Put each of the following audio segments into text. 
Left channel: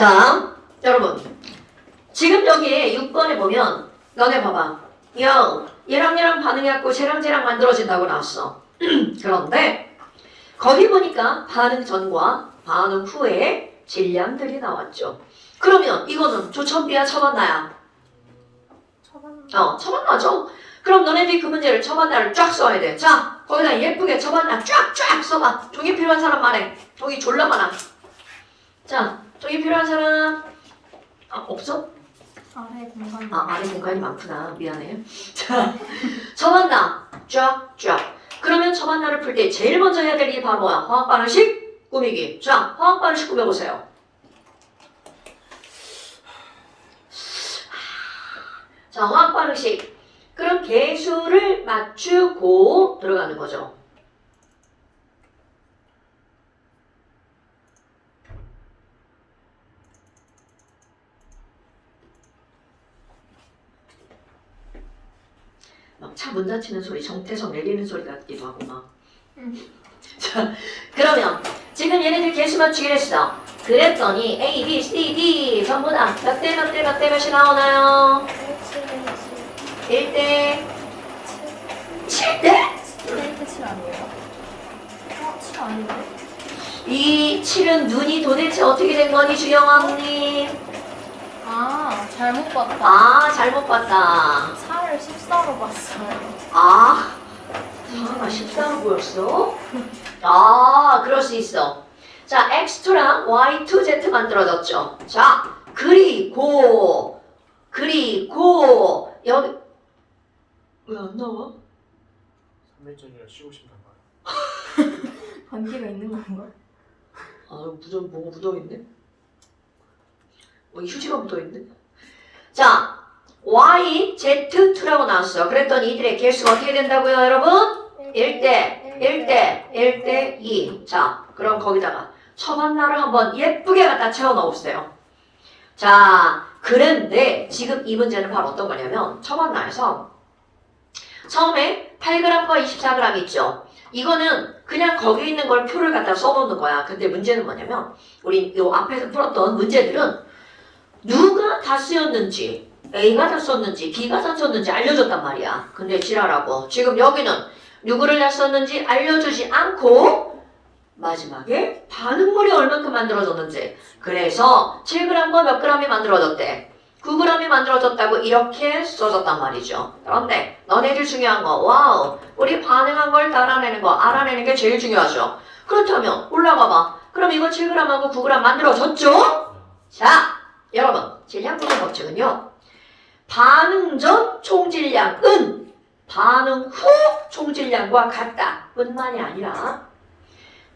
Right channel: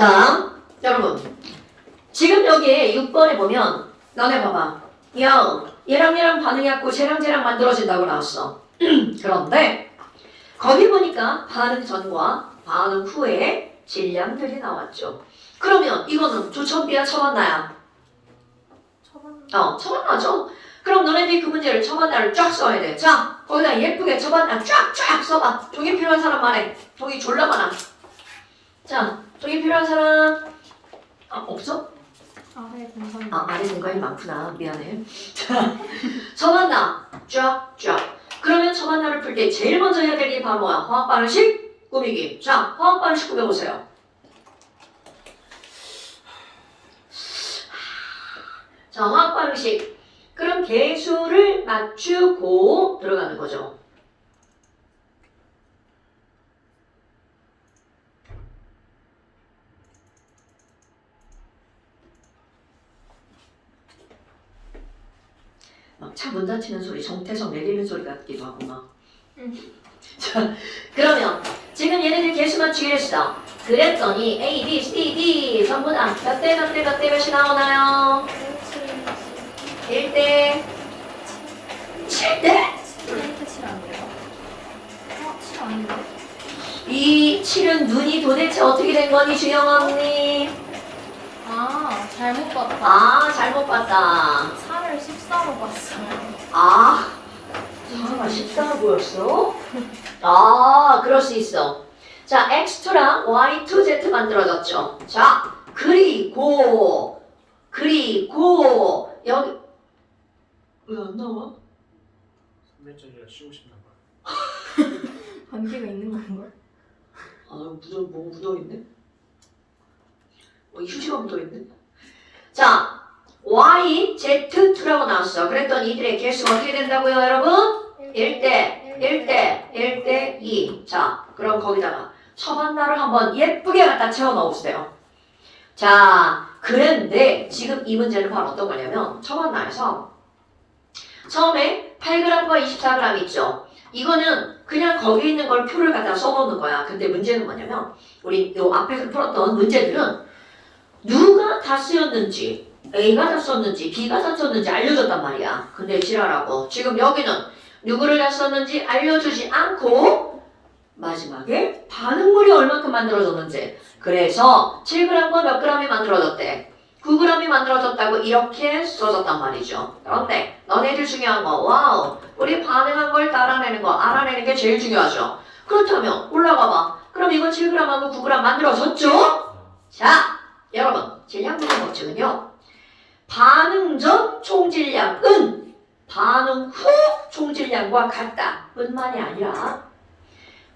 자, 여러분. 지금 여기 6번에 보면 너네 봐봐. 야, 얘랑 반응해갖고 쟤랑 만들어진다고 나왔어. 그런데 거기 보니까 반응 전과 반응 후에 질량들이 나왔죠. 그러면 이거는 조천비야 처만나야? 처만나죠. 그럼 너네들이 그 문제를 처만나를 쫙 써야 돼. 자, 거기다 예쁘게 처만나 쫙 써봐. 종이 필요한 사람 말해. 종이 졸라 많아. 자, 종이 필요한 사람 없어? 아래 공간. 아래 공간이 많구나. 미안해. 자, 처만나 쫙. 그러면 처만나를 풀 때 제일 먼저 해야 될 게 바로 뭐야? 화학 반응식 꾸미기. 자, 화학 반응식 꾸며보세요. 자, 화학 반응식. 그럼 개수를 맞추고 들어가는 거죠. 막 차 문 닫히는 소리, 정태성 내리는 소리 같기도 하고 막. 자, 그러면 지금 얘네들 개수 맞추기를 했어. 그랬더니 A, B, C, D 전부 다 몇 대 몇이 나오나요? 1대 7대? 7 아니에요? 7 아닌데? 이 7은 눈이 도대체 어떻게 된 거니 주영 언니? 잘못 봤다. 잘못 봤다. 4를 14로 봤어요. 잠깐만 14로 보였어? 그럴 수 있어. 자, X2랑 Y2Z 만들어졌죠. 자, 그리고 여기 왜 안 나와? 300점이라 쉬고 싶나 봐요. 관계가 있는 건가? 뭐가 묻어있네? 휴지가 묻어있네? 자, Y, Z2라고 나왔어. 그랬더니 이들의 개수가 어떻게 된다고요, 여러분? 1대 2. 자, 그럼 거기다가 처만나를 한번 예쁘게 갖다 채워 넣으세요. 자, 그런데 지금 이 문제는 바로 어떤 거냐면 처만나에서 처음에 8g과 24g 있죠. 이거는 그냥 거기 있는 걸 표를 갖다 써놓는 거야. 근데 문제는 뭐냐면 우리 요 앞에서 풀었던 문제들은 누가 다 쓰였는지 A가 다 썼는지 B가 다 썼는지 알려줬단 말이야. 근데 지랄하고 지금 여기는 누구를 다 썼는지 알려주지 않고 마지막에 반응물이 얼만큼 만들어졌는지 그래서 7g과 몇 g이 만들어졌대. 9g이 만들어졌다고 이렇게 써졌단 말이죠. 그런데 너네들 중요한 거 와우 우리 반응한 걸 따라내는 거 알아내는 게 제일 중요하죠. 그렇다면 올라가봐. 그럼 이거 7g하고 9g 만들어졌죠? 자 여러분 질량 구조 법칙은요. 반응 전 총질량은 반응 후 총질량과 같다 뿐만이 아니라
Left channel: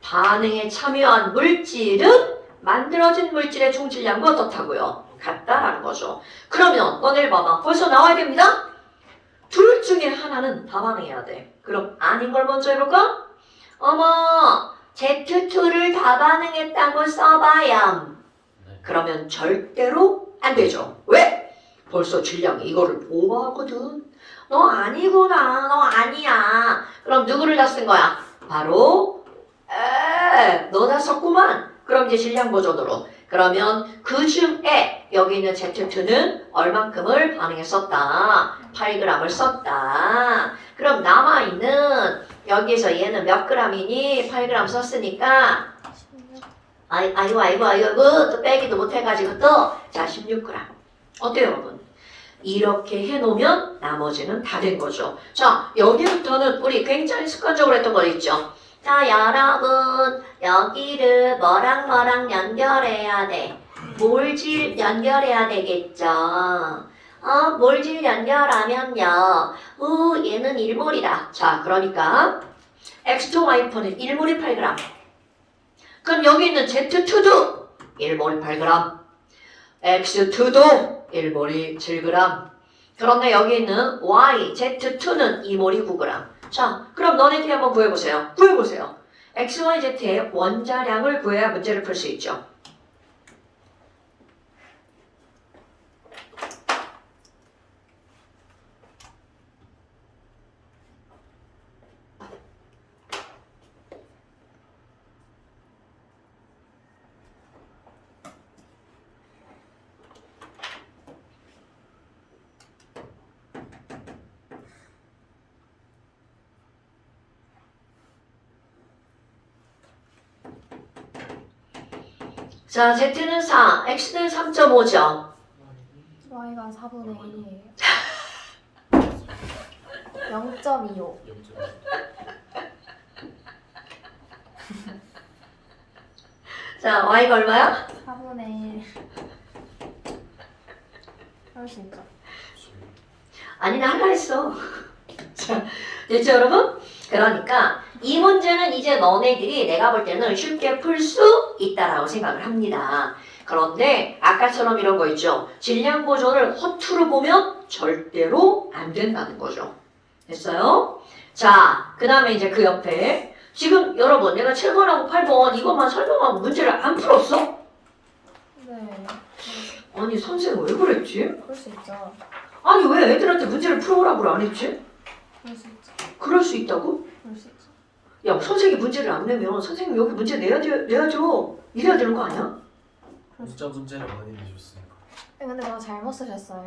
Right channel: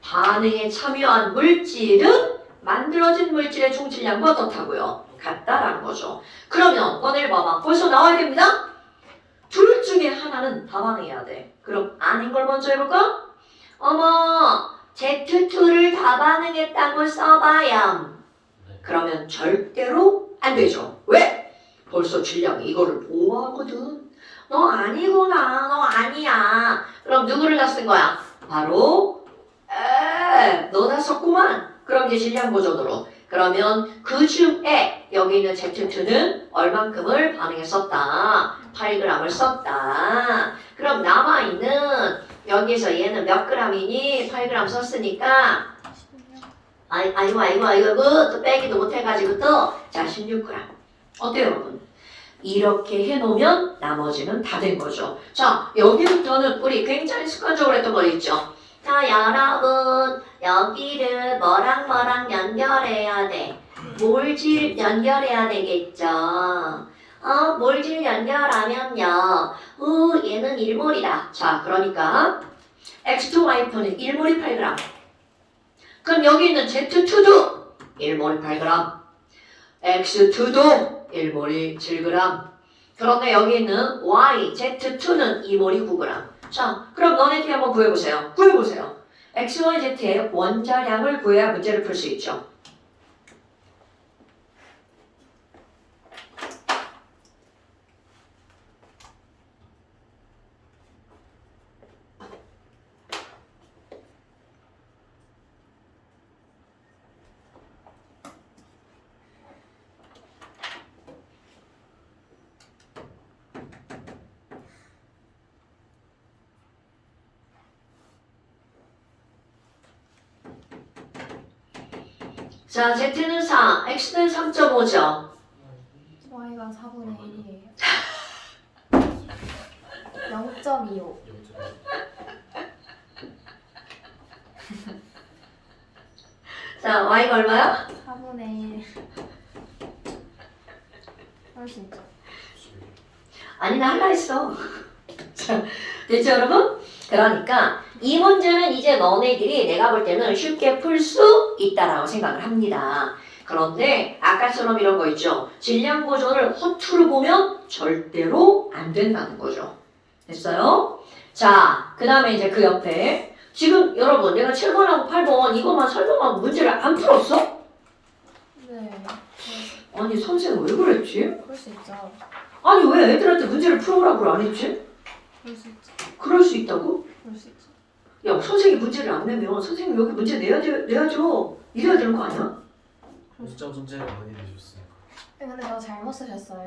반응에 참여한 물질은 만들어진 물질의 총질량과 어떻다고요? 같다라는 거죠. 그러면 너네를 봐봐. 벌써 나와야 됩니다. 둘 중에 하나는 다 반응해야 돼. 그럼 아닌 걸 먼저 해볼까? 어머 Z2를 다 반응했다고 써봐요. 그러면 절대로 안 되죠. 왜? 벌써 질량이 이거를 오버하거든. 너 아니구나. 너 아니야. 그럼 누구를 다 쓴 거야? 바로 너 다 썼구만. 그럼 이제 질량 버전으로. 그러면 그 중에 여기 있는 Z2는 얼만큼을 반응했었다. 8g을 썼다. 그럼 남아있는 여기서 얘는 몇 g이니? 8g 썼으니까 아이고 또 빼기도 못해가지고 자 16g. 어때요 여러분? 이렇게 해놓으면 나머지는 다 된 거죠. 자 여기부터는 우리 굉장히 습관적으로 했던 거 있죠. 자 여러분 여기를 뭐랑 연결해야 돼. 몰질 연결해야 되겠죠. 몰질 연결하면요. 얘는 1몰이다. 자 그러니까 X2, Y2는 1몰이 8g. 그럼 여기 있는 Z2도 1몰이 8g. X2도 1몰이 7g. 그런데 여기 있는 Y, Z2는 2몰이 9g. 자, 그럼 너네들이 한번 구해보세요. X, Y, Z의 원자량을 구해야 문제를 풀 수 있죠. 자, Z는 4, X는 3.5죠. y가 4분의 1이에요. 0.25. 자, Y가 얼마야? 4분의 1. 훨씬 죠 아니, 나 할라 했어. 자, 됐죠, 여러분? 그러니까 이 문제는 이제 너네들이 내가 볼 때는 쉽게 풀 수 있다라고 생각을 합니다. 그런데 아까처럼 이런 거 있죠. 질량 보존을 허투루 보면 절대로 안 된다는 거죠. 됐어요? 자, 그 다음에 이제 그 옆에 지금 여러분 내가 7번하고 8번 이것만 설명하고 문제를 안 풀었어? 네. 아니 선생님 왜 그랬지? 그럴 수 있죠. 아니 왜 애들한테 문제를 풀어오라고 안 했지? 그럴 수 있죠. 그럴 수 있다고? 그럴 수 있죠. 야 선생님이 문제를 안 내면 선생님 여기 문제 내야죠. 이래야 되는 거 아니야? 문자 문제를 많이 내주셨으니까. 근데 저거 잘못 쓰셨어요.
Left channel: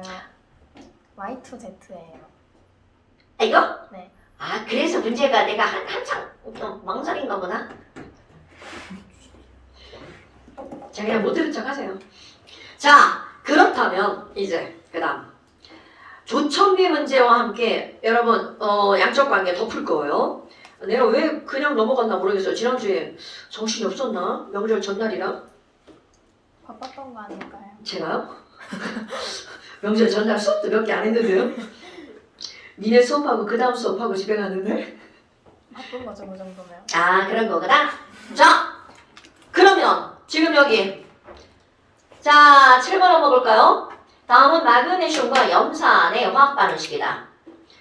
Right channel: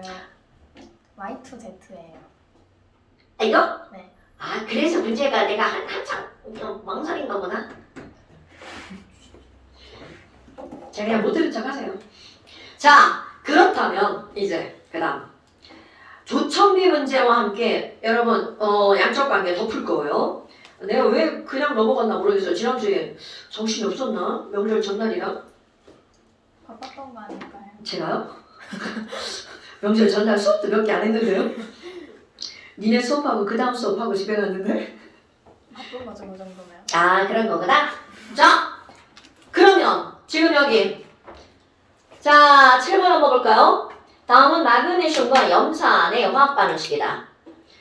Y2Z예요. 아 이거? 네. 아 그래서 문제가 내가 한참 좀 망설인 거구나. 제가 그냥 못 들은 척 하세요. 자 그렇다면 이제 그 다음 조청비 문제와 함께 여러분 양적 관계 더 풀 거예요. 내가 왜 그냥 넘어갔나 모르겠어요. 지난주에 정신이 없었나? 명절 전날이라. 바빴던 거 아닐까요? 제가요? 명절 전날 수업도 몇 개 안 했는데요. 니네 수업하고 그 다음 수업하고 집에 갔는데. 바쁜 거죠, 그 정도면. 아 그런 거구나. 자 그러면 지금 여기 자 7번 한번 볼까요? 다음은 마그네슘과 염산의 화학 반응식이다.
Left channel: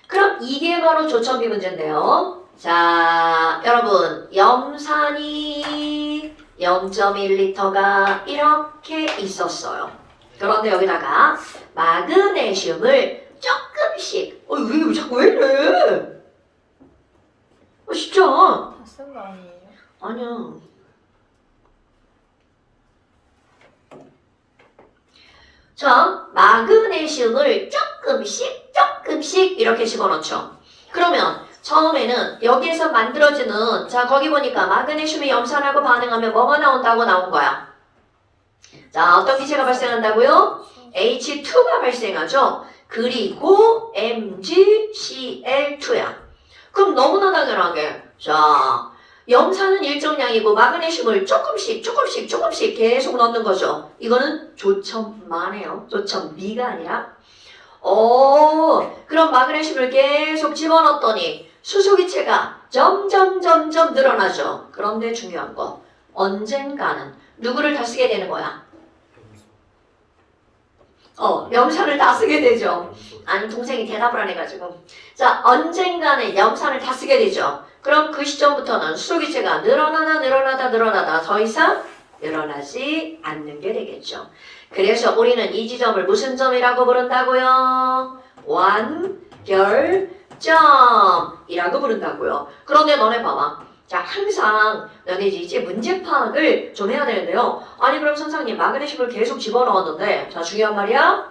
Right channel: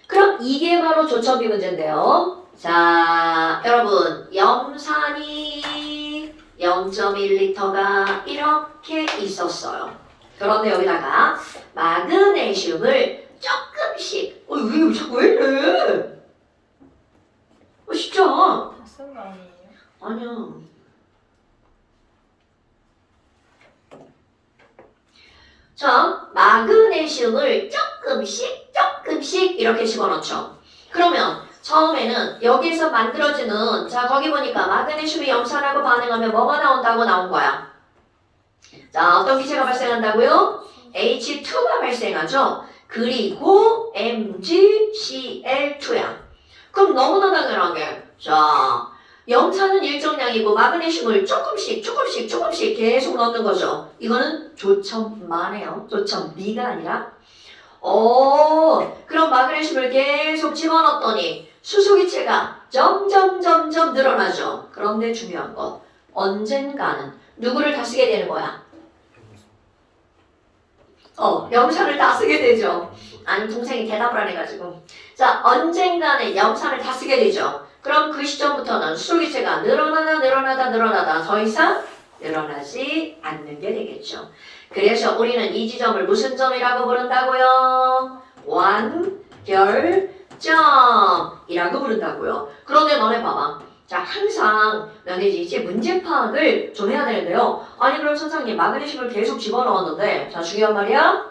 그럼 이게 바로 조청비 문제인데요. 자 여러분 염산이 0.1리터가 이렇게 있었어요. 그런데 여기다가 마그네슘을 조금씩 왜 자꾸 왜 이래? 진짜 다 쓴 거 아니에요? 아니야. 자, 마그네슘을 조금씩 이렇게 집어넣죠. 그러면 처음에는 여기에서 만들어지는 자 거기 보니까 마그네슘이 염산하고 반응하면 뭐가 나온다고 나온 거야. 자 어떤 기체가 발생한다고요? H2가 발생하죠. 그리고 MgCl2야. 그럼 너무나 당연하게 자 염산은 일정량이고 마그네슘을 조금씩 계속 넣는 거죠. 이거는 조첨만해요. 조첨미가 아니라. 그럼 마그네슘을 계속 집어넣었더니 수소기체가 점점 늘어나죠. 그런데 중요한 거 언젠가는 누구를 다 쓰게 되는 거야? 염산을 다 쓰게 되죠. 아니 동생이 대답을 안 해가지고 자 언젠가는 염산을 다 쓰게 되죠. 그럼 그 시점부터는 수소기체가 늘어나다 더 이상 늘어나지 않는 게 되겠죠. 그래서 우리는 이 지점을 무슨 점이라고 부른다고요? 완결점이라고 부른다고요. 그런데 너네 봐봐. 자 항상 너네 이제 문제 파악을 좀 해야 되는데요. 아니 그럼 선생님 마그네슘을 계속 집어넣었는데 자 중요한 말이야.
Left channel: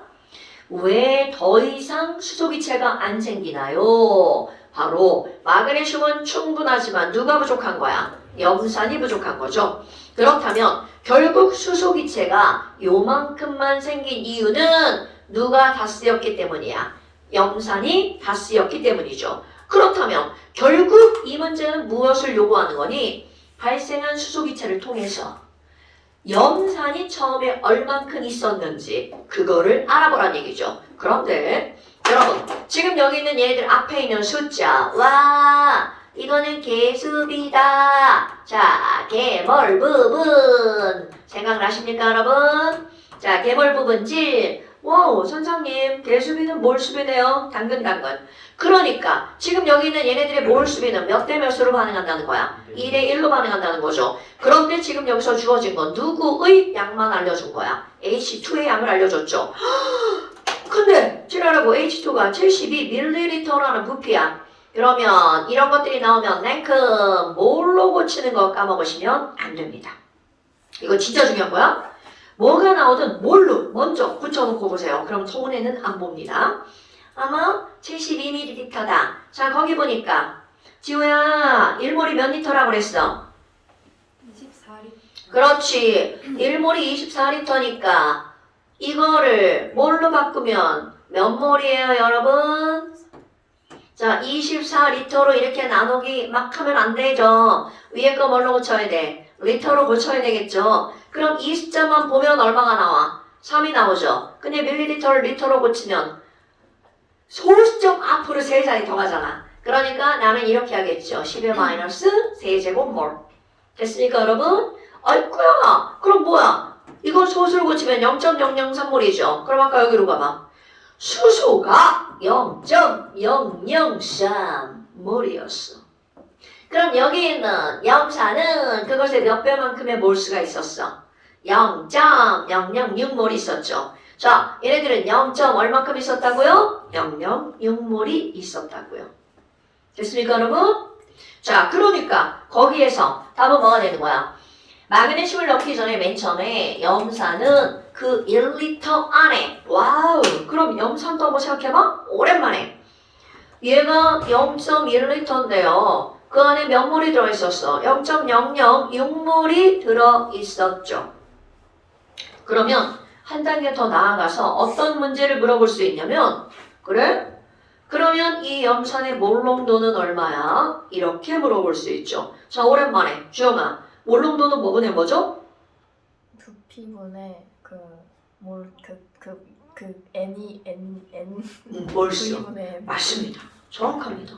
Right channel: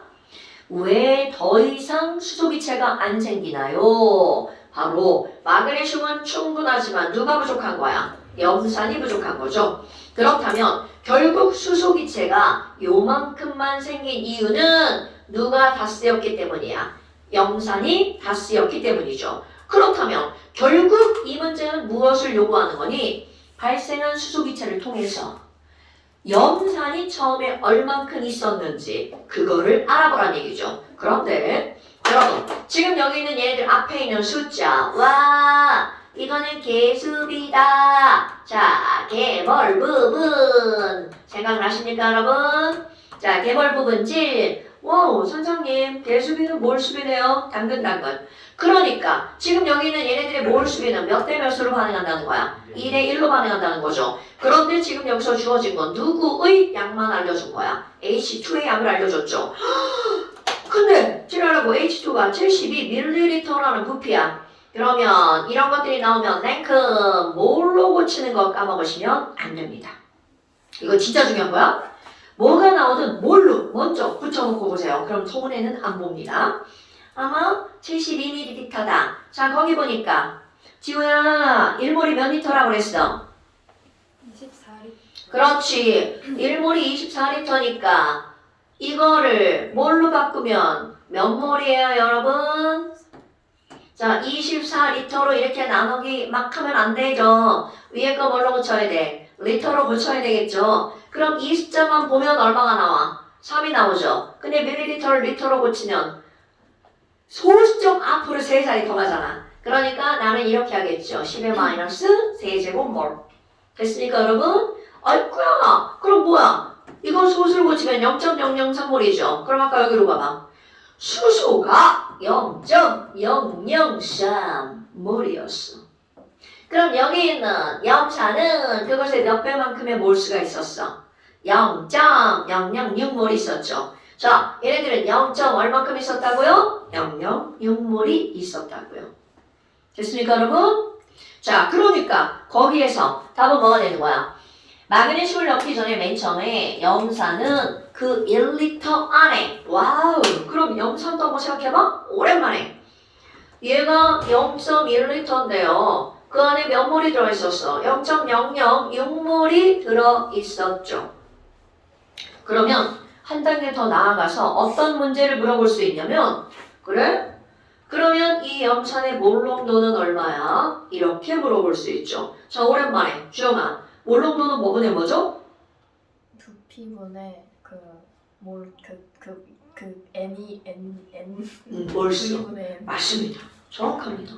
왜 더 이상 수소기체가 안 생기나요? 바로 마그네슘은 충분하지만 누가 부족한 거야? 염산이 부족한 거죠. 그렇다면 결국 수소기체가 요만큼만 생긴 이유는 누가 다 쓰였기 때문이야? 염산이 다 쓰였기 때문이죠. 그렇다면 결국 이 문제는 무엇을 요구하는 거니? 발생한 수소기체를 통해서 염산이 처음에 얼만큼 있었는지 그거를 알아보란 얘기죠. 그런데 여러분 지금 여기 있는 얘네들 앞에 있는 숫자 와 이거는 개수비다. 자 개몰 부분 생각나십니까 여러분? 자 개몰 부분 7 와우 선생님 개수비는 몰수비네요. 당근 그러니까 지금 여기 있는 얘네들의 몰수비는 몇 대 몇으로 반응한다는 거야? 2대 1로 반응한다는 거죠. 그런데 지금 여기서 주어진 건 누구의 양만 알려준 거야? H2의 양을 알려줬죠. 근데 지랄하고 H2가 72ml라는 부피야. 그러면 이런 것들이 나오면 냉큼 뭘로 고치는 거 까먹으시면 안 됩니다. 이거 진짜 중요한 거야. 뭐가 나오든 뭘로 먼저 붙여놓고 보세요. 그럼 소문에는 안 봅니다. 아마 72ml다. 자 거기 보니까 지호야 1몰이 몇 리터라고 그랬어? 24. 4리. 그렇지. 1몰이 24리터니까 이거를 뭘로 바꾸면 몇 몰이에요, 여러분? 자, 24리터로 이렇게 나누기 막 하면 안 되죠. 위에 거 뭘로 고쳐야 돼? 리터로 고쳐야 되겠죠. 그럼 이 숫자만 보면 얼마가 나와? 3이 나오죠. 근데 밀리리터를 리터로 고치면 소수점 앞으로 3자리 더 가잖아. 그러니까 나는 이렇게 하겠죠. 10의 마이너스 세제곱몰. 됐으니까 여러분? 아이쿠야. 그럼 뭐야? 이거 소수를 고치면 0.003몰이죠. 그럼 아까 여기로 가봐. 수소가 0.003몰이었어. 그럼 여기 있는 염산은 그것의 몇 배만큼의 몰수가 있었어? 0.006몰이 있었죠. 자, 얘네들은 0. 얼마큼 있었다고요? 006몰이 있었다고요. 됐습니까, 여러분? 자, 그러니까 거기에서 답은 뭐가 되는 거야? 마그네슘을 넣기 전에 맨 처음에 염산은 그 1리터 안에 와우 그럼 염산도 한번 생각해봐 오랜만에 얘가 0.1리터인데요 그 안에 몇 몰이 들어있었어? 0.006몰이 들어있었죠 그러면 한 단계 더 나아가서 어떤 문제를 물어볼 수 있냐면 그래? 그러면 이 염산의 몰농도는 얼마야? 이렇게 물어볼 수 있죠 자 오랜만에 주영아 몰농도는 뭐분의 뭐죠? 부피분의 N 몰수. V분의 N. 맞습니다. 정확합니다.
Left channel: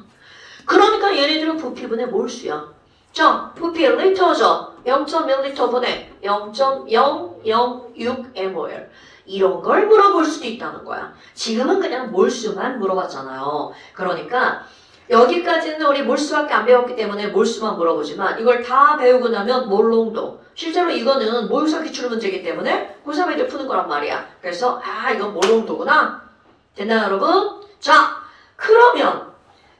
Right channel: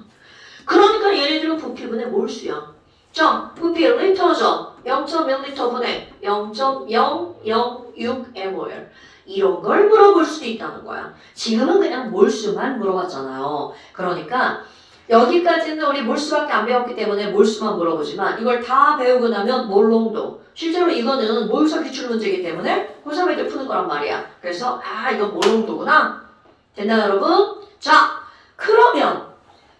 그러니까 얘네들은 부피분의 몰수야. 자, 부피 1리터죠. 0.1리터분의 0.006mol. 이런 걸 물어볼 수도 있다는 거야. 지금은 그냥 몰수만 물어봤잖아요. 그러니까 여기까지는 우리 몰수밖에 안 배웠기 때문에 몰수만 물어보지만 이걸 다 배우고 나면 몰농도 실제로 이거는 몰수 기출 문제이기 때문에 고3에 이제 푸는 거란 말이야 그래서 이건 몰농도구나 됐나요 여러분? 자 그러면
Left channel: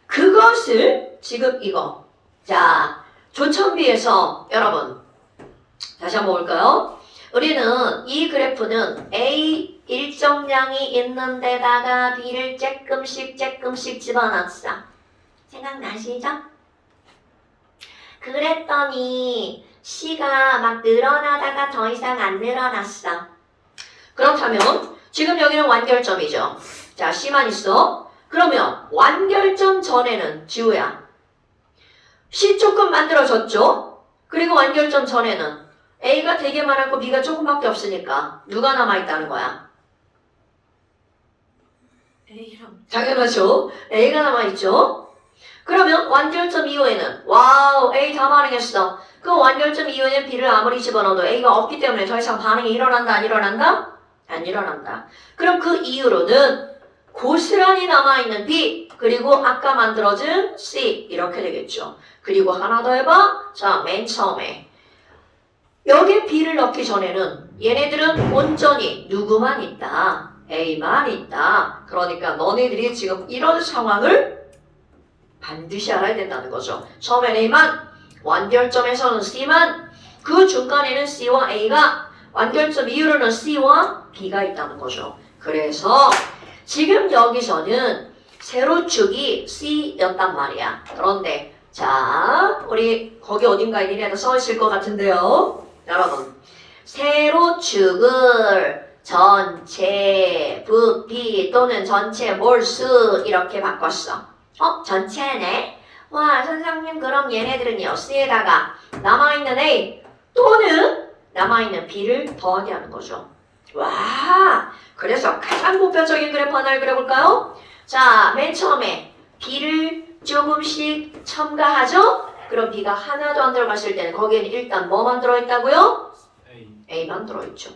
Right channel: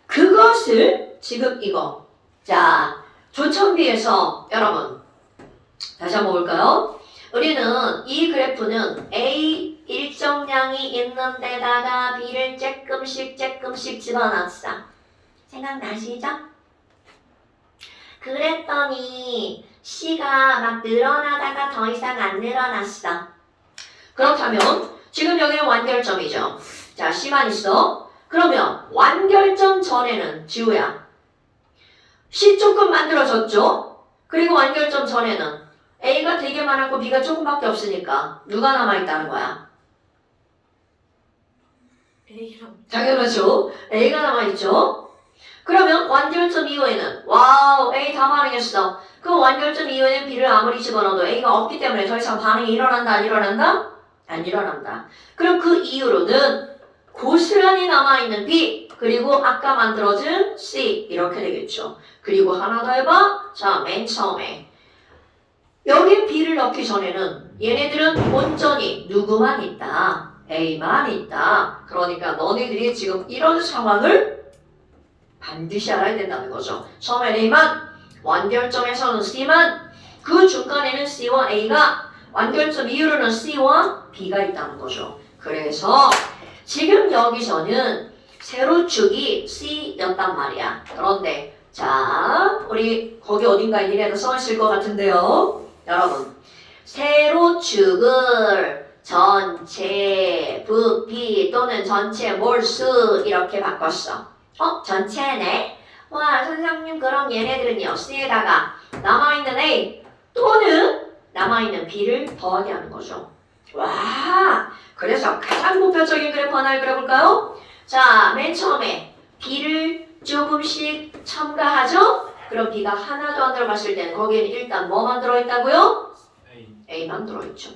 그것을 지금 이거 자 조천비에서 여러분 다시 한번 볼까요? 우리는 이 그래프는 A 일정량이 있는 데다가 B를 조금씩 집어넣었어 생각나시죠? 그랬더니 C가 막 늘어나다가 더 이상 안 늘어났어. 그렇다면 지금 여기는 완결점이죠. 자, C만 있어. 그러면 완결점 전에는 지우야. C 조금 만들어졌죠? 그리고 완결점 전에는 A가 되게 많았고 B가 조금밖에 없으니까 누가 남아있다는 거야? A랑 당연하죠. A가 남아있죠? 그러면 완결점 이후에는 와우 A 다 반응했어. 그 완결점 이후에는 B를 아무리 집어넣어도 A가 없기 때문에 더 이상 반응이 일어난다 안 일어난다? 안 일어난다. 그럼 그 이후로는 고스란히 남아있는 B 그리고 아까 만들어진 C 이렇게 되겠죠. 그리고 하나 더 해봐. 자, 맨 처음에 여기 B를 넣기 전에는 얘네들은 온전히 누구만 있다. A만 있다. 그러니까 너네들이 지금 이런 상황을 반드시 알아야 된다는 거죠. 처음엔 A만, 완결점에서는 C만, 그 중간에는 C와 A가, 완결점 이후로는 C와 B가 있다는 거죠. 그래서 지금 여기서는 세로축이 C였단 말이야. 그런데 자, 우리 거기 어딘가에 니네가 써있을 것 같은데요. 여러분, 세로축을 전체 부피 또는 전체 몰수 이렇게 바꿨어. 전체네? 와, 선생님 그럼 얘네들은요 C에다가 남아있는 A 또는 남아있는 B를 더하게 하는 거죠. 와, 그래서 가장 보편적인 그래프 하나를 그려볼까요? 자, 맨 처음에 B를 조금씩 첨가하죠? 그럼 B가 하나도 안 들어갔을 때는 거기에는 일단 뭐만 들어있다고요? A만 들어있죠.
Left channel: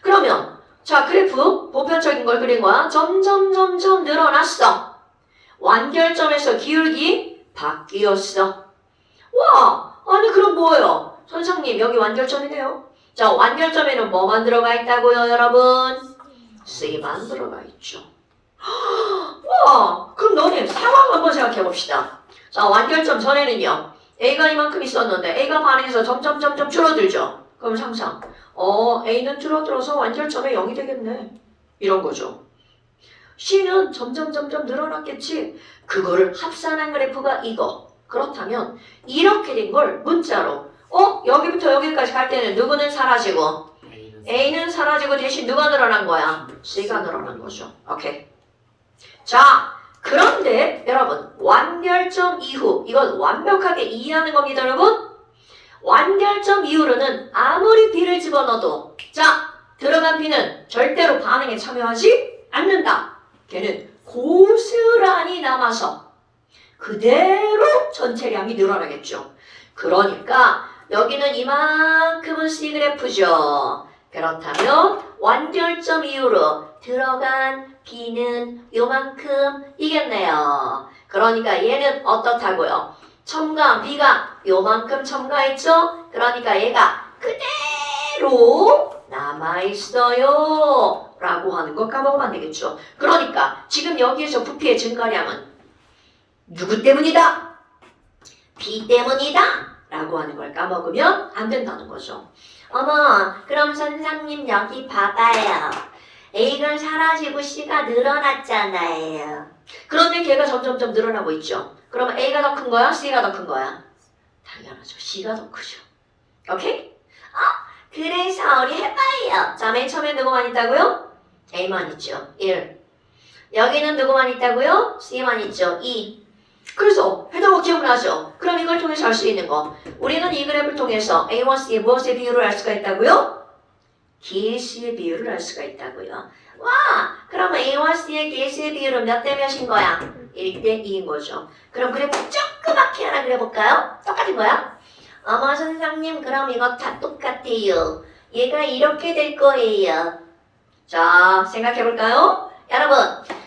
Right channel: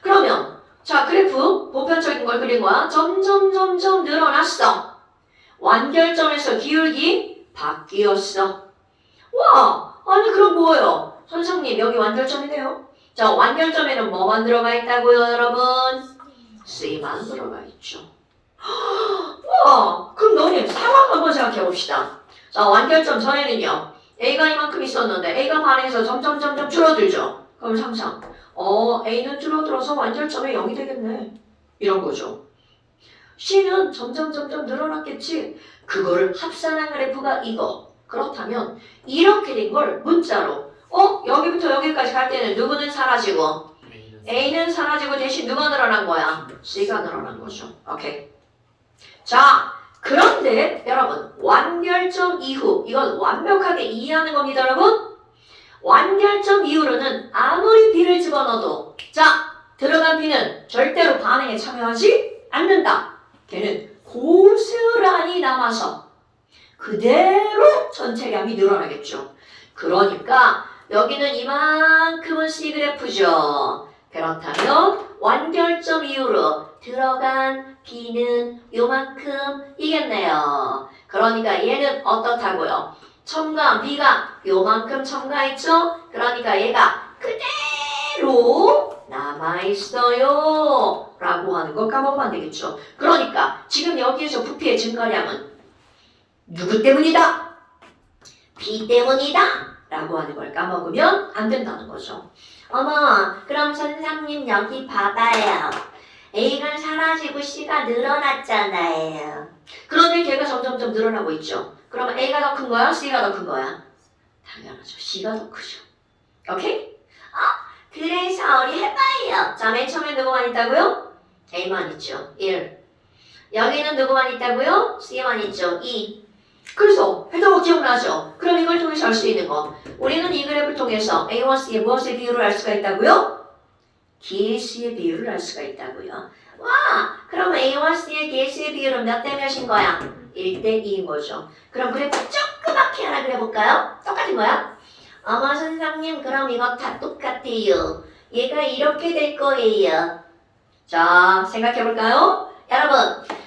그러면 자, 그래프 보편적인 걸 그린 거야. 점점 늘어났어. 완결점에서 기울기 바뀌었어. 와, 아니 그럼 뭐예요? 선생님 여기 완결점이네요. 자, 완결점에는 뭐만 들어가 있다고요, 여러분? C만 들어가 있죠. 와, 그럼 너네 상황 한번 생각해 봅시다. 자, 완결점 전에는요. A가 이만큼 있었는데 A가 반응해서 점점 줄어들죠. 그럼 항상 A는 줄어들어서 완결점에 0이 되겠네. 이런 거죠. C는 점점 늘어났겠지. 그거를 합산한 그래프가 이거. 그렇다면 이렇게 된 걸 문자로 여기부터 여기까지 갈 때는 누구는 사라지고 A는 사라지고 대신 누가 늘어난 거야? C가 늘어난 거죠. 오케이. 자, 그런데 여러분 완결점 이후 이건 완벽하게 이해하는 겁니다, 여러분. 완결점 이후로는 아무리 B를 집어넣어도 자, 들어간 B는 절대로 반응에 참여하지 않는다. 걔는 고스란히 남아서 그대로 전체량이 늘어나겠죠. 그러니까 여기는 이만큼은 C그래프죠. 그렇다면 완결점 이후로 들어간 B는 요만큼이겠네요. 그러니까 얘는 어떻다고요? 첨가 B가 요만큼 첨가했죠? 그러니까 얘가 그대로 남아있어요 라고 하는 거 까먹으면 안 되겠죠. 그러니까 지금 여기에서 부피의 증가량은 누구 때문이다? B 때문이다 라고 하는 걸 까먹으면 안 된다는 거죠. 어머, 그럼 선생님 여기 봐봐요. A가 사라지고 C가 늘어났잖아요. 그러면 걔가 점점점 늘어나고 있죠. 그러면 A가 더 큰 거야? C가 더 큰 거야? 당연하죠. C가 더 크죠. 오케이? 그래서 우리 해봐요. 자, 맨 처음에 누구만 있다고요? A만 있죠. 1. 여기는 누구만 있다고요? C만 있죠. 2. 그래서 했던 거 기억나죠? 그럼 이걸 통해서 알 수 있는 거. 우리는 이 그래프를 통해서 A와 C의 무엇의 비율을 알 수가 있다고요? 개수의 비율을 알 수가 있다고요. 와! 그럼 A와 C의 개수의 비율은 몇 대 몇인 거야? 1대 2인 거죠. 그럼 그래프 조그맣게 하나 그려볼까요? 똑같은 거야? 어머 선생님 그럼 이거 다 똑같아요. 얘가 이렇게 될 거예요. 자 생각해볼까요? 여러분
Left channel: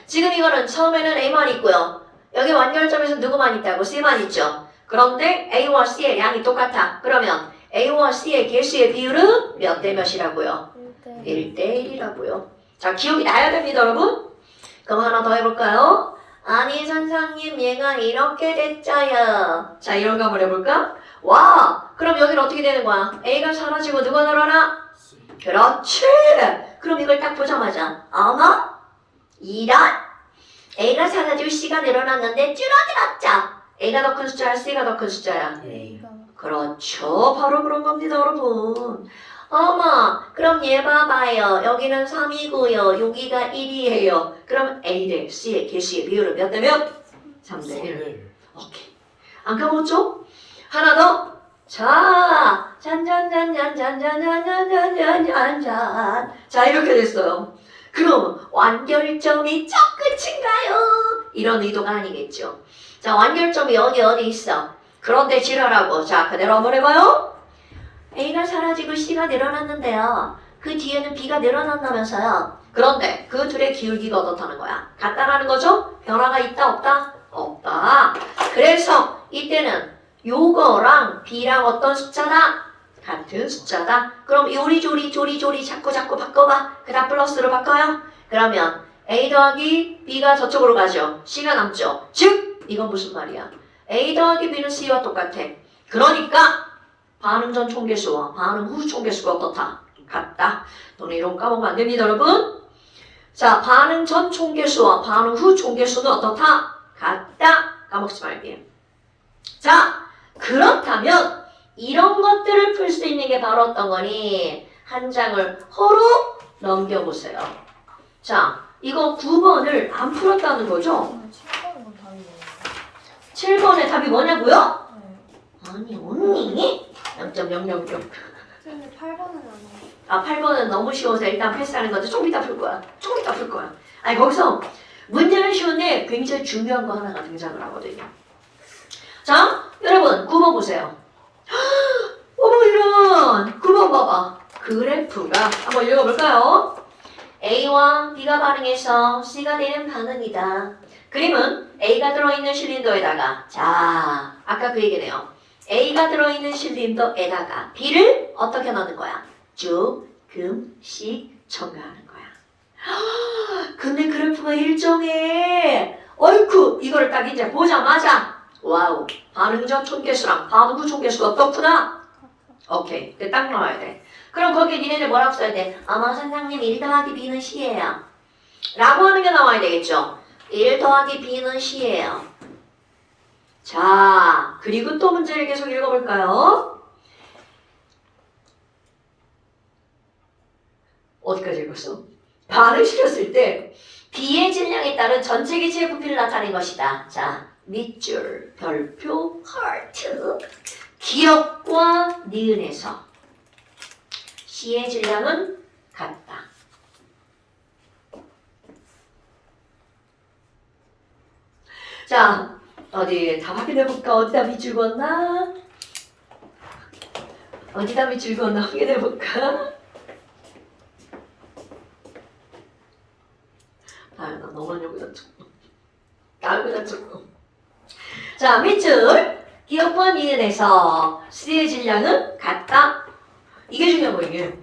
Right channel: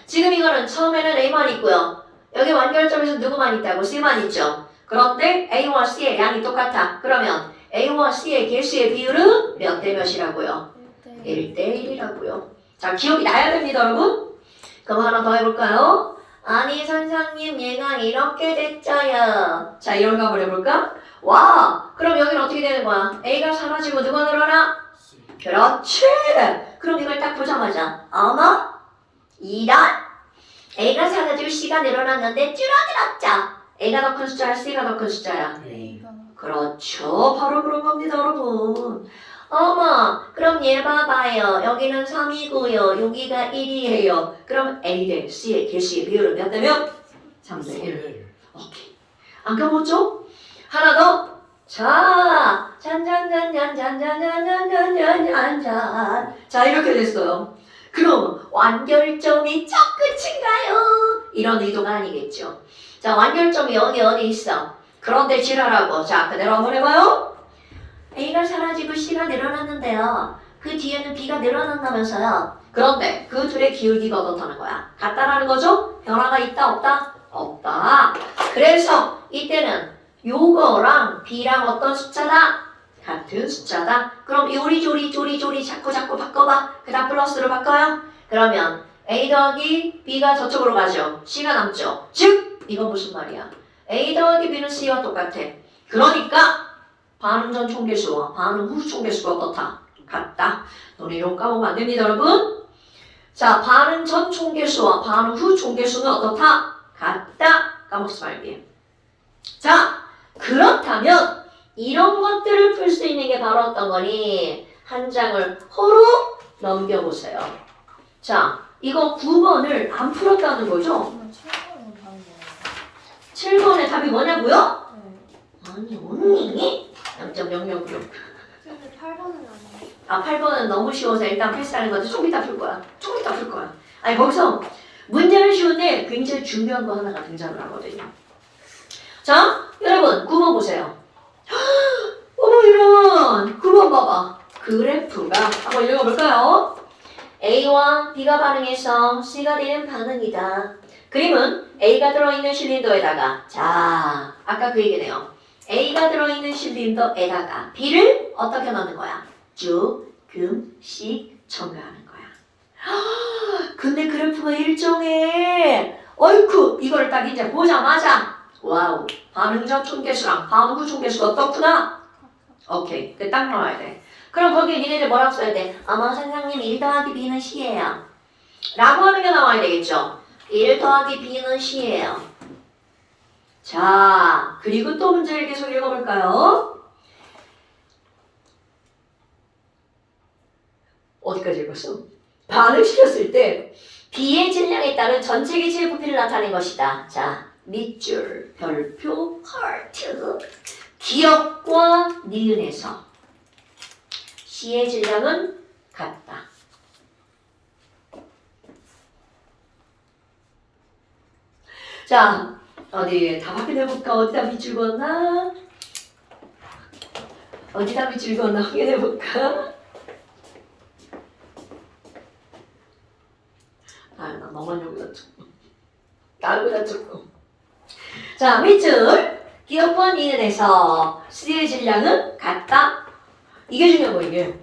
지금 이거는 처음에는 A만 있고요. 여기 완결점에서 누구만 있다고? C만 있죠. 그런데 A와 C의 양이 똑같아. 그러면 A와 C의 개수의 비율은 몇 대 몇이라고요? 1대 1이라고요. 자 기억이 나야 됩니다 여러분. 그럼 하나 더 해볼까요? 아니 선생님 얘가 이렇게 됐죠요. 자 이런 거 한번 해볼까? 와 그럼 여기는 어떻게 되는 거야? A가 사라지고 누가 늘어나? 그렇지. 그럼 이걸 딱 보자마자 어머 이런 A가 사라지고 C가 늘어났는데 줄어들었죠. A가 더 큰 숫자야 C가 더 큰 숫자야? A가 그렇죠. 바로 그런 겁니다 여러분. 어머 그럼 얘 봐봐요. 여기는 3이고요. 여기가 1이에요. 그럼 A 대 C의 개수의 비율은 몇 대 몇? 3대 1. 오케이. 안 까먹었죠? 하나 더. 자, 잔잔잔잔잔잔잔잔잔잔잔. 자, 이렇게 됐어요. 그럼 완결점이 저 끝인가요? 이런 의도가 아니겠죠. 자, 완결점이 여기 어디 있어? 그런데 지랄하고. 자, 그대로 한번 해봐요. A가 사라지고 C가 늘어났는데요. 그 뒤에는 B가 늘어난다면서요. 그런데 그 둘의 기울기가 어떻다는 거야? 같다라는 거죠? 변화가 있다 없다? 없다. 그래서 이때는 요거랑 B랑 어떤 숫자다? 같은 숫자다. 그럼 요리조리 자꾸 바꿔봐. 그 다음 플러스로 바꿔요. 그러면 A 더하기 B가 저쪽으로 가죠. C가 남죠. 즉 이건 무슨 말이야? A 더하기 B는 C와 똑같아. 그러니까 반응 전 총계수와 반응 후 총계수가 어떻다? 같다. 너네 이런 거 까먹으면 안 됩니다 여러분. 자 반응 전 총계수와 반응 후 총계수는 어떻다? 같다. 까먹지 말기. 자 그렇다면 이런 것들을 풀 수 있는 게 바로 어떤 거니? 한 장을 허로 넘겨보세요. 자 이거 9번을 안 풀었다는 거죠? 7번은 다른 거예요. 7번의 답이 뭐냐고요? 네. 아니 언니 0.006 근데 8번은 아니에요. 아 8번은 너무 쉬워서 일단 패스하는 건데 조금 이따 풀 거야. 아니 거기서 문제는 쉬운데 굉장히 중요한 거 하나가 등장을 하거든요. 자 여러분 9번 보세요. 어머 이런 9번 봐봐. 그래프가 한번 읽어볼까요? A와 B가 반응해서 C가 되는 반응이다. 그림은 A가 들어있는 실린더에다가 자 아까 그 얘기네요. A가 들어있는 실린더에다가 B를 어떻게 넣는 거야? 조금씩 첨가하는 거야. 근데 그래프가 일정해. 어이쿠 이거를 딱 이제 보자마자 와우 반응 전 총계수랑 반응 후 총계수가 어떻구나? 오케이 그 딱 나와야 돼. 그럼 거기에 니네들 뭐라고 써야 돼? 아마 선생님 1 더하기 B는 C예요 라고 하는 게 나와야 되겠죠. 1 더하기 B는 C예요. 자 그리고 또 문제를 계속 읽어볼까요? 어디까지 읽었어? 반응시켰을 때 B의 질량에 따른 전체 기체의 부피를 나타낸 것이다. 자, 밑줄, 별표, 하트. 기역과 니은에서 C의 질량은 같다. 자, 어디 다 확인해볼까? 어디다 밑줄 그었나? 어디다 밑줄 그었나 확인해볼까? 아유, 나 너무 많이 보자. 나보다 조금. 자, 밑줄. 기억과 니은에서 C의 질량은 같다. 이게 중요한 거 이게.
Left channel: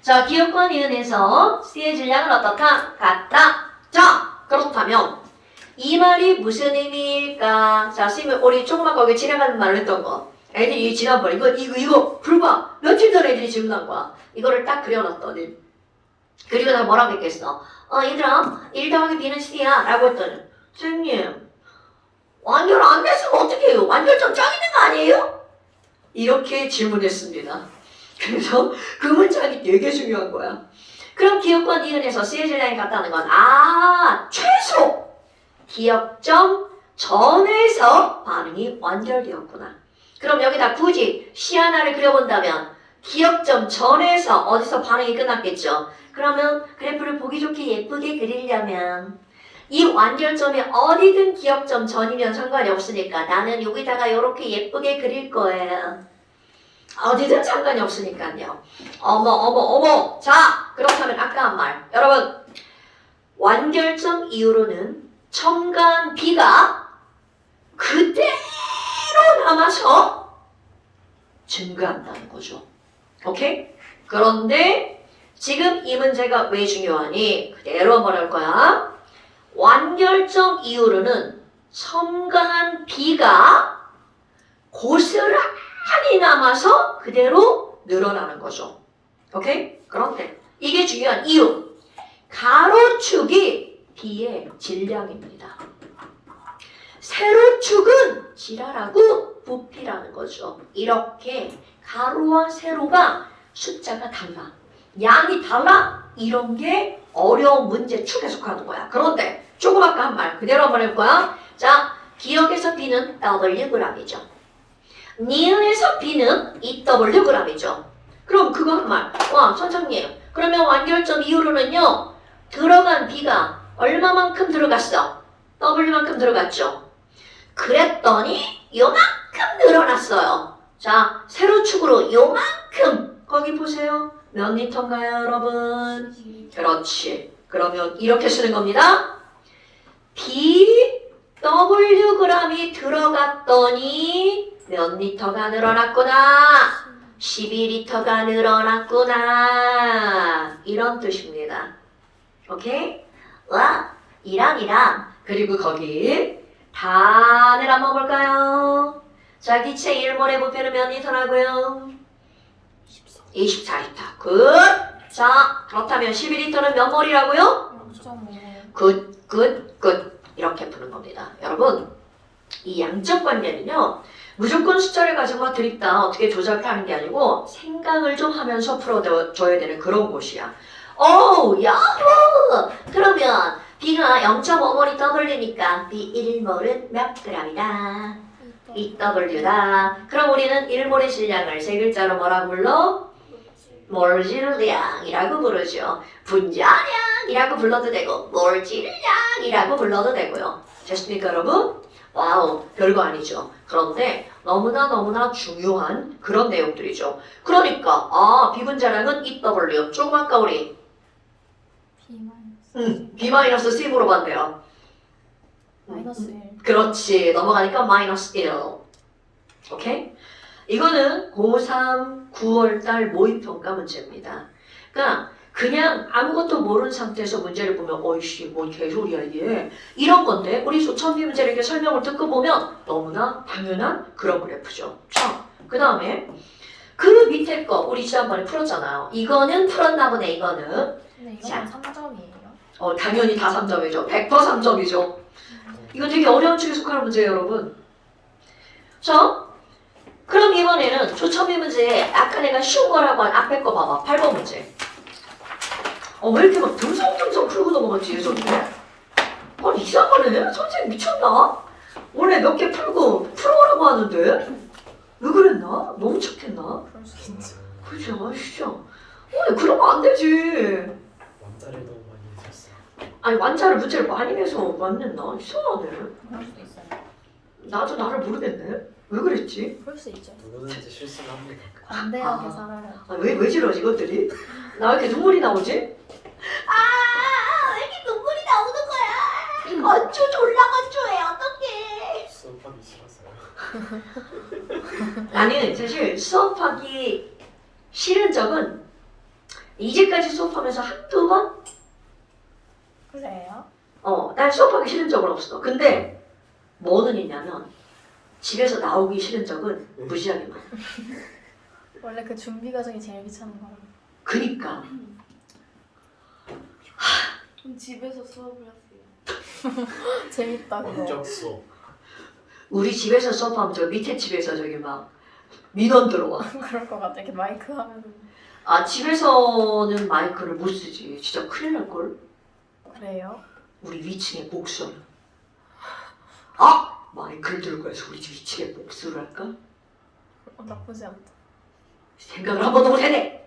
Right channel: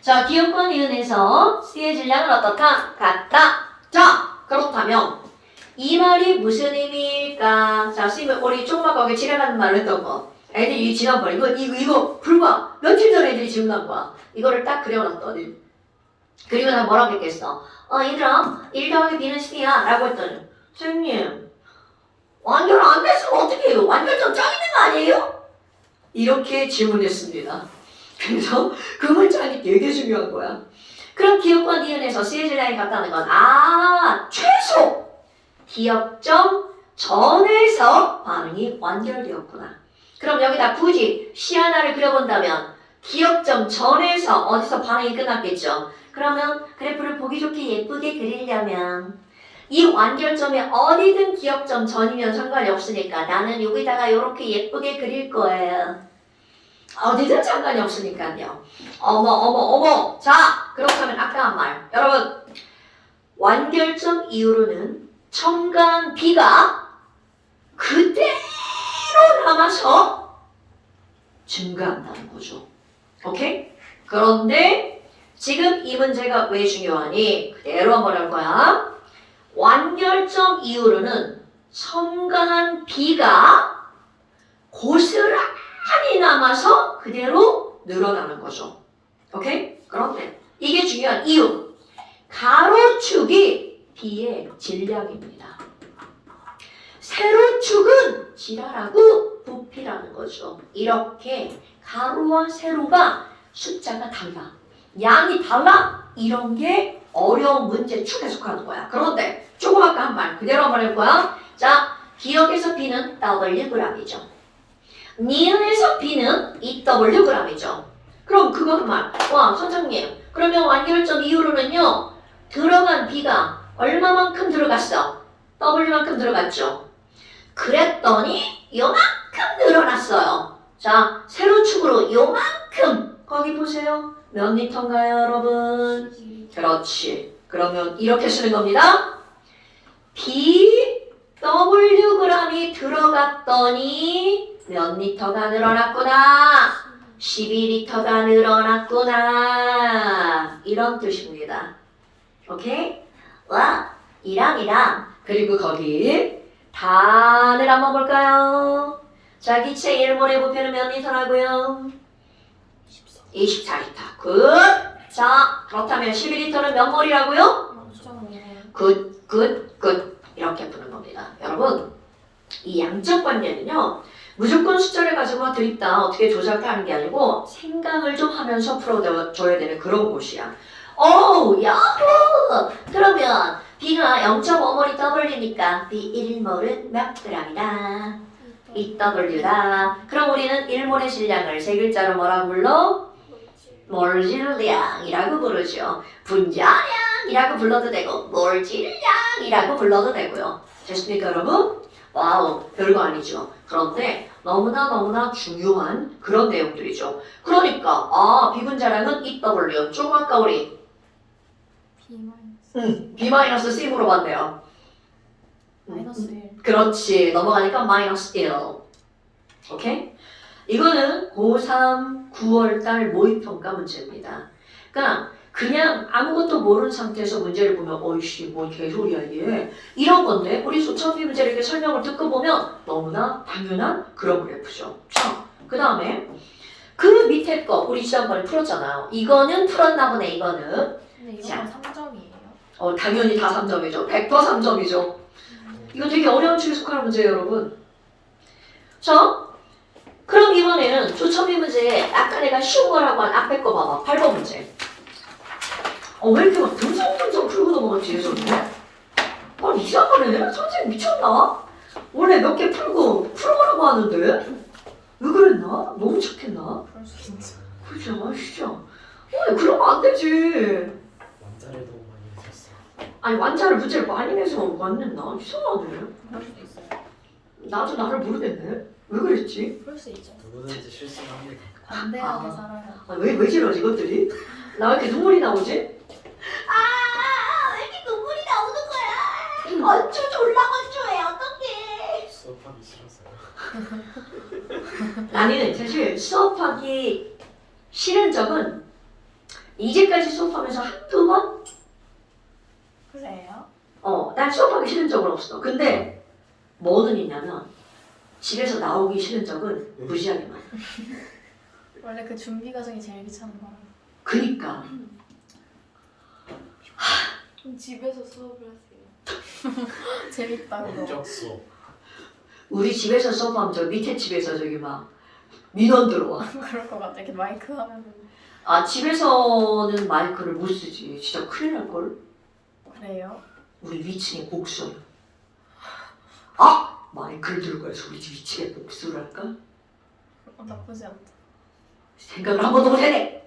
자, 기억과 니은에서 C의 질량은 어떻다? 같다. 자, 그렇다면 이 말이 무슨 의미일까? 자, 선생님이 우리 조그맣게 여기 지나가는 말을 했던 거. 애들이 지난번 이거 불과 며칠 전에 애들이 질문한 거야. 이거를 딱 그려놨더니 그리고 나 뭐라고 했겠어? 얘들아 1 더하기 B는 C야 라고 했더니 선생님 완결 안 됐으면 어떻게 해요? 완결점 짱 있는 거 아니에요? 이렇게 질문했습니다. 그래서 그 문장이 되게 중요한 거야. 그럼 기억과 니은에서 C의 질량이 같다는 건 최소 기억점 전에서 반응이 완결되었구나. 그럼 여기다 굳이 C 하나를 그려본다면 기억점 전에서 어디서 반응이 끝났겠죠. 그러면 그래프를 보기 좋게 예쁘게 그리려면 이 완결점이 어디든 기억점 전이면 상관이 없으니까 나는 여기다가 이렇게 예쁘게 그릴 거예요. 어디든 상관이 없으니까요. 어머. 자, 그렇다면 아까 한 말. 여러분, 완결점 이후로는 첨가한 B가 그대로 남아서 증가한다는 거죠. 오케이? 그런데 지금 이 문제가 왜 중요하니? 그대로 한번 할 거야. 완결점 이후로는 첨가한 B가 고스란히 남아서 그대로 늘어나는 거죠. 오케이? 그런데 이게 중요한 이유. 가로축이 B의 질량입니다. 세로축은 질하라고 부피라는 거죠. 이렇게 가로와 세로가 숫자가 달라. 양이 달라. 이런 게 어려운 문제 축에 속하는 거야. 그런데 조금 아까 한 말 그대로 한번 할 거야. 자, 기억에서 B는 Wg이죠. 니은에서 B는 2Wg이죠. 그럼 그거 한 말. 와, 선생님. 그러면 완결점 이후로는요. 들어간 B가 얼마만큼 들어갔어? W만큼 들어갔죠. 그랬더니 요만큼 늘어났어요. 자, 세로축으로 요만큼. 거기 보세요. 몇 리터인가요, 여러분? 그렇지. 그러면 이렇게 쓰는 겁니다. BWg이 들어갔더니 몇 리터가 늘어났구나. 12리터가 늘어났구나. 이런 뜻입니다. 오케이? 와, 이랑 그리고 거기 단을 한번 볼까요? 자, 기체 1몰의 부피는 몇 리터라고요? 24리터. 굿. 자, 그렇다면 12리터는 몇 몰이라고요? 0.5. 굿. 이렇게 푸는 겁니다. 여러분, 이 양적 관계는요. 무조건 숫자를 가지고 드립다 어떻게 조작하는 게 아니고 생각을 좀 하면서 풀어줘야 되는 그런 곳이야. 야호! 그러면 B가 0.5몰이 W니까 B 1몰은 몇 g이다? 2W다. 그럼 우리는 1몰의 질량을 세 글자로 뭐라고 불러? 몰질량이라고 부르죠. 분자량이라고 불러도 되고 몰질량이라고 불러도 되고요. 됐습니까, 여러분? 와우, 별거 아니죠. 그런데 너무나 중요한 그런 내용들이죠. 그러니까 비분자량은 2W. 조금 아까 우리 B-C 물어봤네요. 마이너스 1. 그렇지. 넘어가니까 마이너스 1. 오케이? 이거는 고3 9월달 모의평가 문제입니다. 그러니까 그냥 아무것도 모르는 상태에서 문제를 보면 어이씨 뭔 개소리야 이게 이런 건데 우리 소천비 문제를 이렇게 설명을 듣고 보면 너무나 당연한 그런 그래프죠. 자, 그 다음에 그 밑에 거 우리 지난번에 풀었잖아요. 이거는 풀었나 보네. 이거는 근데 자. 이거는 3점이에요. 당연히 다 3점이죠. 100% 3점이죠. 이거 되게 어려운 축에 속하는 문제예요, 여러분. 자, 그럼 이번에는 조천비 문제에 아까 내가 쉬운 거라고 한 앞에 거 봐봐. 8번 문제. 왜 이렇게 막 듬성듬성 풀고 넘어가 뒤에서는? 이상하네. 선생님 미쳤나? 원래 몇 개 풀어보라고 하는데 왜 그랬나? 너무 착했나? 그럴 수 있지. 그죠? 진짜. 그러면 안 되지. 남자를 너무 많이 내셨어요. 아니 완자를 문제를 많이 내서 맞냈나? 이상하네. 그럴 수도 있어요. 나도 나를 모르겠네. 왜 그랬지? 그럴 수 있죠. 누구든지 실수를 합니다. 관대하게 아. 살아야 왜 저러지 이것들이? 나 왜 이렇게 눈물이 나오지? 왜 이렇게 눈물이 나오는 거야? 어쩌죠 올라가줘요 어떡해. 수업하기 싫어서요. 나는 사실 수업하기 싫은 적은 이제까지 수업하면서 한두 번? 그래요? 난 수업하기 싫은 적은 없어. 근데 뭐는 있냐면 집에서 나오기 싫은 적은 무지하게 많아. 원래 그 준비 과정이 제일 귀찮은 거라. 그니까 그럼 집에서 수업을 하세요. 재밌다고. 원격 수업. 우리 집에서 수업하면 저 밑에 집에서 저기 막 민원 들어와. 그럴 것 같아. 이렇게 마이크 하면은. 집에서는 마이크를 못 쓰지. 진짜 큰일 날걸. 그래요? 우리 위층에 복수. 마이크를 들고 해서 우리 집 위층에 복수를 할까? 나쁘지 않다. 생각을 한 번도 못했네.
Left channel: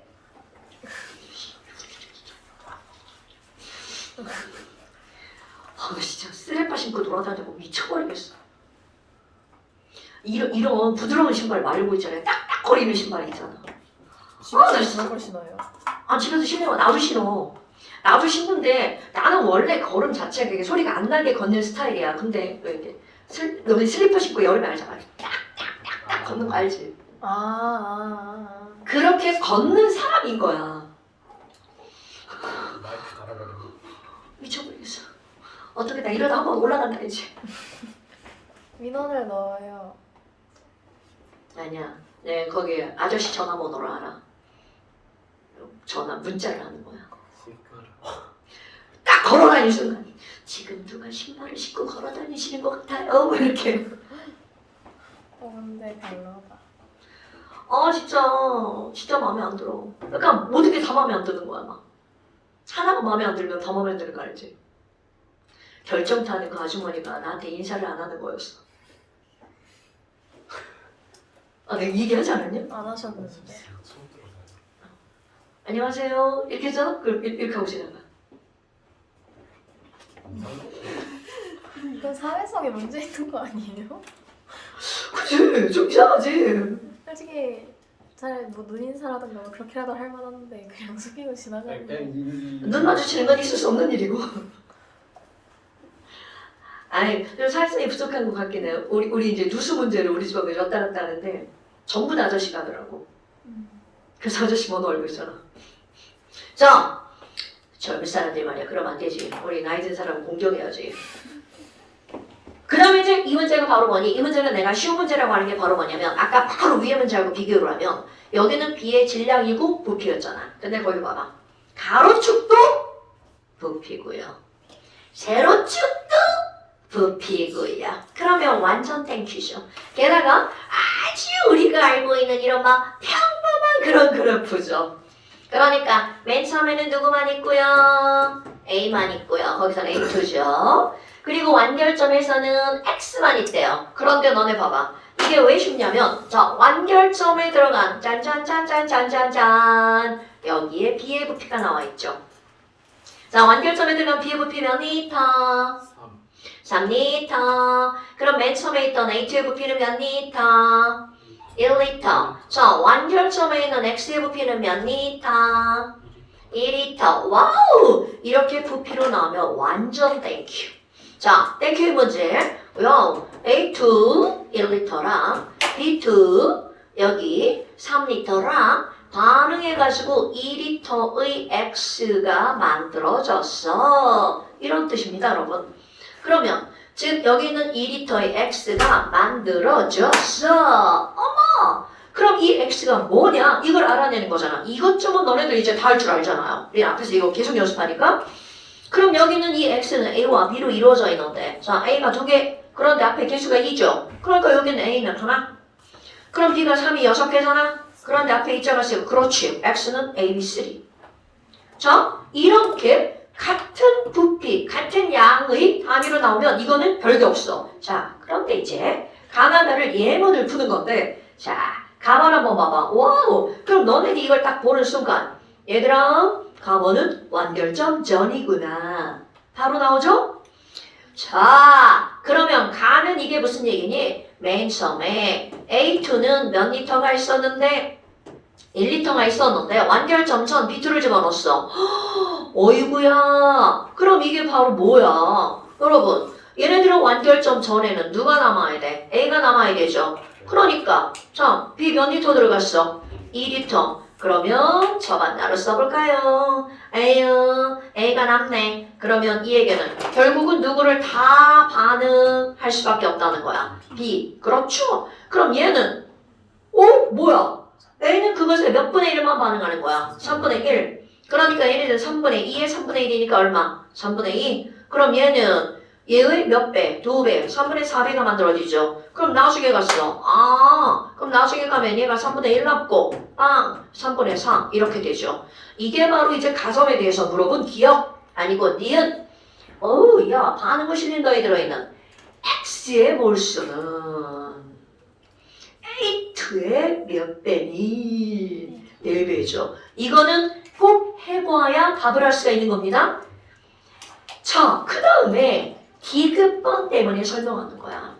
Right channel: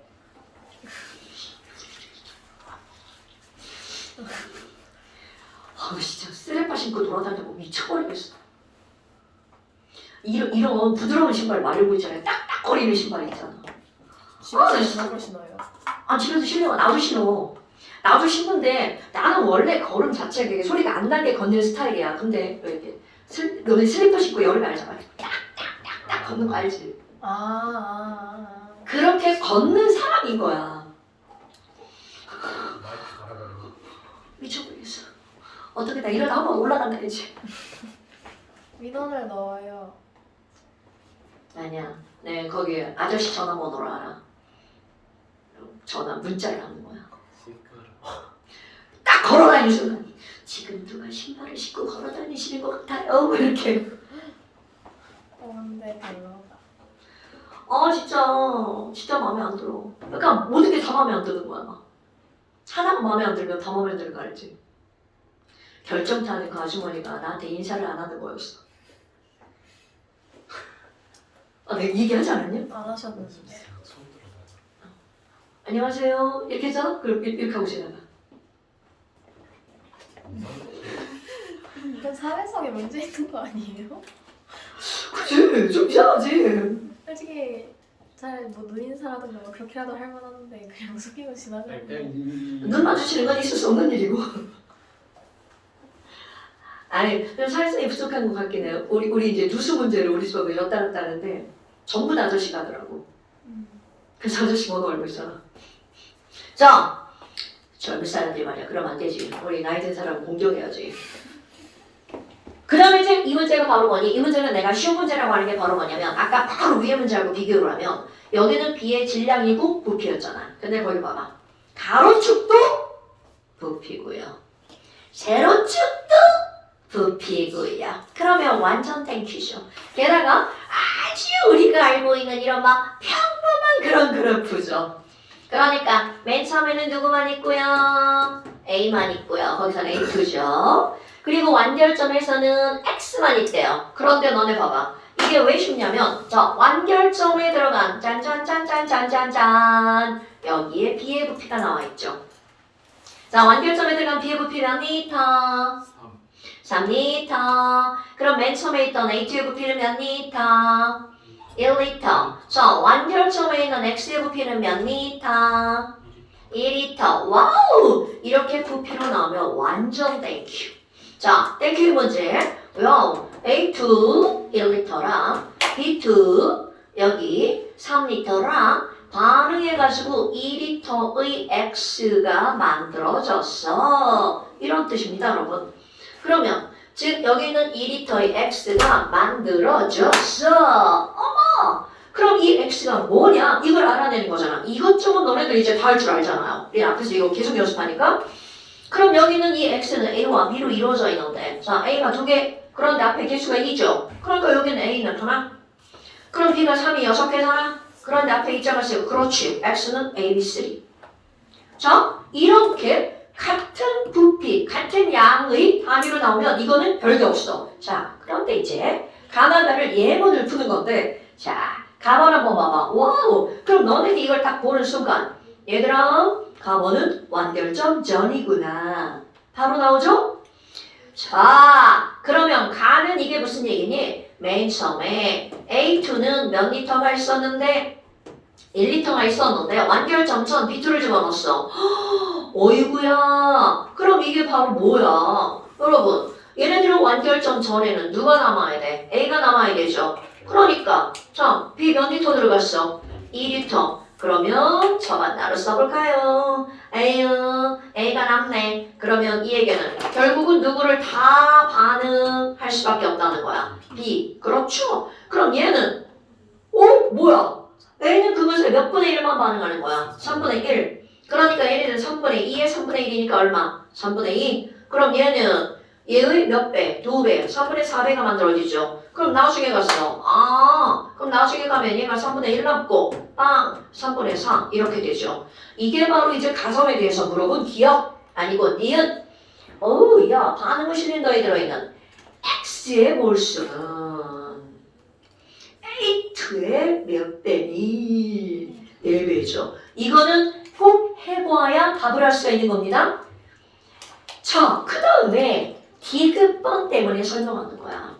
진짜 쓰레빠 신고 돌아다니고 미쳐버리겠어. 이런 부드러운 신발 말고 있잖아요. 딱딱거리는 신발 있잖아. 집에서 그런 걸 신어요. 집에서 신으면 나도 신어. 나도 신는데 나는 원래 걸음 자체가 되게 소리가 안 나게 걷는 스타일이야. 근데 이렇게 너네 슬리퍼 신고 열면 알잖아. 딱딱딱딱 걷는 거 알지? 그렇게 걷는 사람인 거야. 마이크 달아가지고. 미쳐버리겠어. 어떻게 나 이러다 한번 올라간다지. 민원을 넣어요. 아니야. 네 거기 아저씨 전화번호를 알아. 문자를 하는 거야. 딱 걸어다니는 순간 지금 누가 신발을 신고 걸어다니시는 것 같아요. 뭐 이렇게. 근데 별로다. 진짜 마음에 안 들어. 그러니까 모든 게 다 마음에 안 드는 거야. 막. 하나가 마음에 안 들면 다 마음에 안 드는 거 알지? 결정타는 그 아주머니가 나한테 인사를 안 하는 거였어. 내가 얘기하지 않았냐? 안 하셨는데. 처음 들어봐요. 안녕하세요. 이렇게 해서 이렇게 하고 지나가. 이건 사회성에 문제 있는 거 아니에요? 그치? 좀 이상하지? 솔직히 잘 뭐 눈인사라든가 뭐 그렇게라도 할 만한데 그냥 숙이고 지나가는 게. 눈 마주치는 건 있을 수 없는 일이고. 그래서 사회성이 부족한 것 같긴 해요. 우리 이제 누수 문제를 우리 집에 왔다 갔다 하는데 전부 다 아저씨가 하더라고. 그래서 아저씨 번호 알고 있잖아. 자, 젊은 사람들 말이야. 그러면 안 되지. 우리 나이 든 사람 공경해야지. 그 다음에 이제 이 문제가 바로 뭐니? 이 문제는 내가 쉬운 문제라고 하는 게 바로 뭐냐면 아까 바로 위에 문제하고 비교를 하면 여기는 B의 질량이고 부피였잖아. 근데 거기 봐봐. 가로축도 부피고요. 세로축도 부피고요. 그러면 완전 땡큐죠. 게다가 아주 우리가 알고 있는 이런 막 평범한 그런 그래프죠. 그러니까 맨 처음에는 누구만 있고요? A만 있고요. 거기서는 A2죠. 그리고 완결점에서는 X만 있대요. 그런데 너네 봐봐. 이게 왜 쉽냐면 자 완결점에 들어간 짠짠짠짠짠짠짠 여기에 B의 부피가 나와 있죠. 자 완결점에 들어간 B의 부피 몇 리터? 3리터. 그럼 맨 처음에 있던 A2의 부피는 몇 리터? 1리터. 자, 완결점에 있는 X의 부피는 몇 리터? 2리터. 와우! 이렇게 부피로 나오면 완전 땡큐. 자, 땡큐 문제. A2 1리터랑 B2 여기 3리터랑 반응해가지고 2리터의 X가 만들어졌어. 이런 뜻입니다, 여러분. 그러면 즉 여기 있는 2리터의 X가 만들어졌어. 그럼 이 X가 뭐냐? 이걸 알아내는 거잖아. 이것저것 너네들 이제 다 할 줄 알잖아요. 우리 앞에서 이거 계속 연습하니까. 그럼 여기는 이 X는 A와 B로 이루어져 있는데 자 A가 2개 그런데 앞에 개수가 2죠. 그러니까 여기는 A 몇 개나? 그럼 B가 3이 6개잖아. 그런데 앞에 2자가 있어요. 그렇지. X는 A, B, 3. 자, 이렇게 같은 부피, 같은 양의 단위로 나오면 이거는 별게 없어. 자, 그런데 이제 가나다를 예문을 푸는 건데, 자, 가만 한번 봐봐. 와우! 그럼 너네들이 이걸 딱 보는 순간, 얘들아, 가원은 완결점 전이구나. 바로 나오죠? 자, 그러면 가는 이게 무슨 얘기니? 맨 처음에 A2는 몇 리터가 있었는데 1리터가 있었는데 완결점 전 B2를 집어넣었어. 어이구야. 그럼 이게 바로 뭐야? 여러분, 얘네들은 완결점 전에는 누가 남아야 돼? A가 남아야 되죠. 그러니까 자, B 몇 리터 들어갔어? 2리터. 그러면 저반나로 써볼까요? 에휴, A가 남네. 그러면 이 얘기는 결국은 누구를 다 반응할 수밖에 없다는 거야. B. 그렇죠? 그럼 얘는 뭐야? A는 그것에 몇 분의 1만 반응하는 거야? 3분의 1. 그러니까 얘네들은 3분의 2에 3분의 1이니까 얼마? 3분의 2. 그럼 얘는 얘의 몇 배? 2배. 3분의 4배가 만들어지죠. 그럼 나중에 갔어. 그럼 나중에 가면 얘가 3분의 1 남고 빵! 3분의 4 이렇게 되죠. 이게 바로 이제 가성에 대해서 물어본 기억 아니고 니은. 어우 야 반응을 실린더에 들어있는 X의 몰수는 A2의 몇 배니? 4배죠. 이거는 꼭 해봐야 답을 할 수가 있는 겁니다. 자, 그 다음에 디귿번 때문에 설명하는 거야.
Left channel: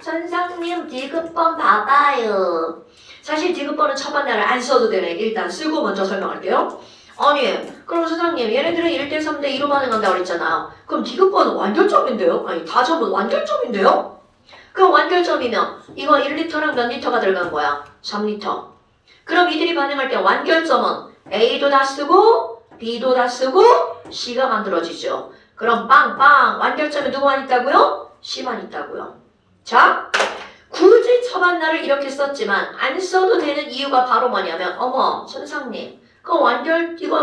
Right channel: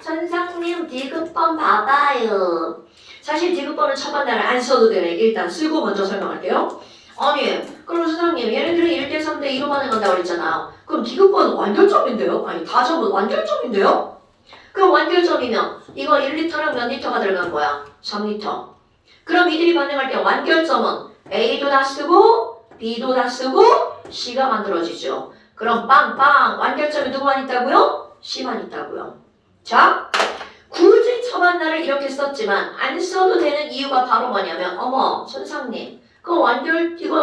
선생님 디귿번 봐봐요. 사실 디귿번은 첫 반나를 안 써도 되네. 일단 쓰고 먼저 설명할게요. 아니, 그럼 선생님 얘네들은 1대 3대 2로 반응한다고 그랬잖아. 그럼 디귿번은 완결점인데요? 아니 다점은 완결점인데요? 그럼 완결점이면 이거 1리터랑 몇 리터가 들어간 거야? 3리터. 그럼 이들이 반응할 때 완결점은 A도 다 쓰고 B도 다 쓰고 C가 만들어지죠. 그럼 빵빵 완결점에 누구만 있다고요? C만 있다고요. 자, 굳이 처반나를 이렇게 썼지만 안 써도 되는 이유가 바로 뭐냐면 어머 선생님 이거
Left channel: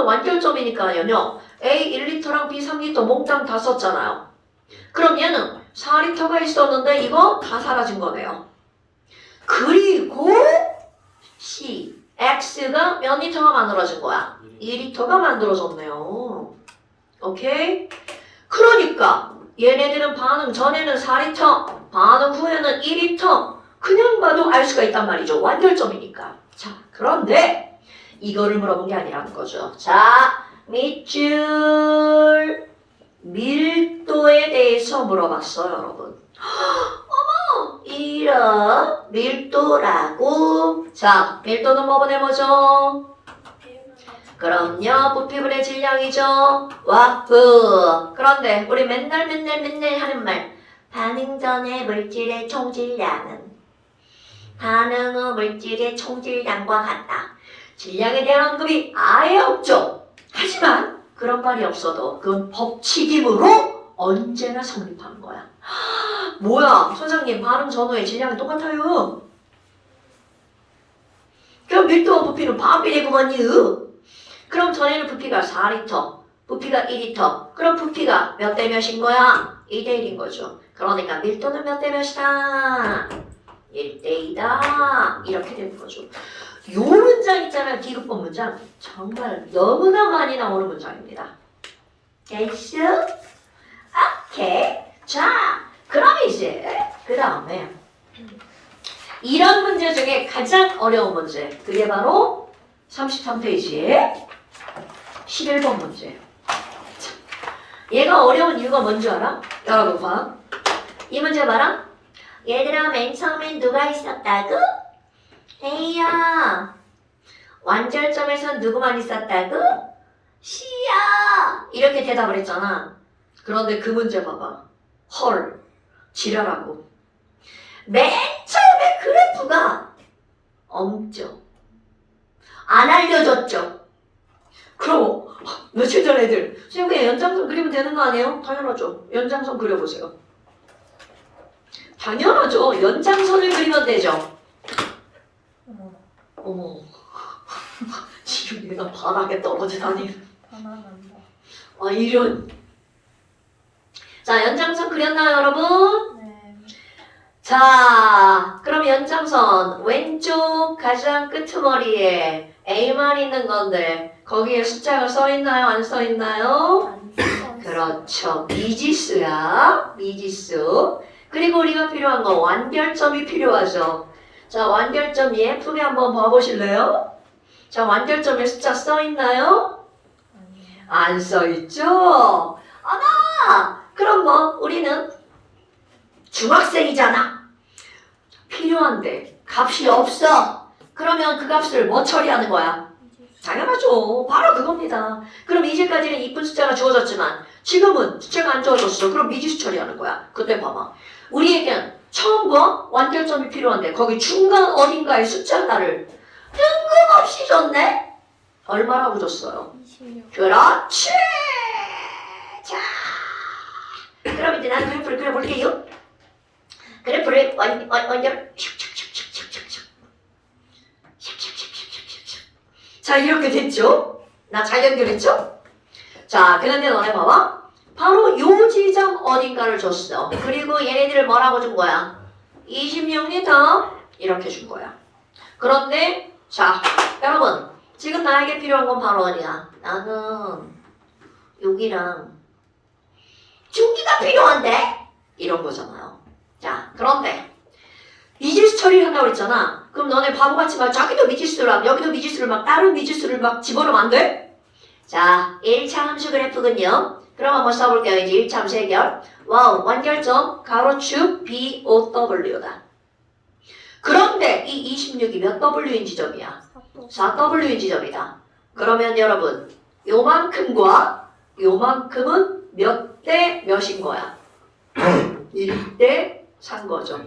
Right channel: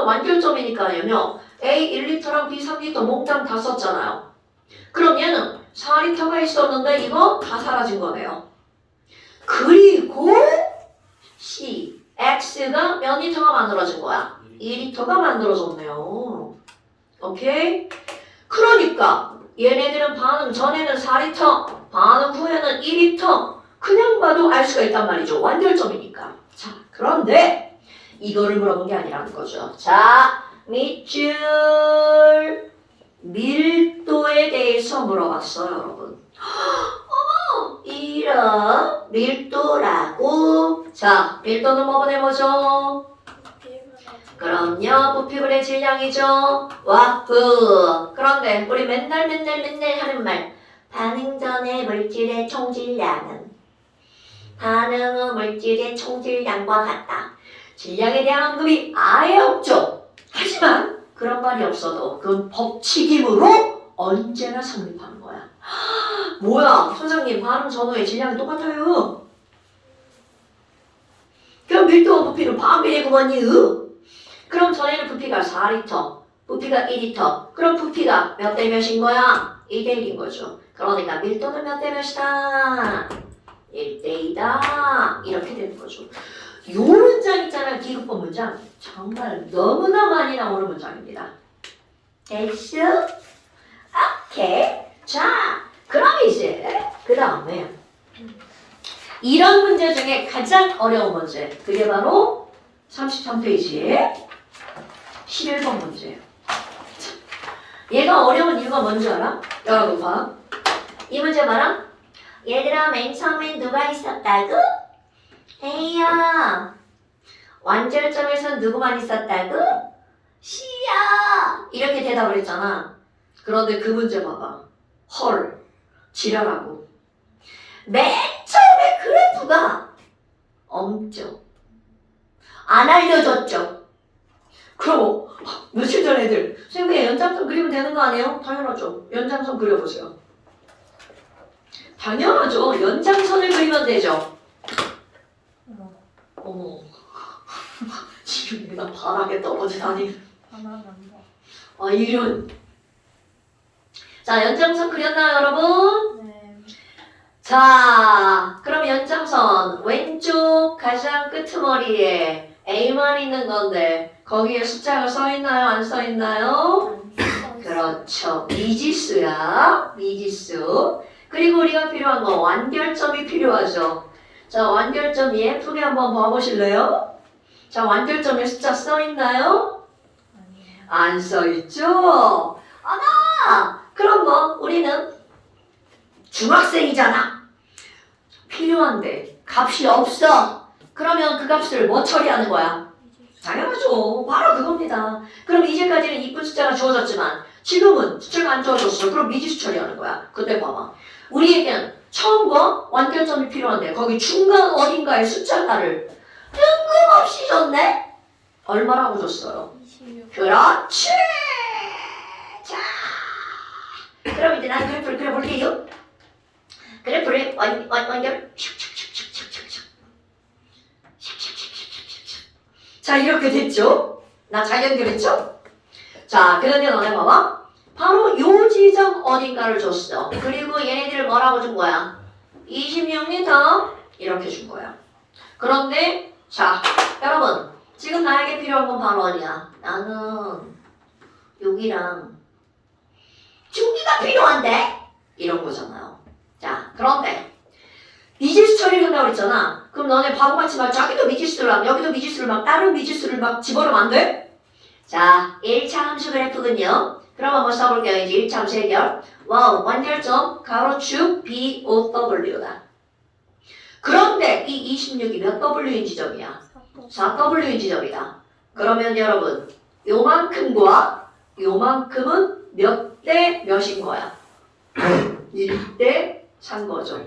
완결점이니까요. A 1리터랑 B 3리터 몽땅 다 썼잖아요. 그럼 얘는 4리터가 있었는데 이거 다 사라진 거네요. 그리고 C, X가 몇 리터가 만들어진 거야? 2리터가 만들어졌네요. 오케이? 그러니까 얘네들은 반응 전에는 4리터, 반응 후에는 2리터. 그냥 봐도 알 수가 있단 말이죠. 완결점이니까. 자, 그런데 이거를 물어본 게 아니라는 거죠. 자, 밑줄 밀도에 대해서 물어봤어요, 여러분. 어머, 이런 밀도라고. 자, 밀도는 뭐보다 뭐죠? 그럼요, 부피분의 질량이죠. 와프. 그런데 우리 맨날 하는 말. 반응 전의 물질의 총질량은 반응 후 물질의 총질량과 같다. 질량에 대한 언급이 아예 없죠. 하지만 그런 말이 없어도 그건 법칙이므로 언제나 성립하는 거야. 뭐야, 선생님 반응 전후의 질량이 똑같아요. 그럼 밀도와 부피는 반비례구먼요. 그럼 전에는 부피가 4리터, 부피가 2리터. 그럼 부피가 몇 대 몇인 거야? 2대 1인 거죠. 그러니까 밀도는 몇 대 몇이다? 1대 2다. 이렇게 되는 거죠. 요 문장 있잖아요. 디귿번 문장. 정말 너무나 많이 나오는 문장입니다. 됐어? 오케이. 자, 그럼 이제 그 다음에 이런 문제 중에 가장 어려운 문제. 그게 바로 33페이지에 11번 문제예요. 얘가 어려운 이유가 뭔지 알아? 여러분 봐. 이 문제 봐라. 얘들아 맨 처음엔 누가 있었다고? A야. 완결점에선 누구만 있었다고? C야. 이렇게 대답을 했잖아. 그런데 그 문제 봐봐. 헐. 지랄하고. 맨 처음에 그래프가 없죠. 안 알려줬죠. 그럼 며칠 전 애들 선생님 그냥 연장선 그리면 되는 거 아니에요? 당연하죠. 연장선 그려보세요. 당연하죠. 연장선을 그리면 되죠. 어머 지금 얘가 바닥에 떨어지다니. 반항한다. 아 이런. 자 연장선 그렸나요 여러분? 네. 자 그럼 연장선 왼쪽 가장 끄트머리에 A만 있는 건데 거기에 숫자가 써있나요? 안 써있나요? 안 그렇죠. 미지수야. 미지수. 그리고 우리가 필요한 거 완결점이 필요하죠. 자, 완결점 예쁘게 한번 봐보실래요? 자, 완결점에 숫자 써있나요? 아니에요. 안 써있죠? 아나! 그럼 뭐 우리는 중학생이잖아. 필요한데 값이 없어. 그러면 그 값을 뭐 처리하는 거야? 당연하죠. 바로 그겁니다. 그럼 이제까지는 이쁜 숫자가 주어졌지만 지금은 숫자가 안 주어졌어. 그럼 미지수 처리하는 거야. 그때 봐봐. 우리에겐 처음과 완결점이 필요한데 거기 중간 어딘가에 숫자 하나를 뜬금없이 줬네? 얼마라고 줬어요? 26. 그렇지! 자, 그럼 이제 난 그래프를 그려볼게요. 그래프를 완결 자, 이렇게 됐죠? 나 잘 연결했죠? 자, 그런데 너네 봐봐. 바로 요 지점 어딘가를 줬어. 그리고 얘네들을 뭐라고 준 거야? 26m 이렇게 준 거야. 그런데 자, 여러분 지금 나에게 필요한 건 바로 어디야? 나는 여기랑 중기가 필요한데? 이런 거잖아요. 자, 그런데 미지수 처리를 한다고 그랬잖아. 그럼 너네 바보같이 막 저기도 미지수를 막 여기도 미지수를 막 다른 미지수를 막 집어넣으면 안 돼? 자, 1차 함수 그래프군요. 그럼 한번 써볼게요. 이제 1차 함수 해결. 와우, 완결점 가로축 BOW다. 그런데 이 26이 몇 W인 지점이야? 4W인 지점이다. 그러면 여러분 요만큼과 요만큼은 몇 대 몇인 거야? 1대 3 거죠.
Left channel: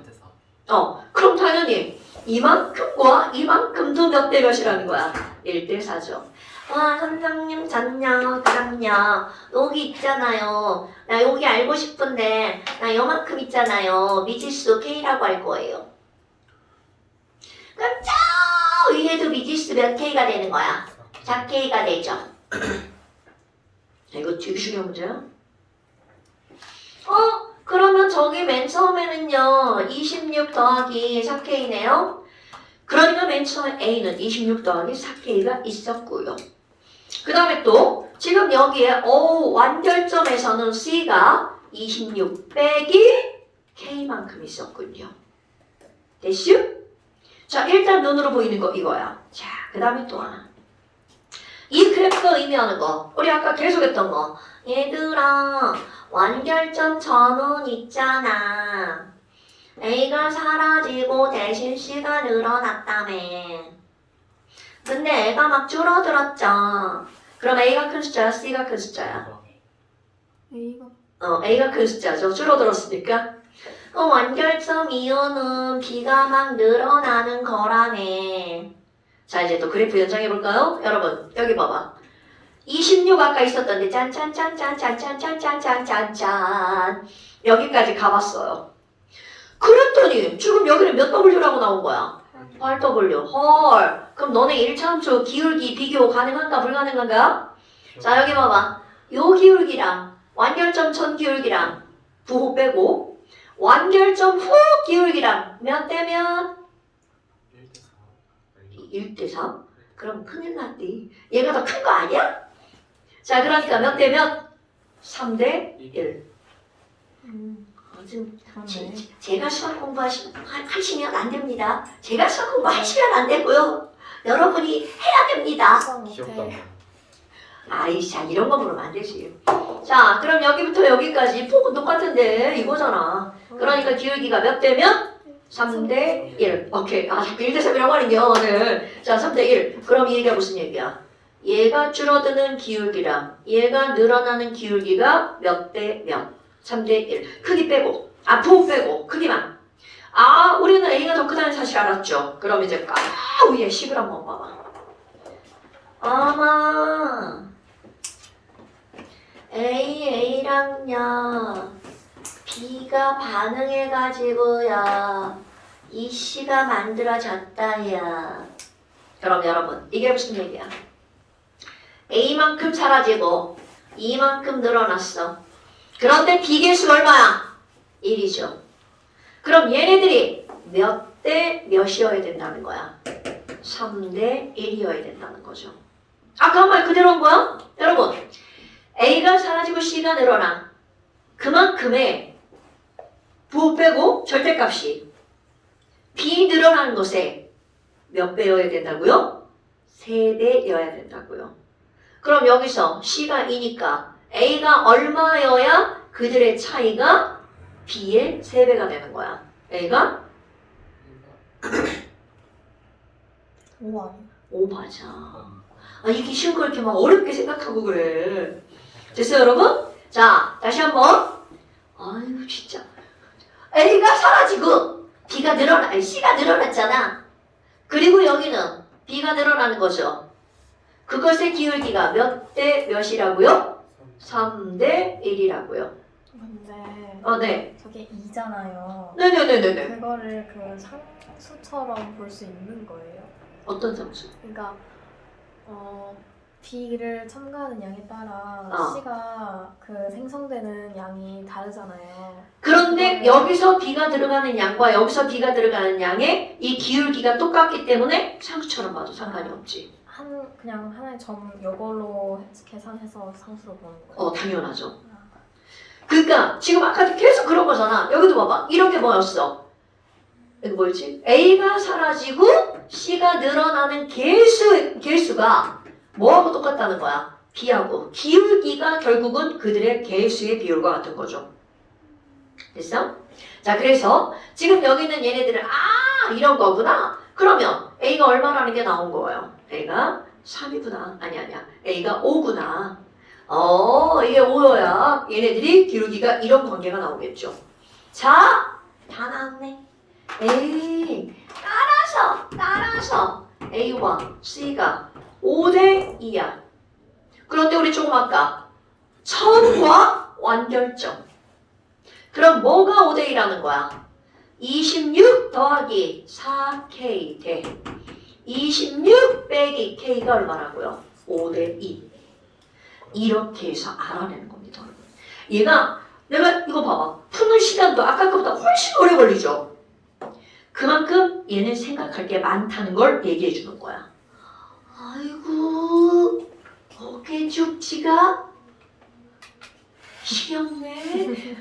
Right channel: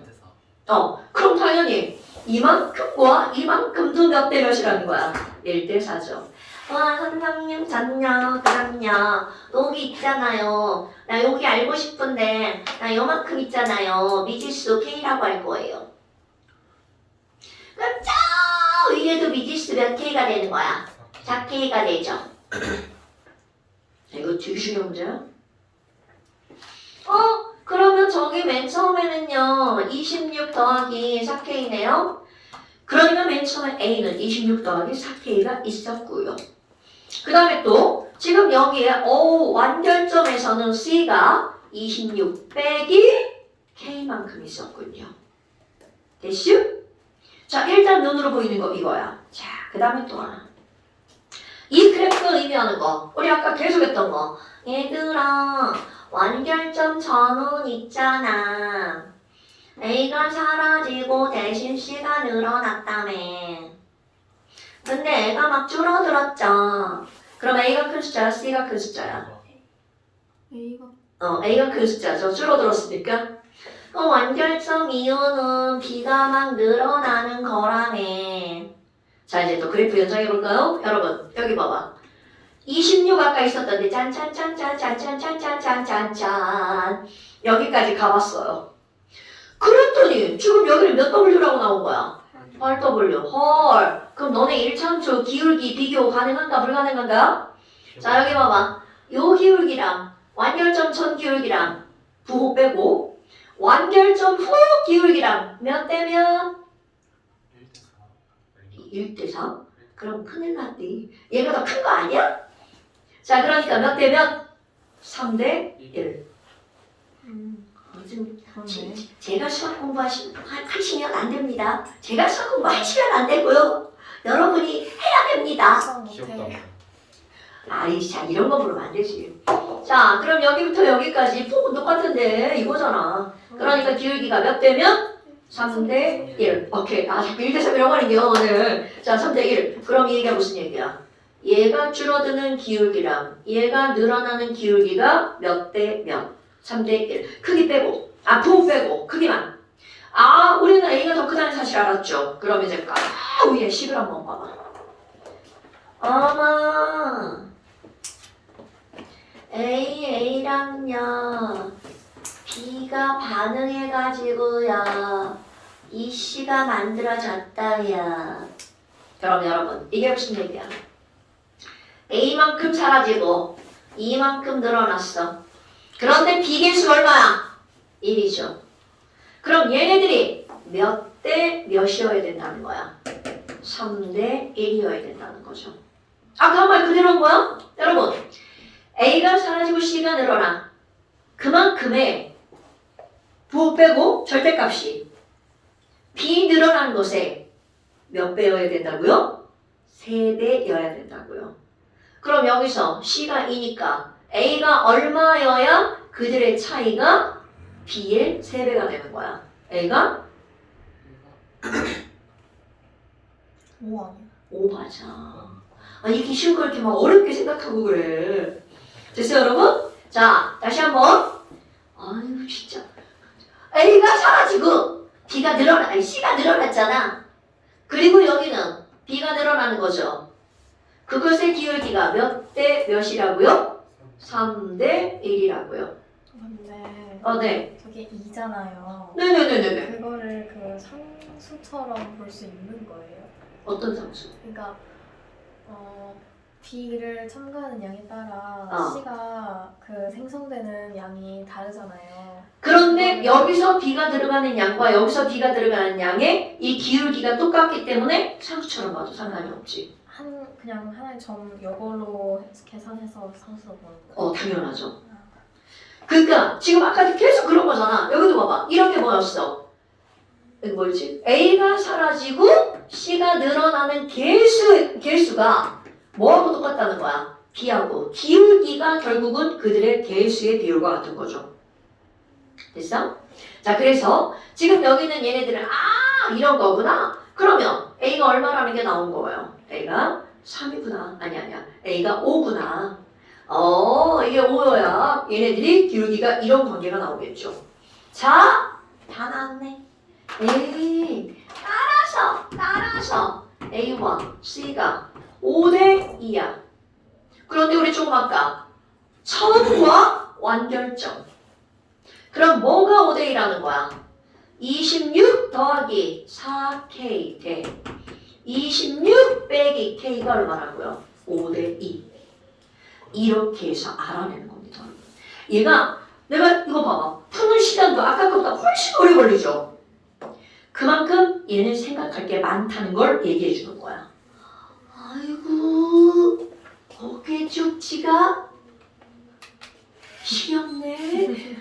그럼 당연히 이만큼과 이만큼도 몇 대 몇이라는 거야? 1대 4죠. 와, 선생님 잠요. 그럼요. 여기 있잖아요. 나 여기 알고 싶은데 나 요만큼 있잖아요. 미지수 K라고 할 거예요. 그럼 저 위에도 미지수 몇 K가 되는 거야? 4K가 되죠. 이거 되게 중요한 문제야. 그러면 저기 맨 처음에는요 26 더하기 4K네요. 그러니까 맨 처음에 A는 26 더하기 4K가 있었고요. 그 다음에 또 지금 여기에 완결점에서는 C가 26 빼기 K만큼 있었군요. 됐슈? 자, 일단 눈으로 보이는 거 이거야. 자, 그 다음에 또 하나. 이 그래프가 의미하는 거 우리 아까 계속했던 거. 얘들아, 완결점 전원 있잖아. A가 사라지고 대신 C가 늘어났다며. 근데 A가 막 줄어들었죠. 그럼 A가 큰 숫자야, C가 큰 숫자야? A가 A가 큰 숫자죠. 줄어들었으니까. 완결점 이유는 B가 막 늘어나는 거라며. 자, 이제 또 그래프 연장해볼까요? 여러분, 여기 봐봐. 26 아까 있었던데 짠짠짠짠짠짠짠짠짠짠 여기까지 가봤어요. 그랬더니 지금 여기는 몇 W라고 나온 거야? 8W. 헐. 그럼 너네 1차 함수 기울기 비교 가능한가 불가능한가? 자, 여기 봐봐. 요 기울기랑 완결점 전 기울기랑 부호 빼고 완결점 후 기울기랑 몇 대면? 1대 3? 그럼 큰일 났디. 얘가 더 큰 거 아니야? 자, 그러니까 몇 대 몇? 3대 1. 지금 그러네. 제가 수학 공부하시면 안 됩니다. 제가 수학 공부하시면 안 되고요. 여러분이 해야 됩니다. 수학 귀엽다. 못해. 아이, 자, 이런 거 보면 안 되지. 자, 그럼 여기부터 여기까지 폭은 똑같은데 이거잖아. 그러니까 기울기가 몇 대면? 3대 1. 오케이. 아, 1대 3이라고 하는겨 오늘. 자, 3대 1. 그럼 이 얘기가 무슨 얘기야? 얘가 줄어드는 기울기랑 얘가 늘어나는 기울기가 몇 대 몇? 3대 1. 크기 빼고, 부호 빼고, 크기만. 우리는 A가 더 크다는 사실 알았죠? 그럼 이제 위에 식을 한번 봐봐. 어머, A랑요, B가 반응해가지고요, 이 C가 만들어졌다요. 그럼 여러분, 이게 무슨 얘기야? A만큼 사라지고 E만큼 늘어났어. 그런데 B계수 얼마야? 1이죠. 그럼 얘네들이 몇 대 몇이어야 된다는 거야? 3대 1이어야 된다는 거죠. 아까 한 말 그대로인 거야? 여러분, A가 사라지고 C가 늘어나. 그만큼의 부호 빼고 절대값이 B 늘어나는 것에 몇 배여야 된다고요? 3배여야 된다고요. 그럼 여기서 C가 2니까 A가 얼마여야 그들의 차이가 B의 3배가 되는 거야. A가 5 아니야? 5 맞아. 아, 이렇게 쉬운 걸 이렇게 막 어렵게 생각하고 그래. 됐어요, 여러분? 자, 다시 한번. 아유, 진짜. A가 사라지고 B가 늘어나, C가 늘어났잖아. 그리고 여기는 B가 늘어나는 거죠. 그것의 기울기가 몇 대 몇이라고요? 3대 1이라고요. 근데 네. 저게 2잖아요. 네네네네네. 그거를 그 상수처럼 볼 수 있는 거예요. 어떤 상수? 그러니까 B를 첨가하는 양에 따라 C가 그 생성되는 양이 다르잖아요. 그런데 여기서 B가 들어가는 양과 여기서 B가 들어가는 양의 이 기울기가 똑같기 때문에 상수처럼 봐도 상관이 없지. 그냥 하나의 점 이걸로 계산해서 상수로 보는 거예요. 당연하죠. 그러니까 지금 아까도 계속 그런 거잖아. 여기도 봐봐. 이렇게 보였어. 이거 뭐지? A가 사라지고 C가 늘어나는 개수가 뭐하고 똑같다는 거야? B하고. 기울기가 결국은 그들의 개수의 비율과 같은 거죠. 됐어? 자, 그래서 지금 여기 있는 얘네들은 이런 거구나. 그러면 A가 얼마라는 게 나온 거예요. A가 3이구나. 아니야. A가 5구나. 이게 5여야. 얘네들이 기울기가 이런 관계가 나오겠죠. 자, 다 나왔네. 에이, 따라서 A와 C가 5대 2야. 그런데 우리 조금 아까 처음과 완결점. 그럼 뭐가 5대 2라는 거야? 26 더하기 4K 대 26 빼기 K가 얼마라고요? 5대 2. 이렇게 해서 알아내는 겁니다. 얘가 내가 이거 봐봐. 푸는 시간도 아까 것보다 훨씬 오래 걸리죠? 그만큼 얘는 생각할 게 많다는 걸 얘기해 주는 거야. 아이고, 어깨 죽지가 시렵네.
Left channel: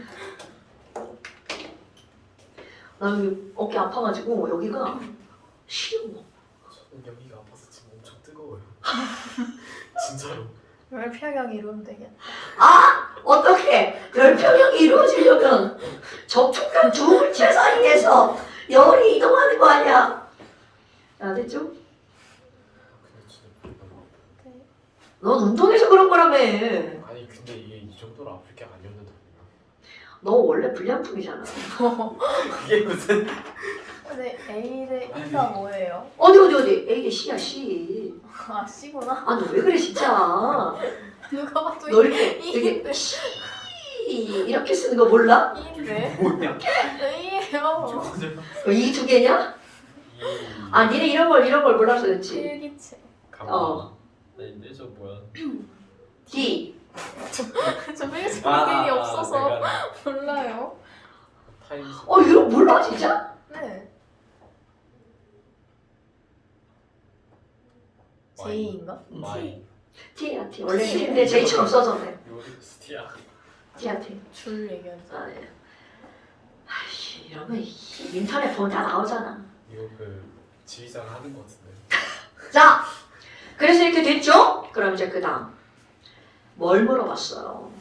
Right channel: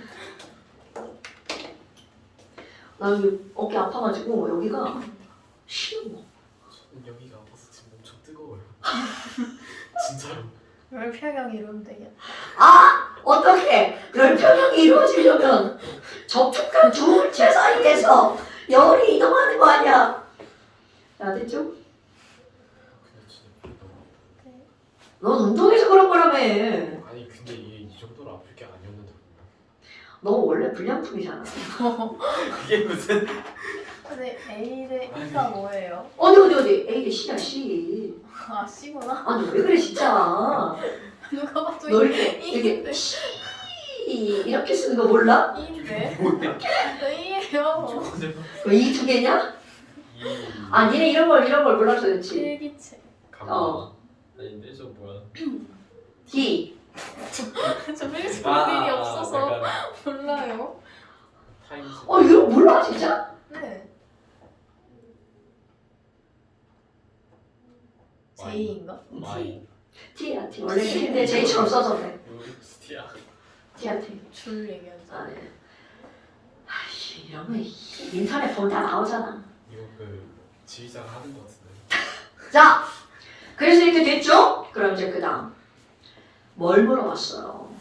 나 어깨 아파가지고 여기가 시려. 저는 여기가 아파서 지금 엄청 뜨거워요. 진짜로. 열평형이 이루면 되겠다. 어떻게 열평형이 이루어지려면 접촉한 두 물체 사이에서 열이 이동하는 거 아니야? 야, 됐죠? 근데 진짜 너무. 넌 운동해서 그런 거라며. 아니 근데 이게 이 정도로 아플 게 아니었는데. 너 원래 불량품이잖아. 그게 무슨? 근데 A 대 E가 뭐예요? 어디 A 대 C야 C. 아 C구나. 너 왜 그래 진짜. 누가 봐도 너 이렇게 E인데. C 이렇게 쓰는 거 몰라? E인데? 뭐야? E예요. 이 두 개냐? 니네 이런 걸 몰라서 그렇지. 필기체. 가만. 아닌데 저 뭐야? D. 저 필기체 모델이 없어서 내가 몰라요. 타임스. 이거 몰라 진짜? 네. J인가? Y. T야 T. 원래 T인데 J처럼 써서 그래. 스티야. T야 T. 줄 얘기하지. 네. 아이씨 이런 거 인터넷 보면 다 나오잖아. 이거 그 지휘자가 하는 거 같은데. 자, 그래서 이렇게 됐죠? 그럼 이제 그 다음 뭘 물어봤어요?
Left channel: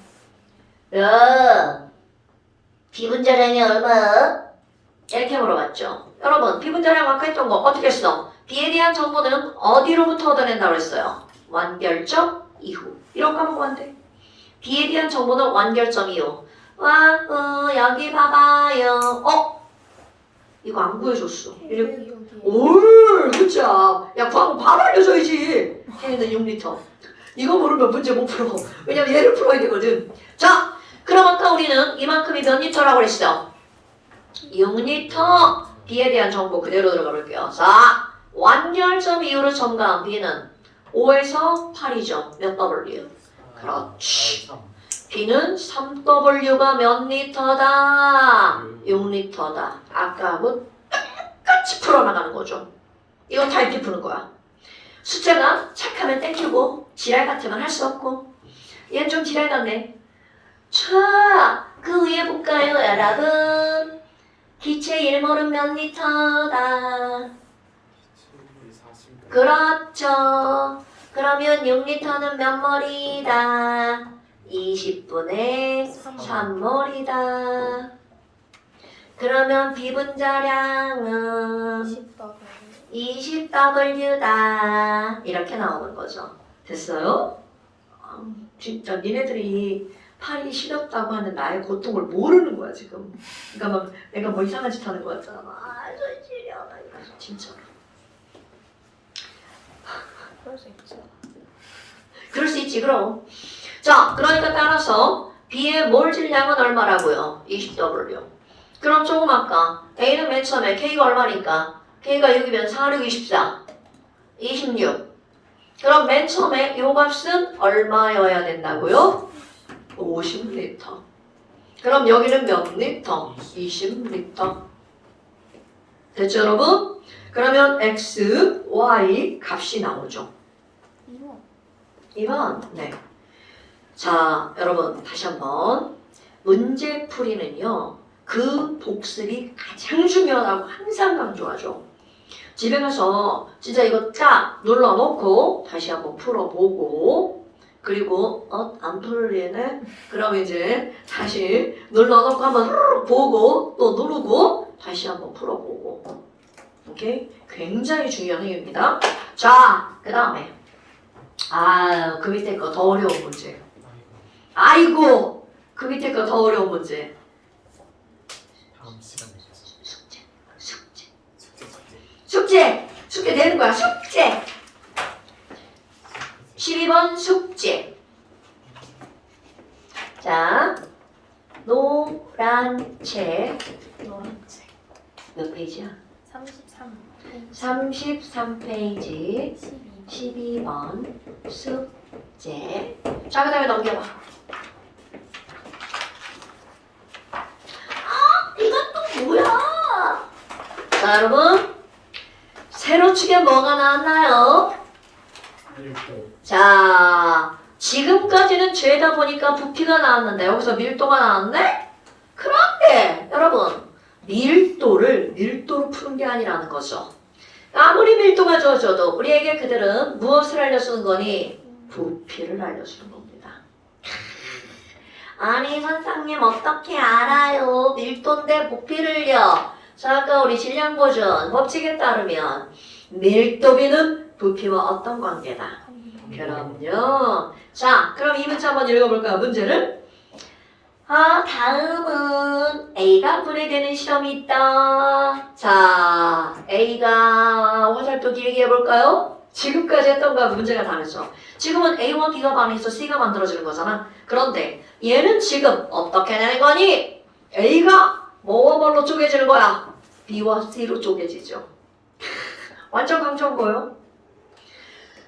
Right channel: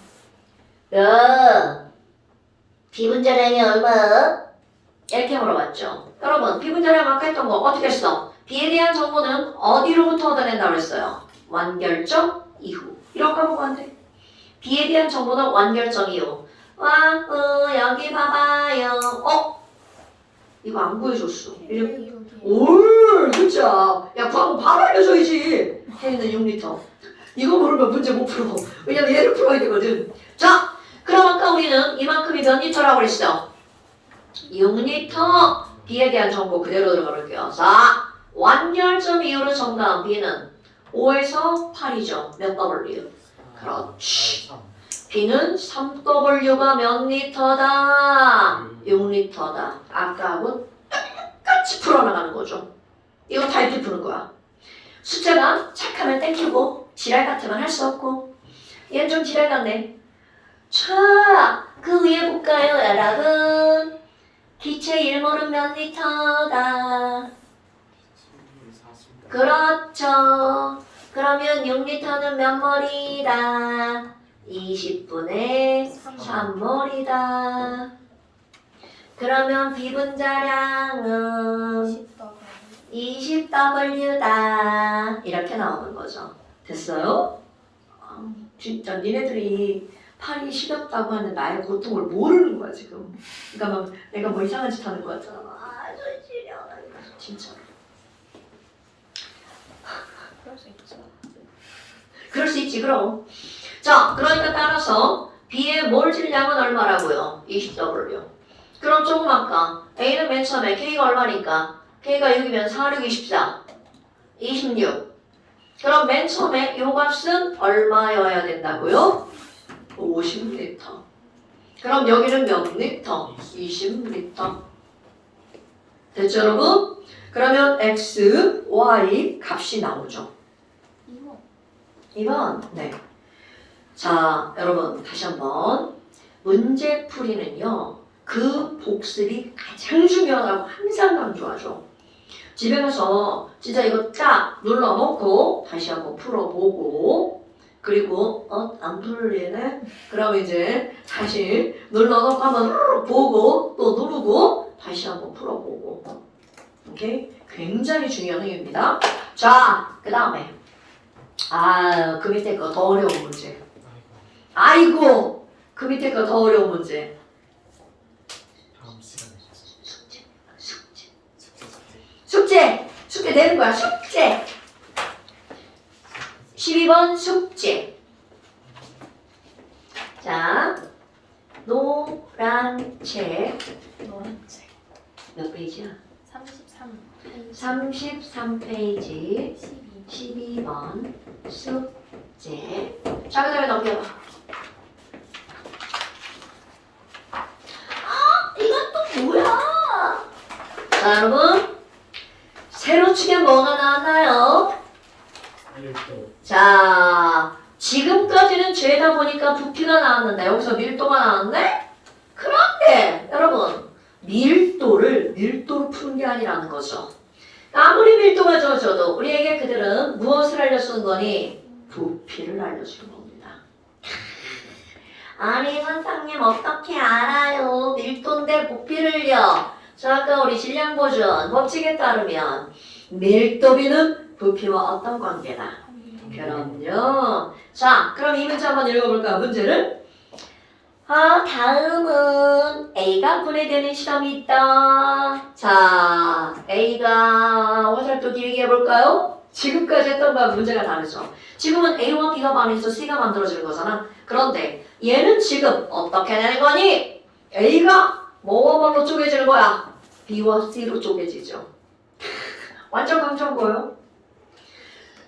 비분자량이 얼마야? 이렇게 물어봤죠. 여러분 비분자량 아까 했던 거 어떻게 했어? B에 대한 정보는 어디로부터 얻어낸다고 했어요? 완결점 이후. 이런 거 보고 안 돼. B에 대한 정보는 완결점 이후. 여기 봐봐요. 이거 안 보여줬어. 이렇게. 올, 그쵸? 야, 방금 바로 알려줘야지. 혜인은 6리터. 이거 모르면 문제 못 풀어. 왜냐면 얘를 풀어야 되거든. 자, 그럼 아까 우리는 이만큼이 몇 리터라고 그랬어? 6리터. B에 대한 정보 그대로 들어가 볼게요. 자, 완결점 이후로 첨가한 B는 5에서 8이죠. 몇 W? 그렇지. B는 3W가 몇 리터다? 6리터다. 아까하고 똑같이 풀어나가는 거죠. 이거 다 이렇게 푸는 거야. 숙제만 착하면 땡기고 지랄 같으면 할 수 없고 얘는 좀 지랄 같네. 자, 그 위에 볼까요 여러분? 기체 1몰은 몇 리터다? 체중이 40. 그렇죠. 그러면 6리터는 몇 몰이다? 20분의 3몰이다. 그러면 비분자량은 20W다. 이렇게 나오는 거죠. 됐어요? 진짜 니네들이 팔이 시렵다고 하는 나의 고통을 모르는 거야 지금. 그러니까 막 내가 뭐 이상한 짓 하는 거 같잖아. 손 시려. 진짜. 그럴 수 있죠. 그럴 수 있지 그럼. 자, 그러니까 따라서 B의 몰 질량은 얼마라고요? 20W. 그럼 조금 아까 A는 맨 처음에 K가 얼마니까? K가 6이면 4, 6, 24. 26. 그럼 맨 처음에 요 값은 얼마여야 된다고요? 50리터. 그럼 여기는 몇 리터? 20리터. 됐죠 여러분? 그러면 X, Y 값이 나오죠. 2번. 2번. 네. 자, 여러분 다시 한번 문제 풀이는요. 그 복습이 가장 중요하다고 항상 강조하죠. 집에 가서 진짜 이거 딱 눌러놓고 다시 한번 풀어보고 그리고 안 풀리네? 그럼 이제 다시 눌러놓고 한번 보고 또 누르고 다시 한번 풀어보고 오케이? 굉장히 중요한 행위입니다. 자, 그 다음에 그 밑에 거 더 어려운 문제. 아이고 그 밑에 거 더 어려운 문제. 다음 시간에 숙제 내는 거야. 숙제 12번 숙제. 자, 노란 책 몇 페이지야? 33페이지 12번 숙제. 자, 그 다음에 넘겨봐. 이건 또 뭐야? 자, 여러분 세로축에 뭐가 나왔나요? 자, 지금까지는 죄다 보니까 부피가 나왔는데 여기서 밀도가 나왔네? 그런데 여러분 밀도로 푸는 게 아니라는 거죠. 아무리 밀도가 주어져도 우리에게 그들은 무엇을 알려주는 거니? 부피를 알려주는 겁니다. 아니 선생님 어떻게 알아요? 밀도인데 부피를요? 자, 아까 우리 질량 보존 법칙에 따르면 밀도비는 부피와 어떤 관계다? 그럼요. 자, 그럼 이 문제 한번 읽어볼까요? 문제를. 다음은 A가 분해되는 실험이 있다. 자, A가 화살표 길게 해볼까요? 지금까지 했던 거와 문제가 다르죠. 지금은 A와 B가 반응해서 C가 만들어지는 거잖아. 그런데 얘는 지금 어떻게 되는 거니? A가 뭐와 뭘로 쪼개지는 거야? B와 C로 쪼개지죠. 완전 강조한 거예요.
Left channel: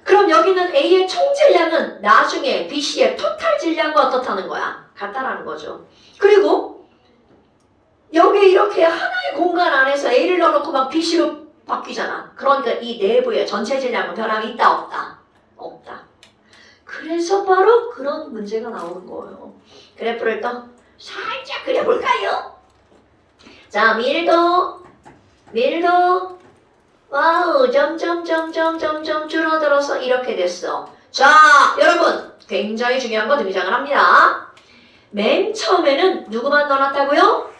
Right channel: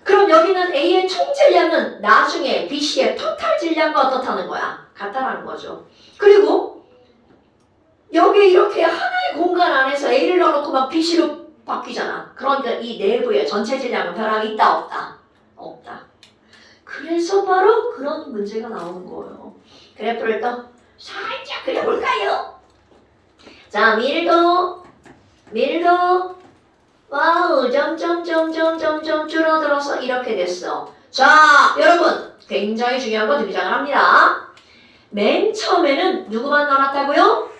그럼 여기는 A의 총 질량은 나중에 B, C의 토탈 질량과 어떻다는 거야? 같다라는 거죠. 그리고 여기 이렇게 하나의 공간 안에서 A를 넣어놓고 막 B, C로 바뀌잖아. 그러니까 이 내부에 전체 질량은 변함이 있다 없다? 없다. 그래서 바로 그런 문제가 나오는 거예요. 그래프를 또 살짝 그려볼까요? 자, 밀도 와우 점점 줄어들어서 이렇게 됐어. 자, 여러분 굉장히 중요한 거 등장을 합니다. 맨 처음에는 누구만 넣어놨다고요?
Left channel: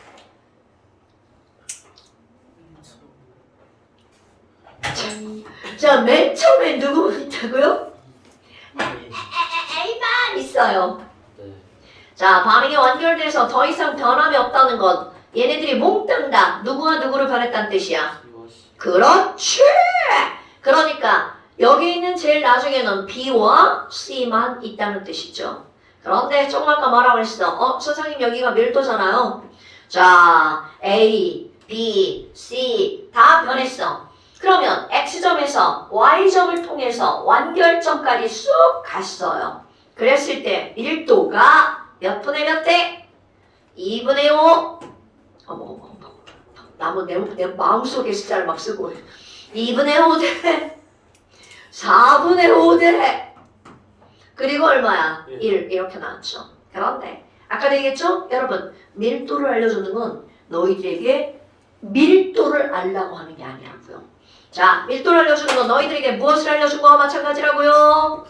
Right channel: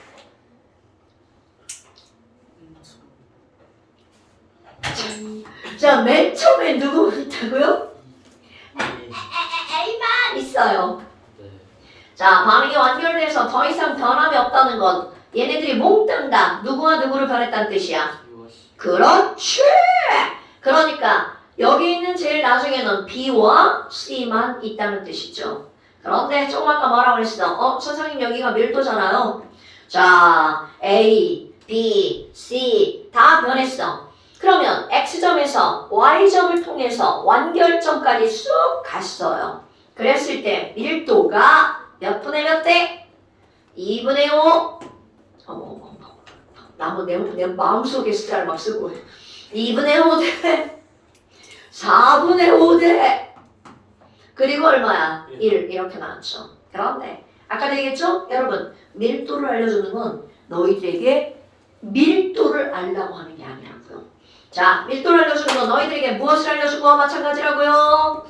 자, 맨 처음에 누구만 있다고요? A만 있어요. 자, 반응이 완결돼서 더 이상 변함이 없다는 건 얘네들이 몽땅 다 누구와 누구를 변했다는 뜻이야. 그렇지. 그러니까 여기 있는 제일 나중에는 B와 C만 있다는 뜻이죠. 그런데 조금 아까 뭐라고 그랬어? 선생님 여기가 밀도잖아요. 자, A, B, C 다 변했어. 그러면 X점에서 Y점을 통해서 완결점까지 쑥 갔어요. 그랬을 때 밀도가 몇 분의 몇 대? 2분의 5. 내 마음속에 숫자를 막 쓰고 2분의 5대 4분의 5대 그리고 얼마야? 1 이렇게 나왔죠. 그런데 아까 얘기했죠? 여러분 밀도를 알려주는 건 너희들에게 밀도를 알라고 하는 게 아니라고요. 자, 밀도를 알려주는 건 너희들에게 무엇을 알려준 거와 마찬가지라고요?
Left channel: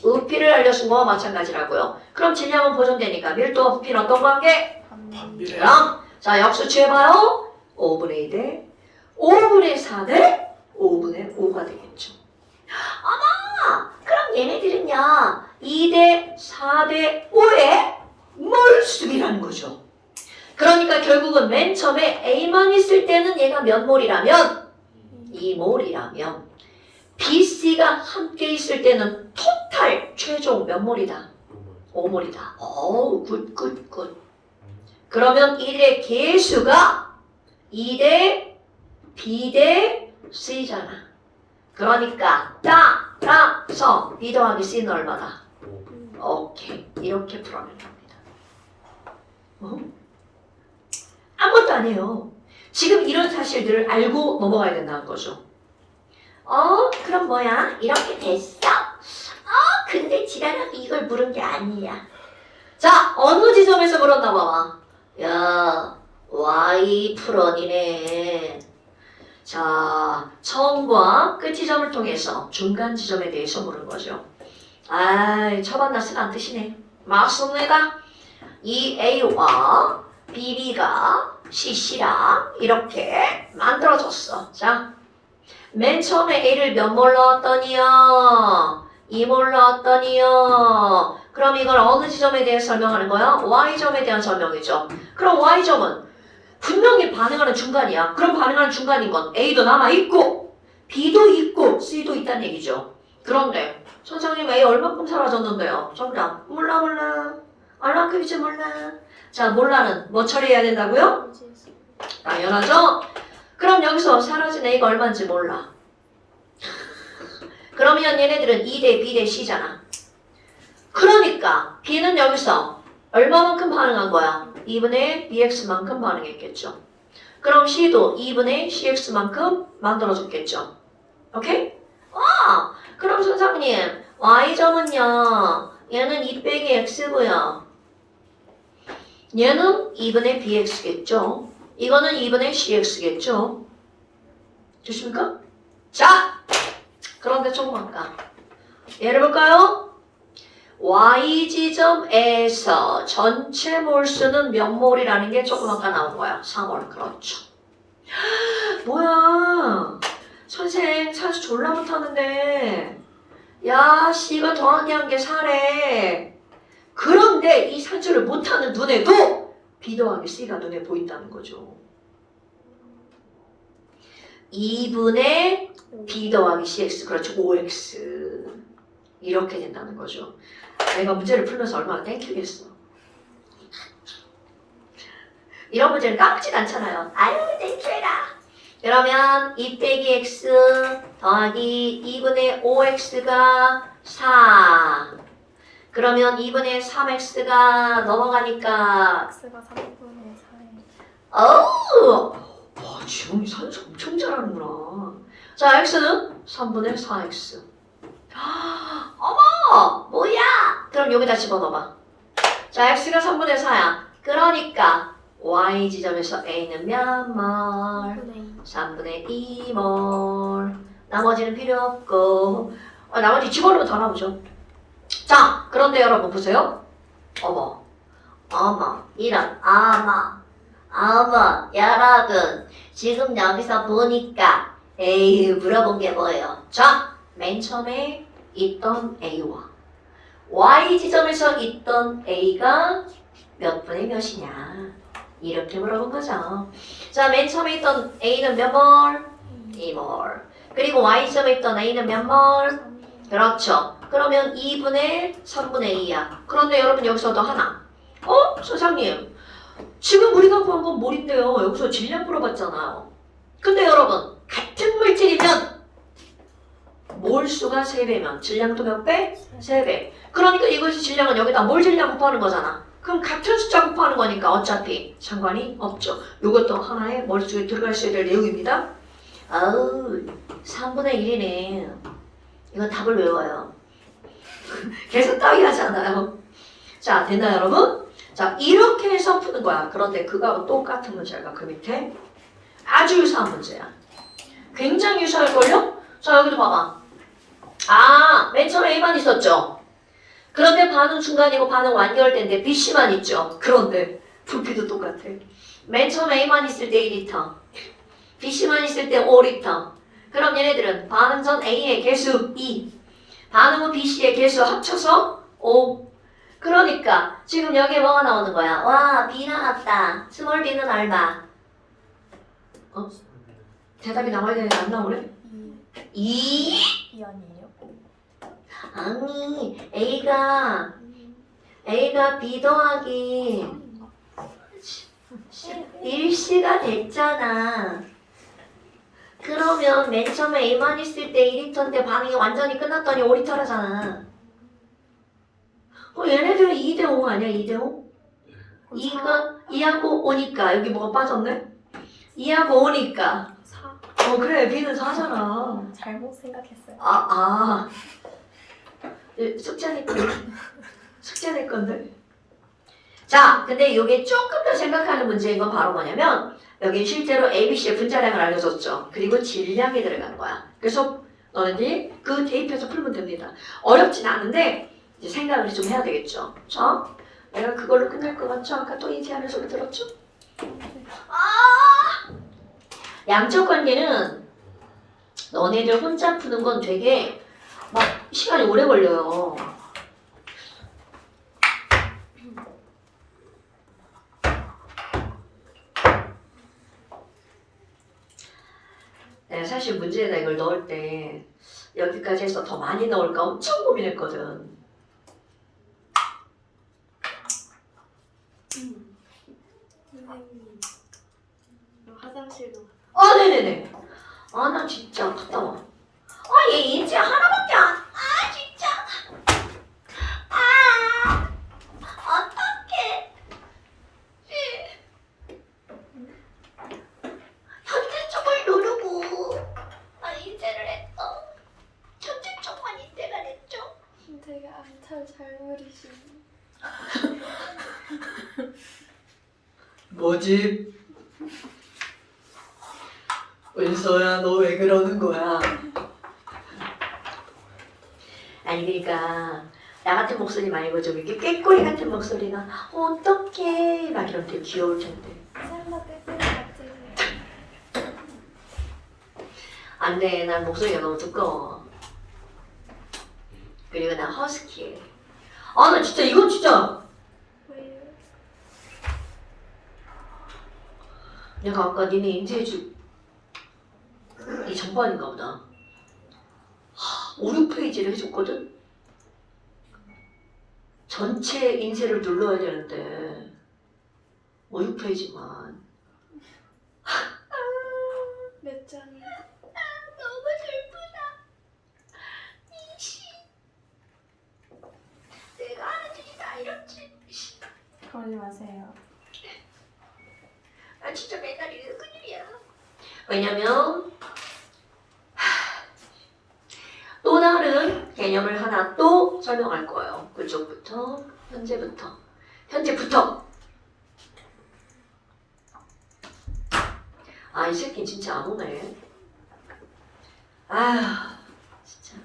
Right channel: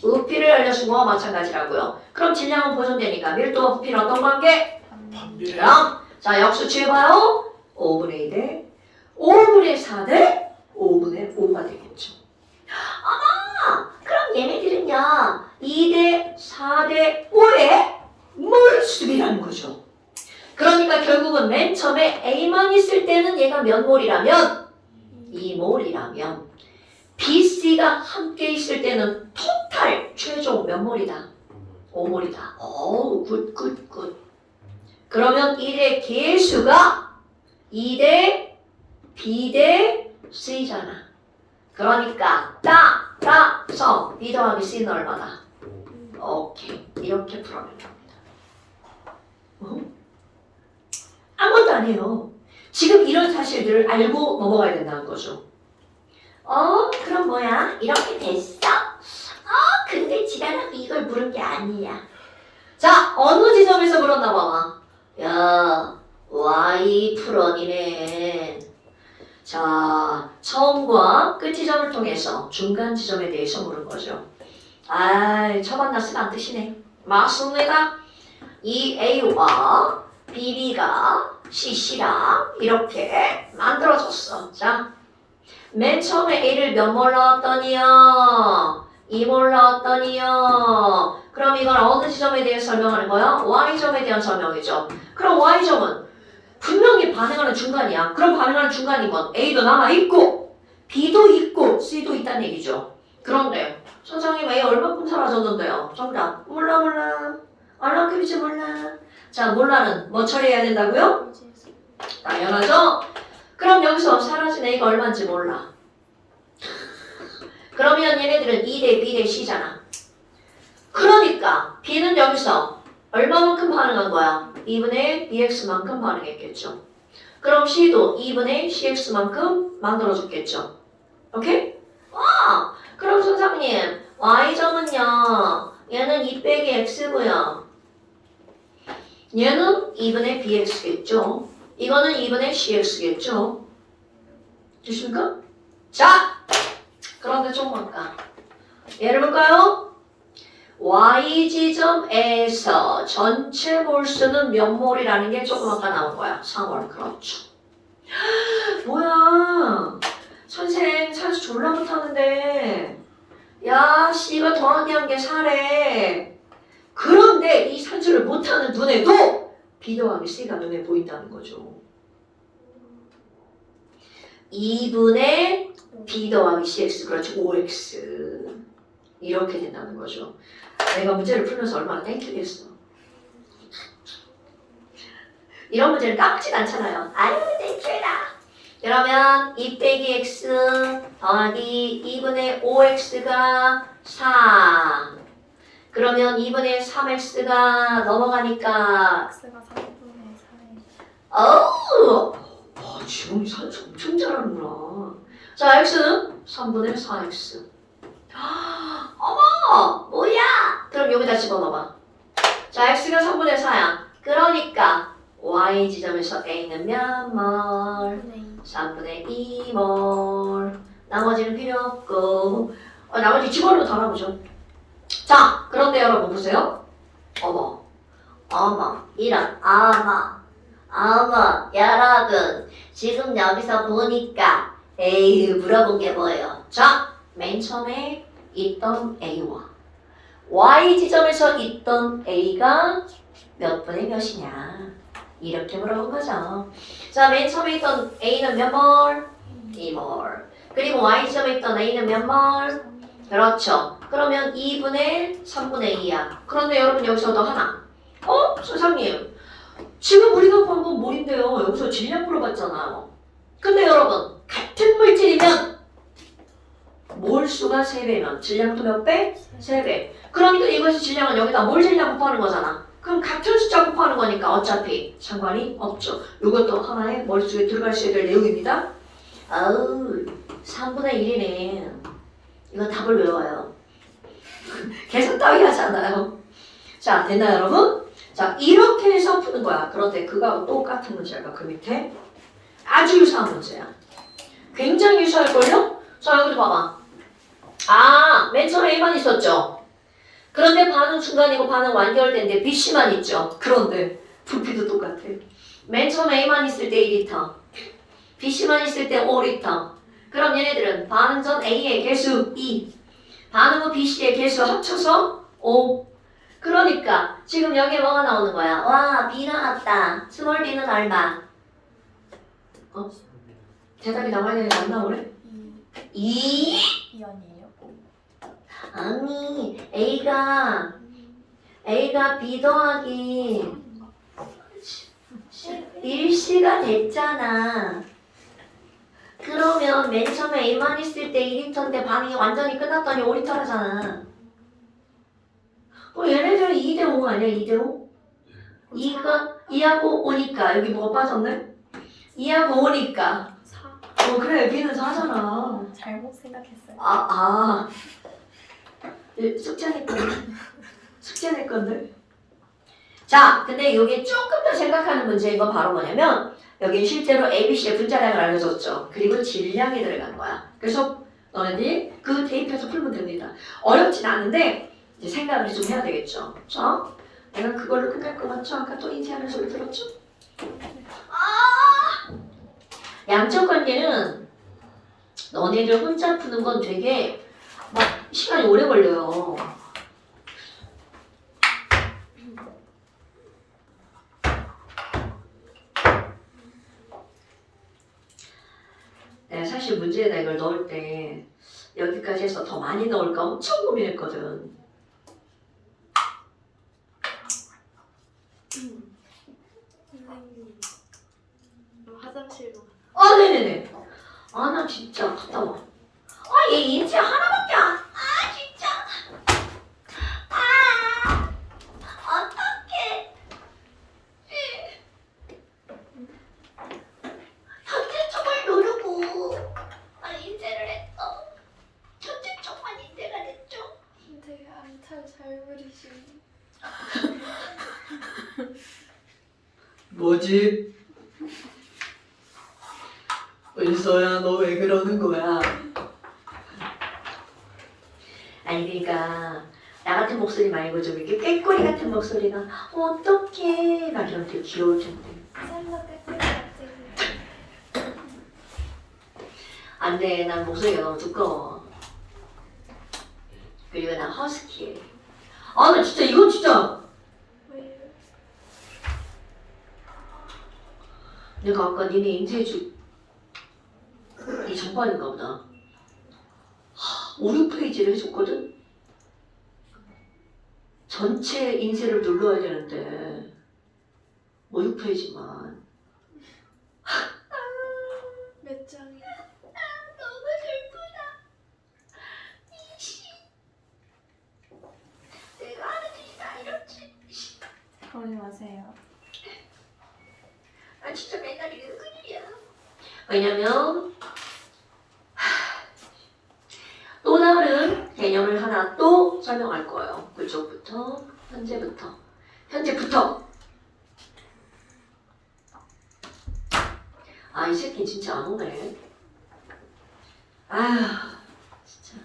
부피를 알려준 거와 마찬가지라고요. 그럼 질량은 보존되니까 밀도와 부피는 어떤 관계? 반비례. 그럼 자 역수 취해봐요. 5분의 2 대 5분의 4 대 5분의 5가 되겠죠. 아마 그럼 얘네들은요 2 대 4 대 5의 몰수비라는 거죠. 그러니까 결국은 맨 처음에 A만 있을 때는 얘가 몇 몰이라면 2몰이라면 BC가 함께 있을 때는 토탈 최종 몇 몰이다? 5몰이다. 오, 굿. 그러면 1의 개수가 2대 B 대 C잖아. 그러니까 따라서 B 더하기 C는 얼마다? 오케이. 이렇게 풀어면 됩니다. 아무것도 아니에요. 지금 이런 사실들을 알고 넘어가야 된다는 거죠. 그럼 뭐야? 이렇게 됐어. 근데 지랄하고 이걸 물은 게 아니야. 자, 어느 지점에서 물었나 봐봐. 야, Y 풀원이네. 자, 처음과 끝 지점을 통해서 중간 지점에 대해서 물은 거죠. 처만 났으면 안 뜻이네. 맞습니다. 이 A와 BB가 CC랑 이렇게 만들어졌어. 자, 맨 처음에 A를 몇 몰 넣었더니요? 2몰 넣었더니요? 그럼 이걸 어느 지점에 대해 설명하는 거야? Y점에 대한 설명이죠. 그럼 Y점은 분명히 반응하는 중간이야. 그럼 반응하는 중간인 건 A도 남아있고 B도 있고 C도 있다는 얘기죠. 그런데 선생님 A 얼마큼 사라졌는데요? 정답 몰라. 얼마큼인지 몰라. 자, 몰라는 뭐 처리해야 된다고요? 당연하죠? 그럼 여기서 사라진 A가 얼마인지 몰라. 그러면 얘네들은 2 대 B 대 C잖아. 그러니까 B는 여기서 얼마만큼 반응한 거야? 2분의 BX만큼 반응했겠죠. 그럼 C도 2분의 CX만큼 만들어줬겠죠. 오케이? 그럼 선생님 Y점은요 얘는 2 빼기 X고요. 얘는 2분의 BX겠죠. 이거는 2분의 CX겠죠. 됐습니까? 자, 그런데 조금만 예를 볼까요? Y지점에서 전체 몰수는 몇 몰이라는 게 조금 아까 나온 거야. 3몰. 그렇죠. 뭐야. 선생 산수 졸라 못하는데 야 씨가 더하기한 게 4래. 그런데 이 산수를 못하는 눈에도 B 더하기 C가 눈에 보인다는 거죠. 2분의 B 더하기 CX 그렇죠. 5X 이렇게 된다는 거죠. 내가 문제를 풀면서 얼마나 땡큐겠어. 이런 문제는 까먹지도 않잖아요. 아유 땡큐해라. 그러면 2 빼기 X 더하기 2분의 5X가 4. 그러면 2분의 3X가 넘어가니까 X가 3분의 4. 어우! 지원이 산수 엄청 잘하는구나. 자, X는 3분의 4X. 어머! 뭐야? 그럼 여기다 집어넣어봐. 자, X가 3분의 4야. 그러니까 Y 지점에서 A는 몇 몰? 3분의 2몰. 나머지는 필요 없고 나머지 집어넣으면 다 나오죠. 자, 그런데 여러분 보세요. 어머, 이런 여러분 지금 여기서 보니까 물어본 게 뭐예요? 자, 맨 처음에 있던 A와 Y 지점에서 있던 A가 몇 분의 몇이냐 이렇게 물어본 거죠. 자, 맨 처음에 있던 A는 몇 몰? 2몰. 그리고 Y 지점에 있던 A는 몇 몰? 그렇죠. 그러면 2분의 3분의 2야. 그런데 여러분 여기서도 하나. 선생님 지금 우리가 구한 건 몰인데요. 여기서 질량 물어봤잖아요. 근데 여러분 같은 물질이면 몰수가 3배면 질량도 몇 배? 3배. 그러니까 이것이 질량은 여기다 몰 질량 곱하는 거잖아. 그럼 같은 숫자 곱하는 거니까 어차피 상관이 없죠. 이것도 하나의 머릿속에 들어갈 수 있을 내용입니다. 아우 3분의 1이네. 이건 답을 외워요. 계속 따위 하잖아요. 자 됐나요 여러분? 자 이렇게 해서 푸는 거야. 그런데 그거하고 똑같은 문제가 그 밑에 아주 유사한 문제야. 굉장히 유사할걸요? 자 여기도 봐봐. 아 맨 처음에 A만 있었죠. 그런데 반은 중간이고 반은 완결된데 BC만 있죠. 그런데 부피도 똑같아. 맨 처음에 A만 있을 때 2리터, BC만 있을 때 5리터. 그럼 얘네들은 반응 전 A의 개수 2, 반응 후 BC의 개수 합쳐서 5. 그러니까 지금 여기에 뭐가 나오는 거야? 와, B 나왔다. 스몰 B는 얼마? 대답이 나와야 되는데 안 나오래? 2? 이 아니에요? 아니, A가 B 더하기 1C가 됐잖아. 그러면 맨 처음에 A만 있을 때 2리터인데 반응이 완전히 끝났더니 5리터라잖아. 얘네들은 2대5 아니야? 2대5? 2하고 5니까 여기 뭐가 빠졌네? 2하고 5니까 4. 그래 B는 4잖아. 잘못 생각했어요. 숙제 낼 건데. 숙제 낼 건데. 자, 근데 이게 조금 더 생각하는 문제인 건 바로 뭐냐면 여기 실제로 ABC의 분자량을 알려줬죠. 그리고 질량이 들어간 거야. 그래서 너네들이 그 대입해서 풀면 됩니다. 어렵진 않은데 이제 생각을 좀 해야 되겠죠. 자, 내가 그걸로 끝날 것 같죠? 아까 또 인지하는 소리 들었죠? 양적 관계는 너네들 혼자 푸는 건 되게 막 시간이 오래 걸려요. 내가 사실 문제에다 이걸 넣을 때 여기까지 해서 더 많이 넣을까 엄청 고민했거든. 선생님, 화장실로 네네네. 나 진짜 갔다 와. 얘 인체 하나밖에 안. 진짜. 어떡해. 현재점을 누르고 인쇄를 했어. 현재점만 인쇄가 됐죠. 되게 암탈 잘 그리시네. 뭐지? 은서야 너 왜 그러는 거야? 아니 그러니까 나 같은 목소리 말고 좀 이렇게 꾀꼬리 같은 목소리가 어떡해 막 이러면 되게 귀여울 텐데. 안돼 난 목소리가 너무 두꺼워. 그리고 난 허스키해. 나 진짜 이건 진짜 왜요? 내가 아까 니네 인쇄해줄 이 장반인가 보다. 5, 6페이지를 해줬거든? 전체 인쇄를 눌러야 되는데 5, 6페이지만 몇 장이? 너무 슬프다. 내가 하는 짓이 다 이렇지. 그러지 마세요. 나 진짜 맨날 이래서 큰일이야. 왜냐면 또 다른 개념을 하나 또 설명할 거예요. 그쪽부터 현재부터 이 새끼 진짜 안 오네. 진짜.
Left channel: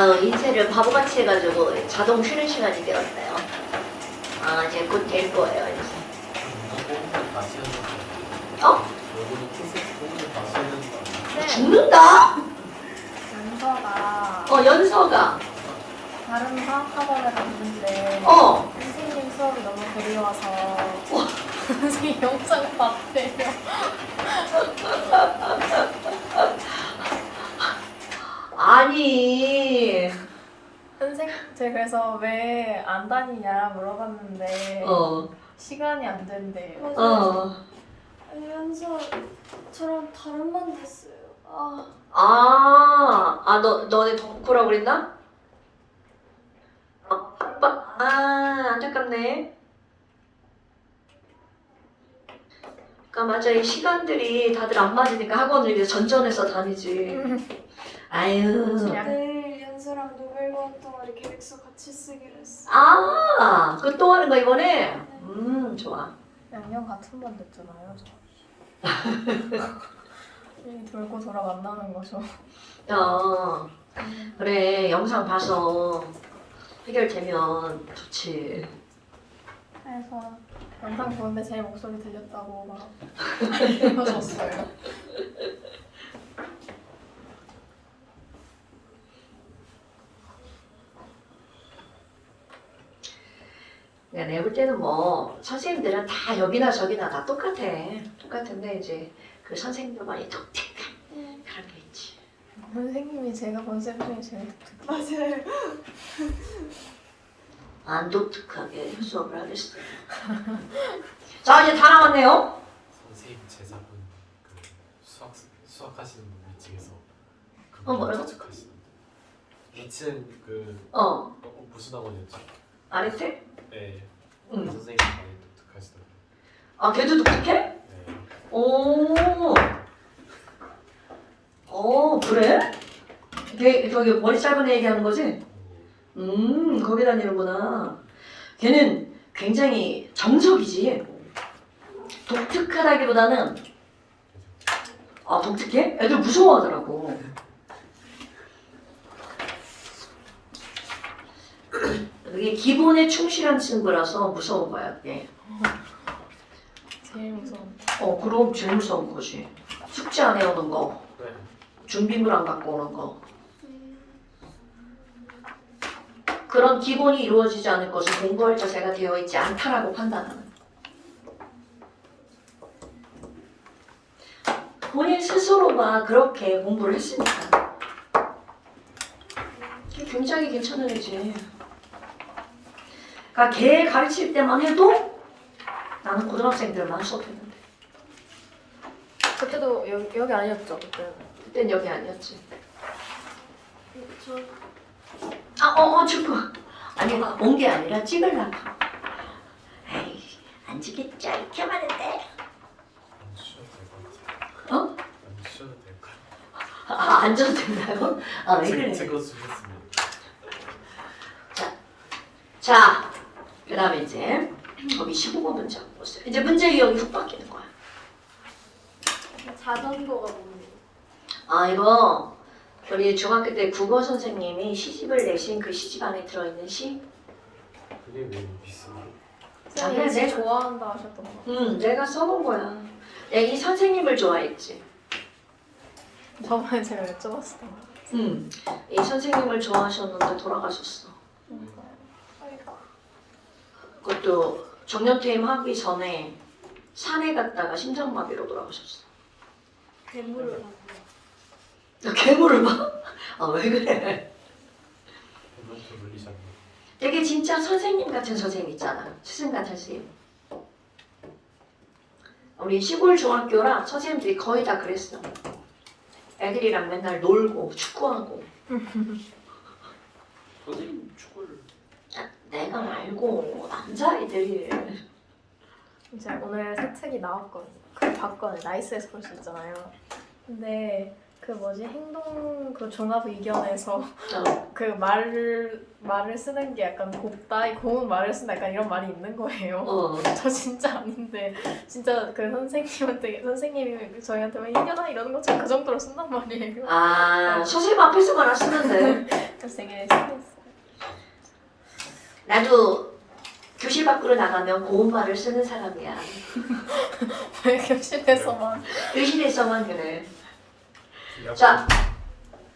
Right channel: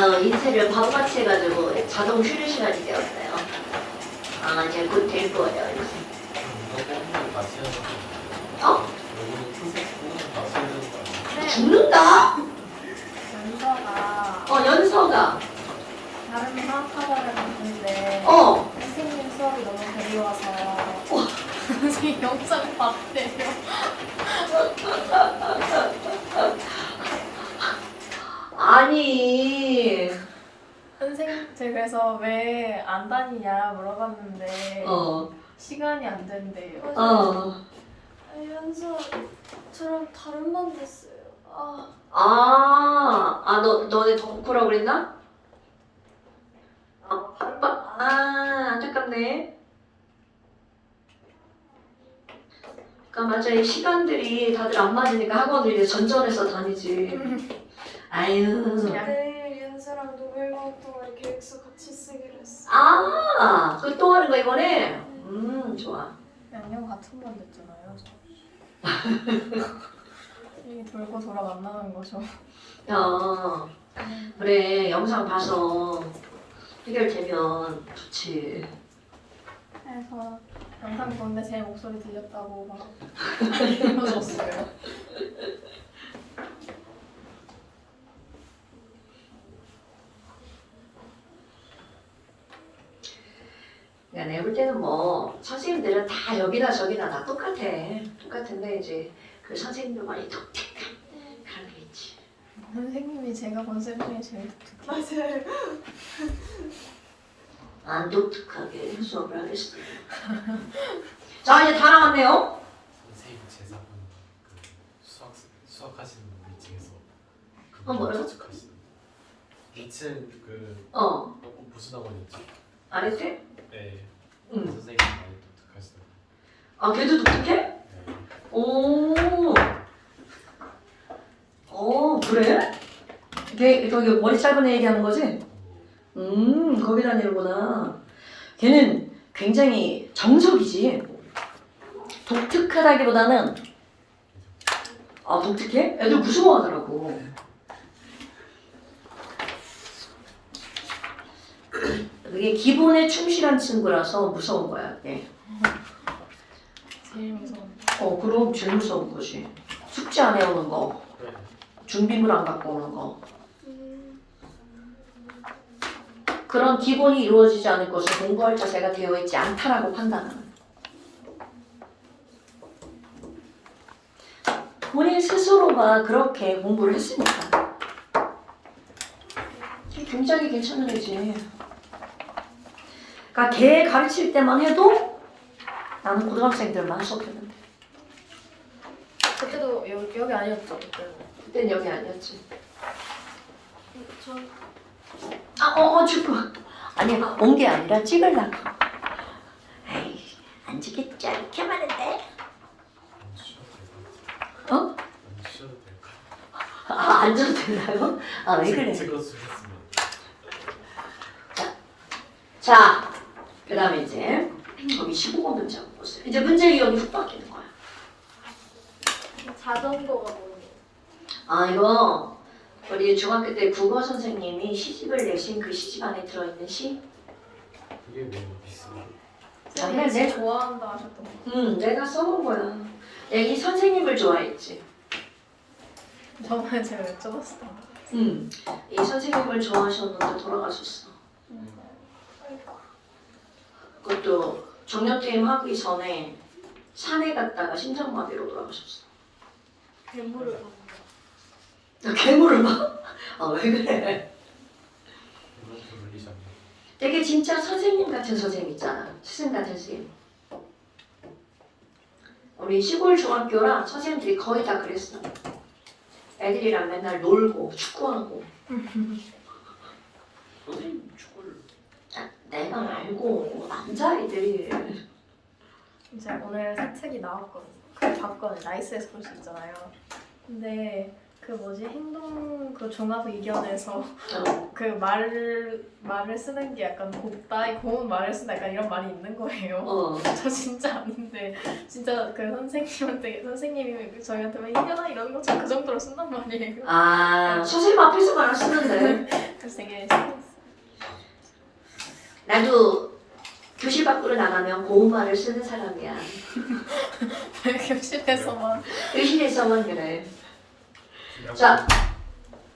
인쇄를 바보같이 해가지고 자동 쉬는 시간이 되었어요. 이제 곧 될 거예요, 인쇄. 어? 죽는다? 연서가 연서가. 다른 화학학원에 갔는데 선생님 수업이 너무 그리워서 선생님 영상 봤대요. 아니. 선생님 제가 그래서 왜 안 다니냐 물어봤는데 시간이 안 된대요. 연서 저랑 다른 반 됐어요. 너네 덕후라고 그랬나? 안타깝네. 그러니까 맞아, 이 시간들이 다들 안 맞으니까 학원을 이제 전전해서 다니지. 아유. 내일 연서랑 노벨 과학 동아리 계획서 같이 쓰기로 했어. 그거 또 하는 거 이번에? 좋아. 양념 같은 반 됐잖아요. 여기 돌고 돌아 만나는 거죠. 그래, 영상 봐서 해결되면 좋지. 그래서 영상 보는데 제 목소리 들렸다고 막 알려줬어요. 그러니까 내가 볼 때는 뭐 선생님들은 다 여기나 저기나 다 똑같은데 이제 그 선생님들만이 독특한 그런 게 있지. 선생님이 제가 본 쌤 중에 제일 독특해요. 맞아요. 안 독특하게 수업을 하겠어요. 자, 이제 다 나왔네요. 선생님 제자분 수학하시는 분 위층에서 뭐라고? 추측하시는 2층 무슨 학원이었지? 아랫에? 네. 응. 선생님 많이 독특하시더라고요. 걔도 독특해? 네. 그래? 걔 저기 머리 짧은 애 얘기하는 거지? 거기 다니는구나. 걔는 굉장히 정석이지. 독특하다기보다는 독특해? 애들 무서워하더라고. 그게 기본에 충실한 친구라서 무서운 거야. 네. 제일 무서운. 그럼 제일 무서운 거지. 숙제 안 해오는 거, 네. 준비물 안 갖고 오는 거. 그런 기본이 이루어지지 않을 것을 공부할 자세가 되어 있지 않다라고 판단하는. 본인 스스로가 그렇게 공부를 했으니까. 굉장히 괜찮은 애지. 그러니까 걔 가르칠 때만 해도 나는 고등학생들만 수업했는데. 그때도 여기 아니었죠? 그때는. 그땐 여기 아니었지. 전 죽고. 아니, 온 게 아니라 찍으려고. 에이, 안 찍겠죠? 이렇게 많은데. 안 쉬어도 될까요? 어? 안 쉬어도 될까요? 앉아도 된다고? 왜 그래? 찍어주셨으면. 자, 그 다음에 이제 거기 15번 문장 보세요. 이제 문제 유형이 훅 바뀌는 거야. 자전거가 뭐예요? 이거 우리 중학교 때 국어 선생님이 시집을 내신 그 시집 안에 들어있는 시? 그게 뭐 비슷해요? 아니야, 쌤이 내가- 좋아한다 하셨던 거. 내가 써본 거야. 내가 이 선생님을 좋아했지. 저번에 제가 여쭤봤어요. 이 선생님을 좋아하셨는데 돌아가셨어. 그것도 정년퇴임 하기 전에 산에 갔다가 심장마비로 돌아가셨어. 괴물을 봤어요. 너 괴물을 봐? 왜 그래? 이것도 놀리셨나요? 되게 진짜 선생님 같은 선생님 있잖아. 스승 같은 선생님. 우리 시골 중학교랑 선생님들이 거의 다 그랬어. 애들이랑 맨날 놀고 축구하고. 선생님 축구를 내가 알고 남자애들이. 이제 오늘 새 책이 나왔거든요. 그거 봤거든요. 나이스에서 볼 수 있잖아요. 근데 그 뭐지 행동 그 종합 의견에서 어. 그 말을 쓰는 게 약간 곱다 고운 말을 쓴다 약간 이런 말이 있는 거예요. 어. 저 진짜 아닌데 진짜 그 선생님이 저희한테 왜 이겨라 이러는 것처럼 그 정도로 쓴단 말이에요. 아, 선생님 앞에서만 안 쓰면 돼. 그래서 되게 신기했어요. 나도 교실 밖으로 나가면 고운 말을 쓰는 사람이야. 왜 교실에서만 교실에서만 그래. 자,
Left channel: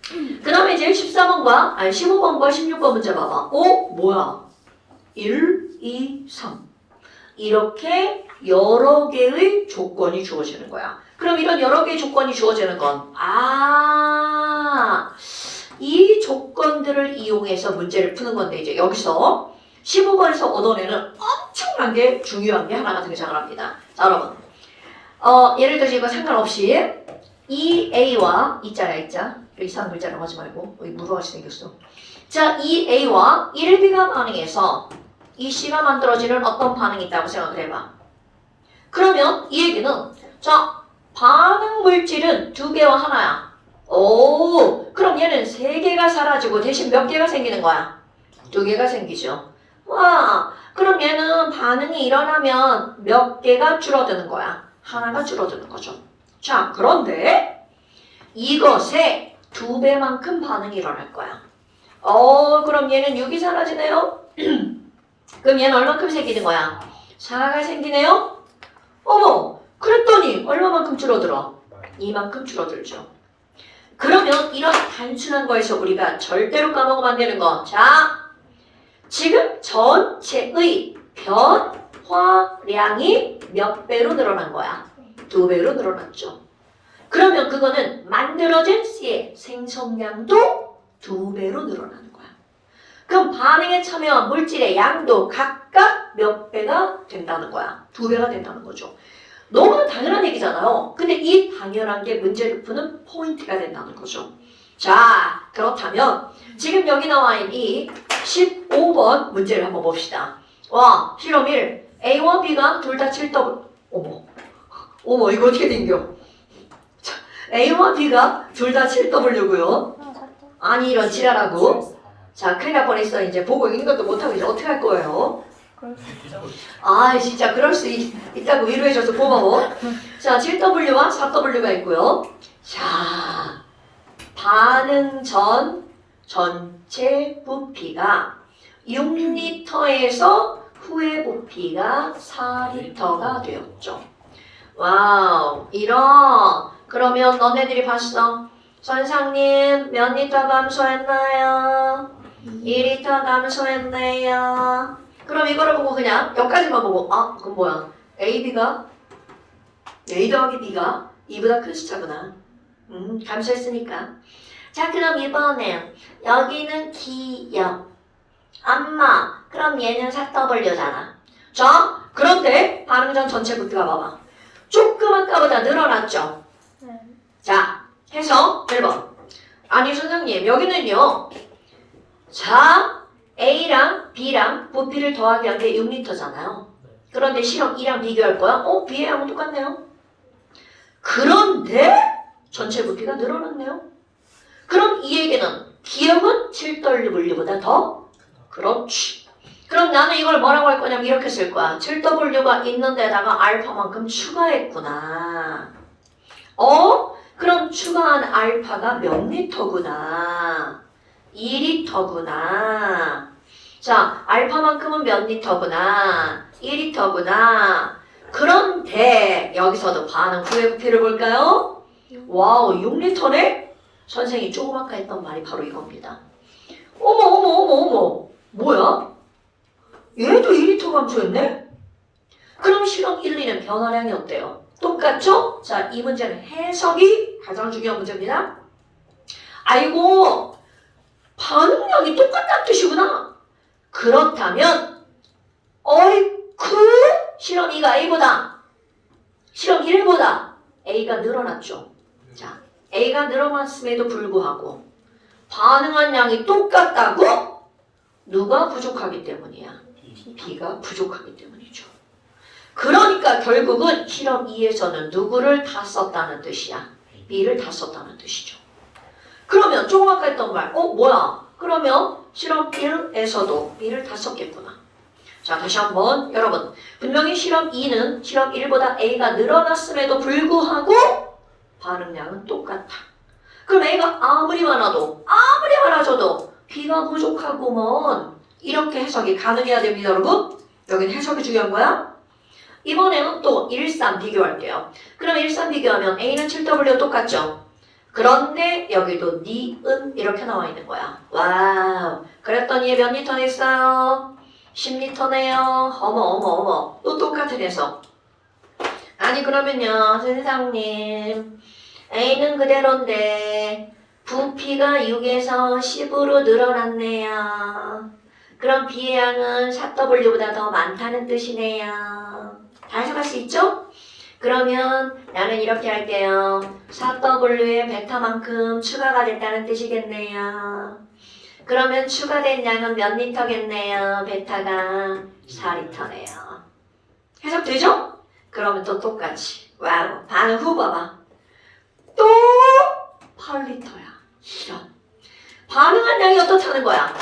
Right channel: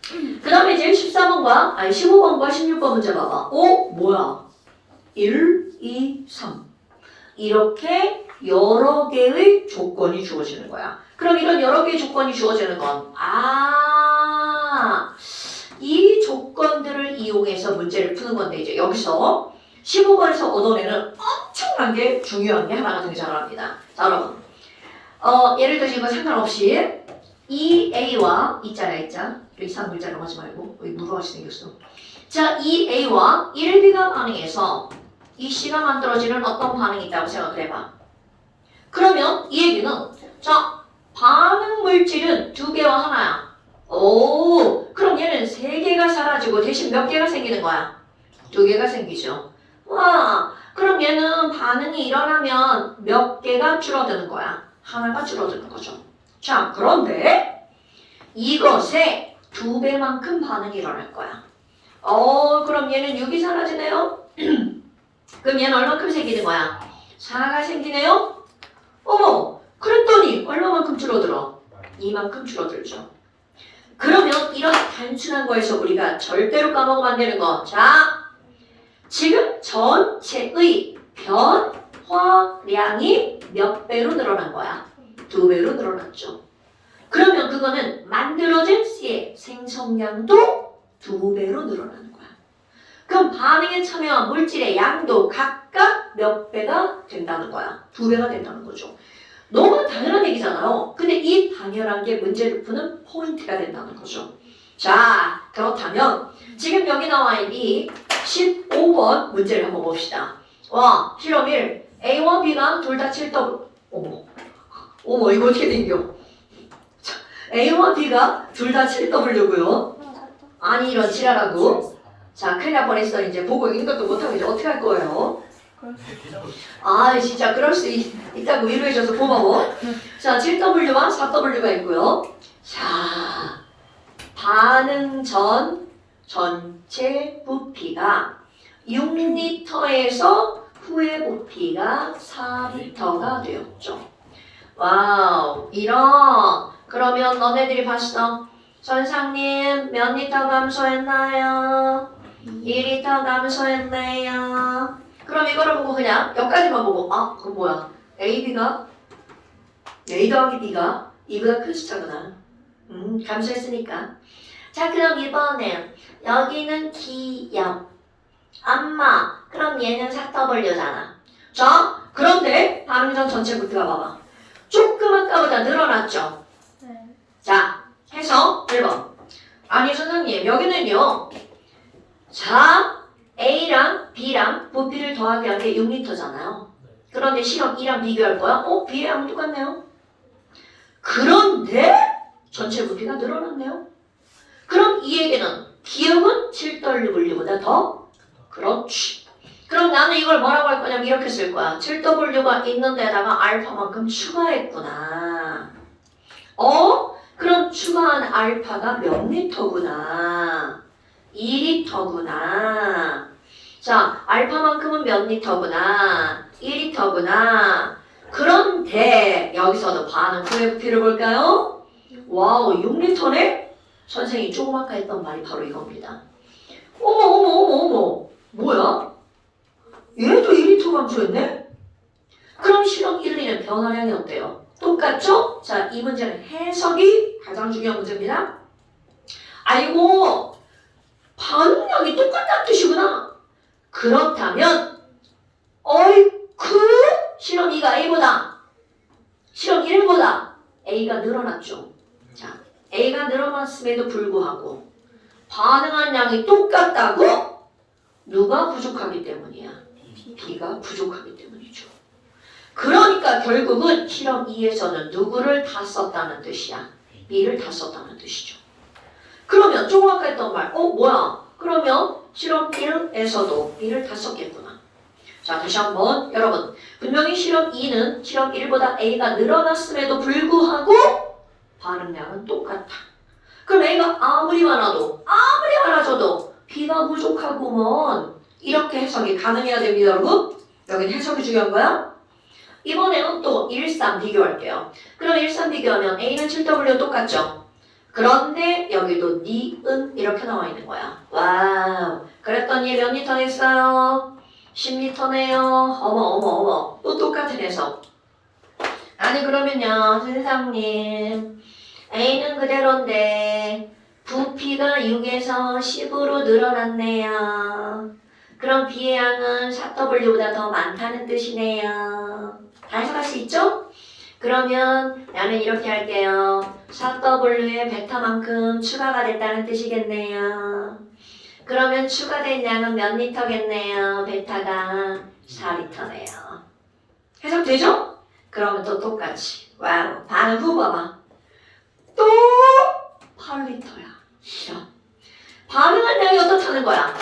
그 다음에 이제 14번과, 아니 15번과 16번 문제 봐봐. 뭐야? 1, 2, 3. 이렇게 여러 개의 조건이 주어지는 거야. 그럼 이런 여러 개의 조건이 주어지는 건, 이 조건들을 이용해서 문제를 푸는 건데, 이제 여기서 15번에서 얻어내는 엄청난 게 중요한 게 하나가 등장을 합니다. 자, 여러분. 예를 들어서 이거 상관없이 이 A와 이자야 이자 이상한 글자라고 하지 말고 여기 무료하시 생겼어. 자, 이 A와 1B가 반응해서 이 C가 만들어지는 어떤 반응이 있다고 생각을 해봐. 그러면 이 얘기는 자, 반응 물질은 2개와 하나야. 그럼 얘는 3개가 사라지고 대신 몇 개가 생기는 거야? 2개가 생기죠. 와, 그럼 얘는 반응이 일어나면 몇 개가 줄어드는 거야? 하나가 줄어드는 거죠. 자, 그런데 이것에 2배만큼 반응이 일어날 거야. 그럼 얘는 6이 사라지네요? 그럼 얘는 얼마큼 생기는 거야? 4가 생기네요? 어머, 그랬더니 얼마만큼 줄어들어? 이만큼 줄어들죠. 그러면 이런 단순한 거에서 우리가 절대로 까먹으면 안 되는 거. 자, 지금 전체의 변화량이 몇 배로 늘어난 거야? 2배로 늘어났죠. 그러면 그거는 만들어진 C의 생성량도 2배로 늘어나는 거야. 그럼 반응에 참여한 물질의 양도 각각 몇 배가 된다는 거야? 2배가 된다는 거죠. 너무 당연한 얘기잖아요. 근데 이 당연한 게 문제를 푸는 포인트가 된다는 거죠. 자, 그렇다면 지금 여기 나와 있는 이 15번 문제를 한번 봅시다. 와, 실험 1. A와 B가 둘 다 7W. 어머, 이거 어떻게 된겨? 자, A와 B가 둘 다 7W고요. 아니, 이런 지랄하고. 자, 큰일 날 뻔했어. 이제 보고 읽는 것도 못하고 이제 어떻게 할 거예요? 그럴 수 있죠. 진짜 그럴 수 있다고 위로해줘서 고마워. 자, 7W와 4W가 있고요. 자, 반응 전 전체 부피가 6리터에서 후의 부피가 4리터가 되었죠. 와우, 그러면 너네들이 봤어. 선생님, 몇 리터 감소했나요? 2리터 감소했네요. 그럼 이거를 보고 그냥 여기까지만 보고 그럼 뭐야? A 더하기 B가 2보다 큰 숫자구나. 감소했으니까. 자, 그럼 이번에 여기는 기역 암마. 그럼 얘는 4W잖아. 자, 그런데 반응 전 전체 부피가 봐봐. 조금 아까보다 늘어났죠? 네. 자, 해서 1번. 아니 선생님, 여기는요. 자, A랑 B랑 부피를 더하기 한 게 6리터잖아요. 그런데 실험 2랑 비교할 거야? B랑 똑같네요. 그런데 전체 부피가 늘어났네요. 그럼 이 얘기는 기억은 7W보다 더? 그렇지. 그럼 나는 이걸 뭐라고 할 거냐면 이렇게 쓸 거야. 7W가 있는 데다가 알파만큼 추가했구나. 그럼 추가한 알파가 몇 리터구나. 2리터구나. 자, 알파만큼은 몇 리터구나. 2리터구나. 그런데 여기서도 반응 후의 부피를 볼까요? 와우, 6리터네? 선생이 조금 아까 했던 말이 바로 이겁니다. 어머. 뭐야? 얘도 2리터 감소했네? 그럼 실험 1, 2는 변화량이 어때요? 똑같죠? 자, 이 문제는 해석이 가장 중요한 문제입니다. 아이고, 반응량이 똑같다는 뜻이구나. 그렇다면 실험 2가 A보다 실험 1보다 A가 늘어났죠. 자, A가 늘어났음에도 불구하고 반응한 양이 똑같다고? 누가 부족하기 때문이야? B가 부족하기 때문이죠. 그러니까 결국은 실험 2에서는 누구를 다 썼다는 뜻이야? B를 다 썼다는 뜻이죠. 그러면 조금 아까 했던 말, 뭐야? 그러면 실험 1에서도 B를 다 썼겠구나. 자, 다시 한번 여러분, 분명히 실험 2는 실험 1보다 A가 늘어났음에도 불구하고 반응량은 똑같다. 그럼 A가 아무리 많아져도 B가 부족하구먼. 이렇게 해석이 가능해야 됩니다, 여러분. 여기는 해석이 중요한 거야. 이번에는 또 1, 3 비교할게요. 그럼 1, 3 비교하면 A는 7W 똑같죠? 그런데 여기도 니은 이렇게 나와 있는 거야. 와우. 그랬더니 몇 리터 냈어요? 10리터네요. 어머. 또 똑같은 해석. 아니 그러면요, 선생님. A는 그대로인데 부피가 6에서 10으로 늘어났네요. 그럼 B의 양은 4W보다 더 많다는 뜻이네요. 다 해석할 수 있죠? 그러면 나는 이렇게 할게요. 4W의 베타만큼 추가가 됐다는 뜻이겠네요. 그러면 추가된 양은 몇 리터겠네요. 베타가 4리터네요. 해석되죠? 그러면 또 똑같이. 와우. 반응 후 봐봐. 또 8리터야. 이런. 반응한 양이 어떻다는 거야?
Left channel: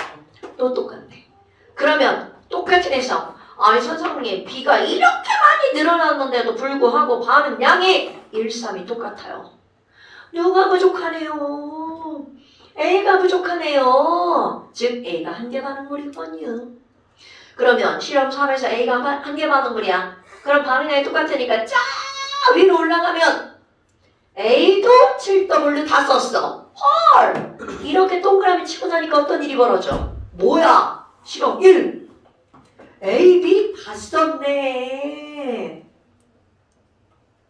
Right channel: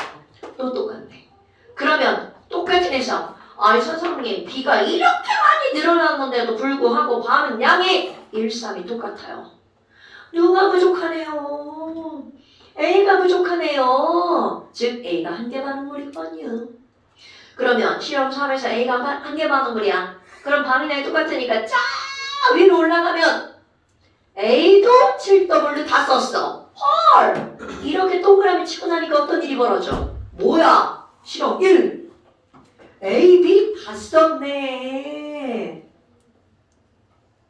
또 똑같네. 그러면 똑같은 해석. 아니 선생님 B가 이렇게 많이 늘어났는데도 불구하고 반응 양이 1, 3이 똑같아요. 누가 부족하네요. A가 부족하네요. 즉 A가 한 개 반응물이거든요. 그러면 실험 3에서 A가 한 개 반응물이야. 그럼 반응량이 똑같으니까 쫙 위로 올라가면 A도 7W 다 썼어. 헐! 이렇게 동그라미 치고 나니까 어떤 일이 벌어져? 뭐야? 실험 1. A, B 다 썼네.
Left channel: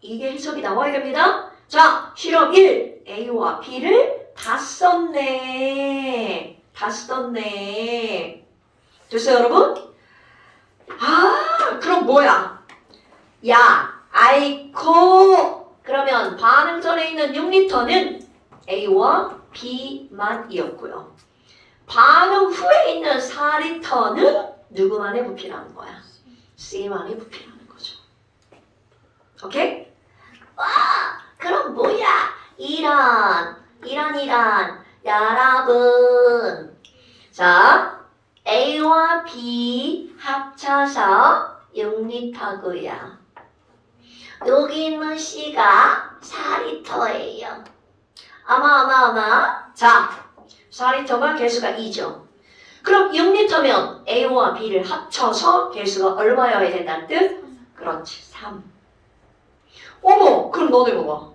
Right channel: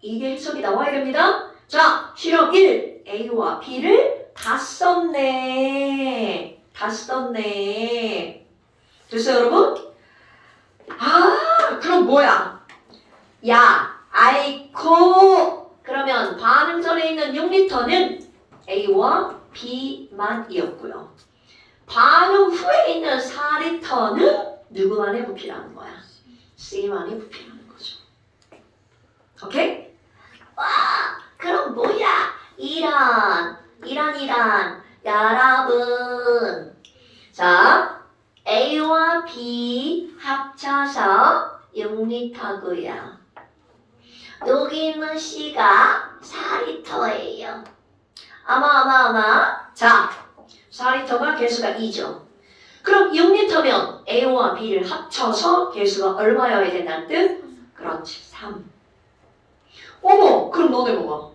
이게 해석이 나와야 됩니다. 자, 실험 1. A와 B를 다 썼네. 됐어요, 여러분? 그럼 뭐야? 야, 아이코. 그러면 반응 전에 있는 6리터는 A와 B만이었고요. 반응 후에 있는 4리터는 누구만의 부피라는 거야? C만의 부피라는 거죠. 오케이? 와, 그럼 뭐야? 이런. 여러분. 자, A와 B 합쳐서 6리터고요. 여기 있는 C가 4리터예요. 아마. 자, 4리터가 개수가 2죠. 그럼 6리터면 A와 B를 합쳐서 개수가 얼마여야 된다는 뜻? 그렇지, 3. 어머, 그럼 너네 봐봐.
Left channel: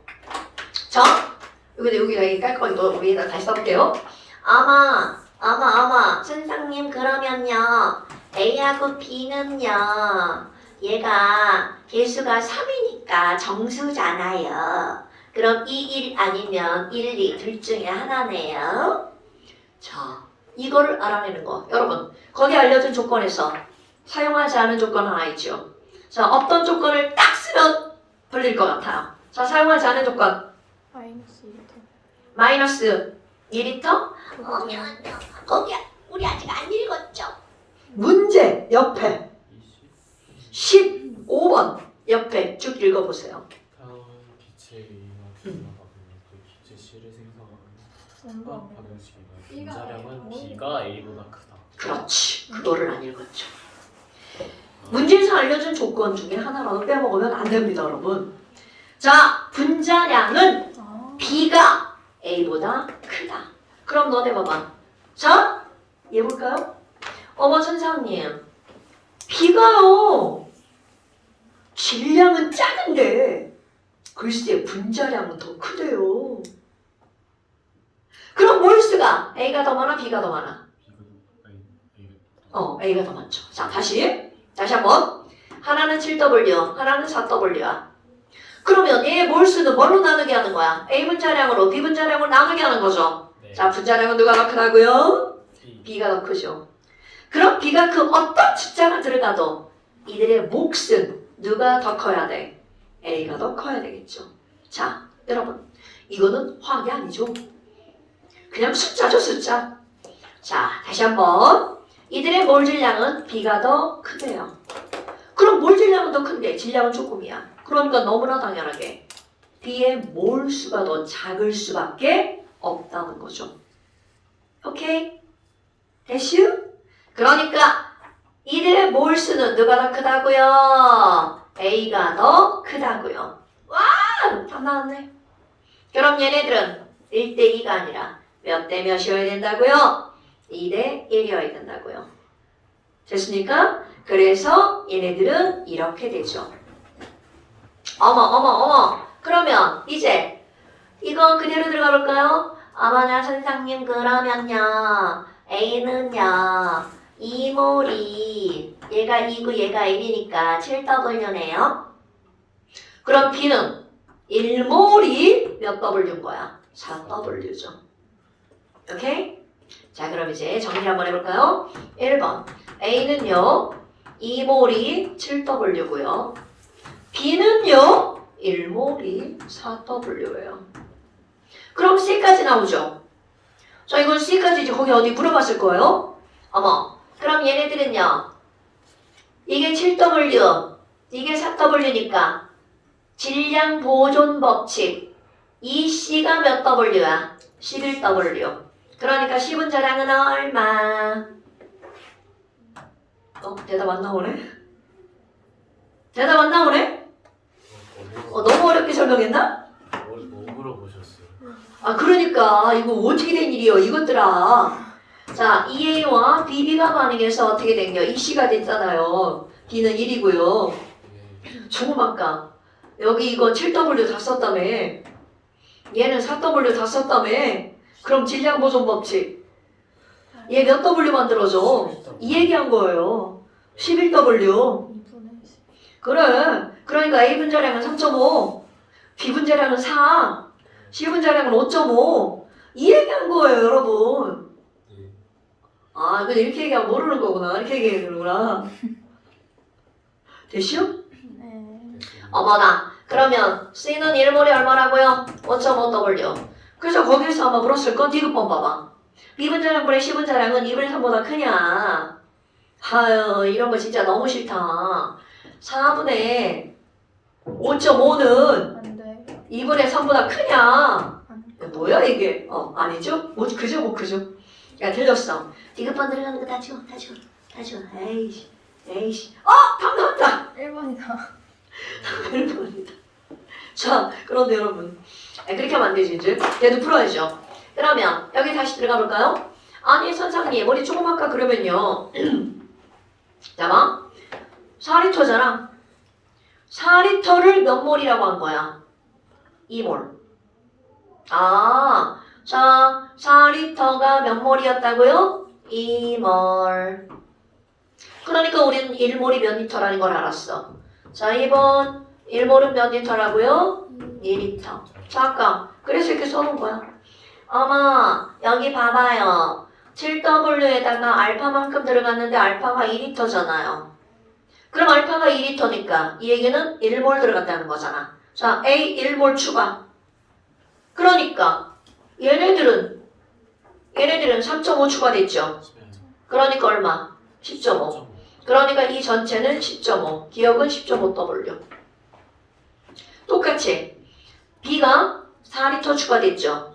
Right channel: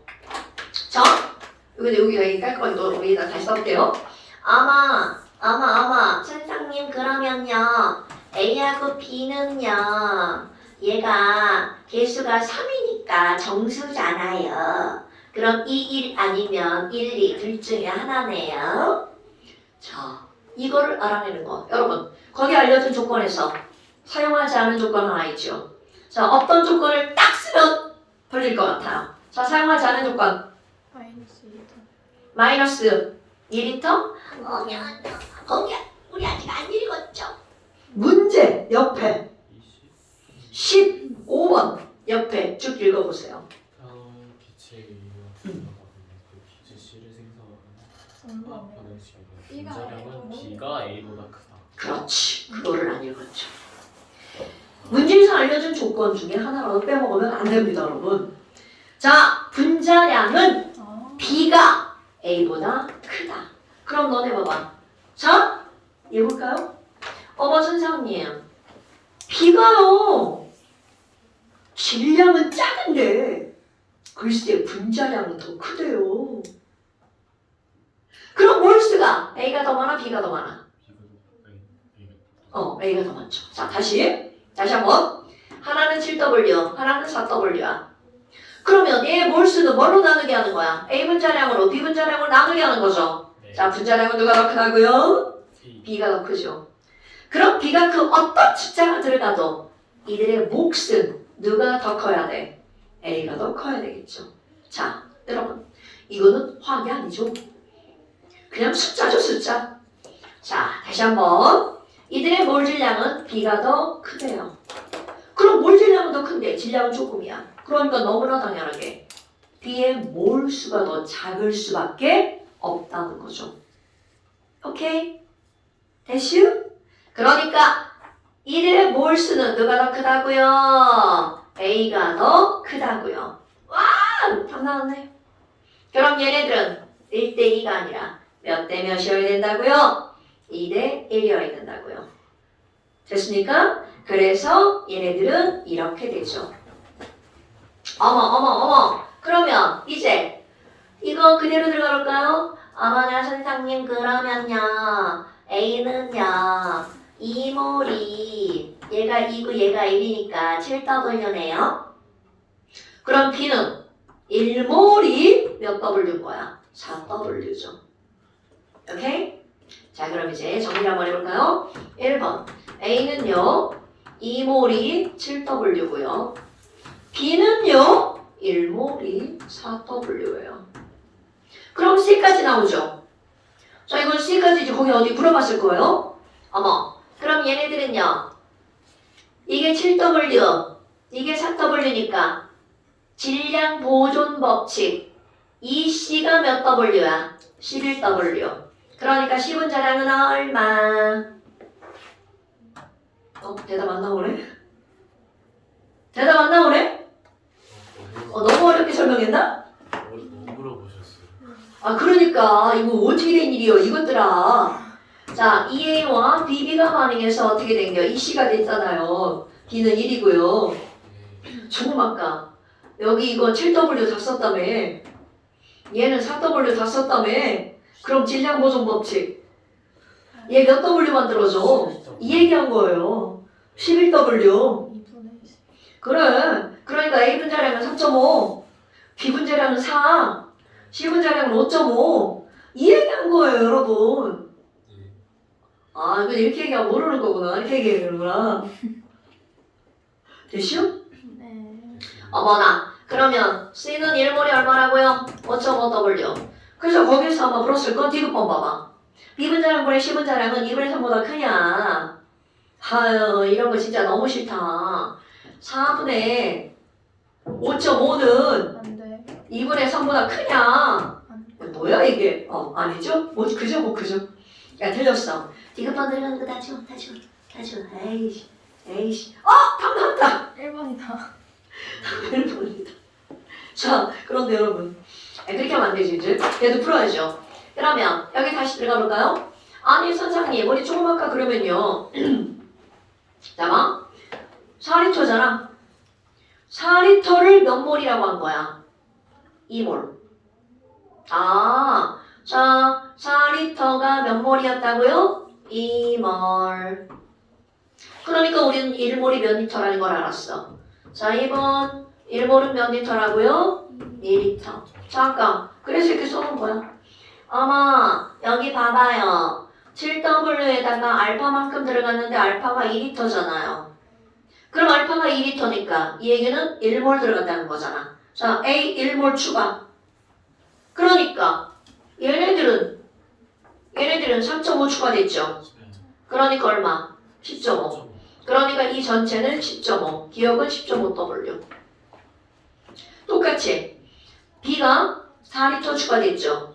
자, 여기가 깔끔하게 위에다 다시 써볼게요. 아마. 선생님 그러면요. A하고 B는요. 얘가 개수가 3이니까 정수잖아요. 그럼 2, 1 아니면 1, 2 둘 중에 하나네요. 자, 이거를 알아내는 거. 여러분, 거기 알려준 조건에서 사용하지 않은 조건 하나 있죠. 자, 어떤 조건을 딱 쓰면 돌릴 것 같아. 자, 사용하지 않은 조건. 마이너스 2리터? 거기 우리 아직 안 읽었죠? 문제 옆에 15번 옆에 쭉 읽어보세요. 기체의 이유와 들어가보면 또 기체 C를 생성하는 화학 반응식이다. 분자량은 B가 A보다 크다. 그렇지. 그거를 안 읽었죠. 문제에서 알려준 조건 중에 하나라도 빼먹으면 안 됩니다, 여러분. 자, 분자량은 B가 A보다 크다. 그럼 너네 봐봐. 자, 얘 볼까요? 어머 선생님, B가요. 질량은 작은데 글쎄 분자량은 더 크대요. 그럼 몰수가 A가 더 많아, B가 더 많아? A가 더 많죠. 자, 다시 한번. 하나는 7W, 하나는 4W야. 그러면 얘 몰수는 뭘로 나누게 하는 거야? A 분자량으로 B 분자량으로 나누게 하는 거죠. 네. 자, 분자량은 누가 더 크다고요? B가 더 크죠. 그럼 B가 그 어떤 숫자가 들어가도 이들의 몫은 누가 더 커야 돼? A가 더 커야 되겠죠. 자, 여러분, 이거는 화학이 아니죠. 그냥 숫자죠, 숫자. 자, 다시 한번. 이들의 몰 질량은 B가 더 크대요. 그럼 몰 질량은 더 큰데 질량은 조금이야. 그러니까 너무나 당연하게 B의 몰수가 더 작을 수밖에 없다는 거죠. 오케이? 됐슈? 그러니까 이들의 몰수는 누가 더 크다고요? A가 더 크다고요. 와! 다 나왔네. 그럼 얘네들은 1대2가 아니라 몇 대 몇이어야 된다고요? 2대 1이어야 된다고요. 됐습니까? 그래서 얘네들은 이렇게 되죠. 어머. 그러면 이제 이거 그대로 들어가 볼까요? 어머나 선생님 그러면요. A는요. 2몰이 얘가 2고 얘가 1이니까 7W네요. 그럼 B는 1몰이 몇 W인 거야? 4W죠. 오케이? 자 그럼 이제 정리를 한번 해볼까요? 1번 A는요 2몰이 7W고요 B는요 1몰이 4W예요. 그럼 C까지 나오죠? 자 이건 C까지지 거기 어디 물어봤을 거예요? 어머 그럼 얘네들은요 이게 7W 이게 4W니까 질량 보존 법칙 이 C가 몇 W야? 11W. 그러니까 10은 자량은 얼마? 대답 안 나오네? 대답 안 나오네? 너무 어렵게 설명했나? 뭐 물어보셨어요? 아 그러니까 이거 어떻게 된 일이요 이것들아. 자 EA와 BB가 반응해서 어떻게 된겨? 이 C가 됐잖아요. B는 1이고요. 예. 정말까? 여기 이거 7W 다 썼다며. 얘는 4W 다 썼다며. 그럼 질량 보존 법칙. 얘 몇 W 만들어줘? 이 얘기한 거예요. 11W. 2분의 10. 그래. 그러니까 A 분자량은 3.5, B 분자량은 4, C 분자량은 5.5. 이 얘기한 거예요, 여러분. 예. 아, 근데 이렇게 얘기하면 모르는 거구나. 이렇게 얘기하는구나. 됐슈? 네. 어머나. 그러면 C는 1몰이 얼마라고요? 5.5W. 그래서 거기서 한번 물었을 건 D급번 봐봐. B분자량분의 C분자량은 2분의 3보다 크냐? 아유 이런 거 진짜 너무 싫다. 4분의 5.5는 안 돼. 2분의 3보다 크냐? 뭐야 이게? 아니죠? 뭐 그죠 뭐 그죠? 야 틀렸어. D급번 들어가는 거 다 줘. 에이씨. 답 나왔다. 1번이다. 1번이다. 자, 그런데 여러분 그렇게 하면 안 되지 이제. 얘도 풀어야죠. 그러면 여기 다시 들어가 볼까요? 아니 선생님 우리 조금 아까 그러면요. 잠깐만 4리터잖아. 4리터를 몇 몰이라고 한 거야? 2몰. 아, 자 4리터가 몇 몰이었다고요? 2몰. 그러니까 우리는 1몰이 몇 리터라는 걸 알았어. 자 2번 1몰은 몇 리터라고요? 2리터. 잠깐. 그래서 이렇게 써놓은 거야. 어머, 여기 봐봐요. 7W에다가 알파만큼 들어갔는데 알파가 2리터잖아요. 그럼 알파가 2리터니까 이 얘기는 1몰 들어갔다는 거잖아. 자, A 1몰 추가. 그러니까 얘네들은 3.5 추가됐죠. 그러니까 얼마? 10.5. 그러니까 이 전체는 10.5. 기억은 10.5W. 똑같이 B가 4리터 추가됐죠.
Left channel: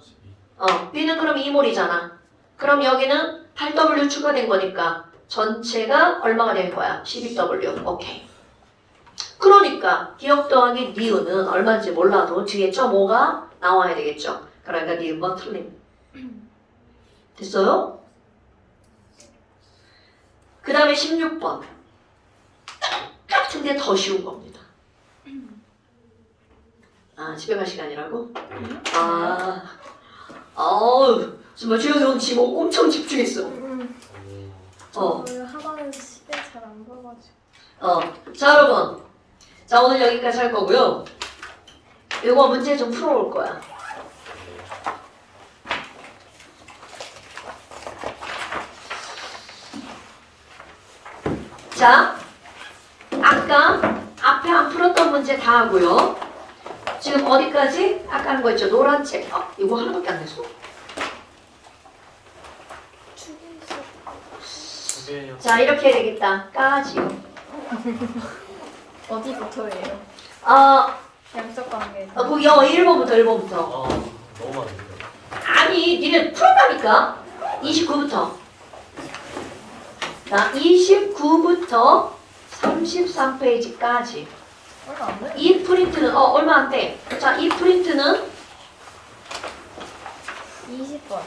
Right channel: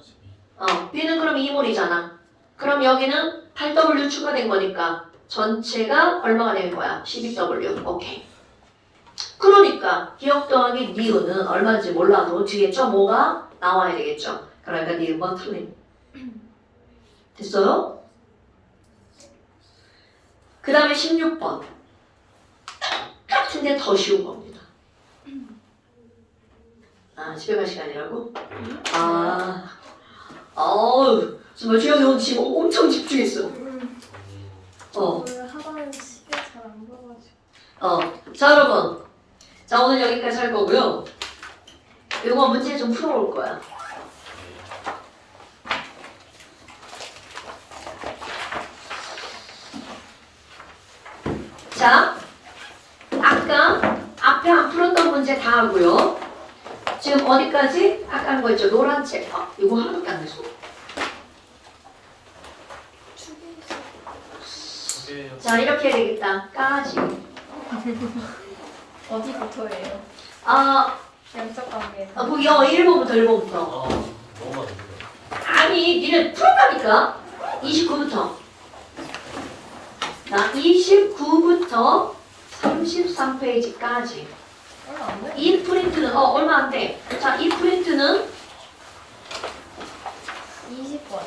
B는 그럼 2몰이잖아. 그럼 여기는 8W 추가된 거니까 전체가 얼마가 된 거야? 12W. 오케이. 그러니까 기억 더하기 니은은 얼마인지 몰라도 뒤에 0.5가 나와야 되겠죠. 그러니까 니은번 틀림. 됐어요? 그 다음에 16번. 똑같은데 더 쉬운 겁니다. 아, 집에 갈 시간이라고? 정말 주영 형 지금 엄청 집중했어. 저는 하단에 시계 잘 안 봐가지고. 자, 여러분. 자, 오늘 여기까지 할 거고요. 이거 문제 좀 풀어볼 거야. 자, 아까 앞에 안 풀었던 문제 다 하고요. 지금 어디까지? 아까 한 거 있죠? 노란 책. 이거 하나밖에 안 됐어. 자, 이렇게 해야 되겠다. 까지. 어디부터예요? 양적 관계. 그거 1번부터 1번부터. 아 너무 많은데. 아니, 니네 풀었다니까? 29부터. 자, 29부터 33페이지까지. 얼마 안 돼? 이 프린트는, 얼마 안 돼. 자, 이 프린트는 20번.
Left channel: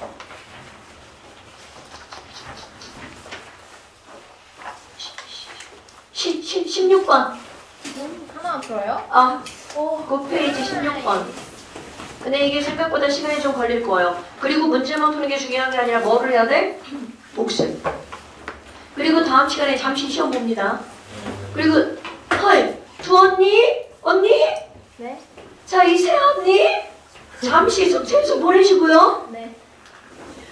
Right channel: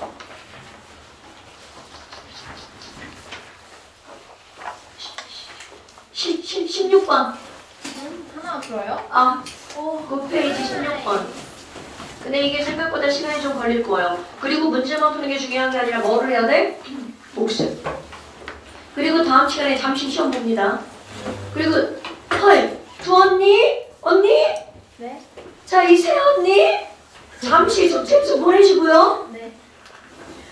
16번. 하나 풀어요? 아, 오. 9페이지 16번. 근데 이게 생각보다 시간이 좀 걸릴 거예요. 그리고 문제만 푸는 게 중요한 게 아니라 뭐를 해야 돼? 복습. 그리고 다음 시간에 잠시 시험 봅니다. 그리고 두 언니? 네? 자, 이세 언니? 잠시 스트레스 보내시고요. 네.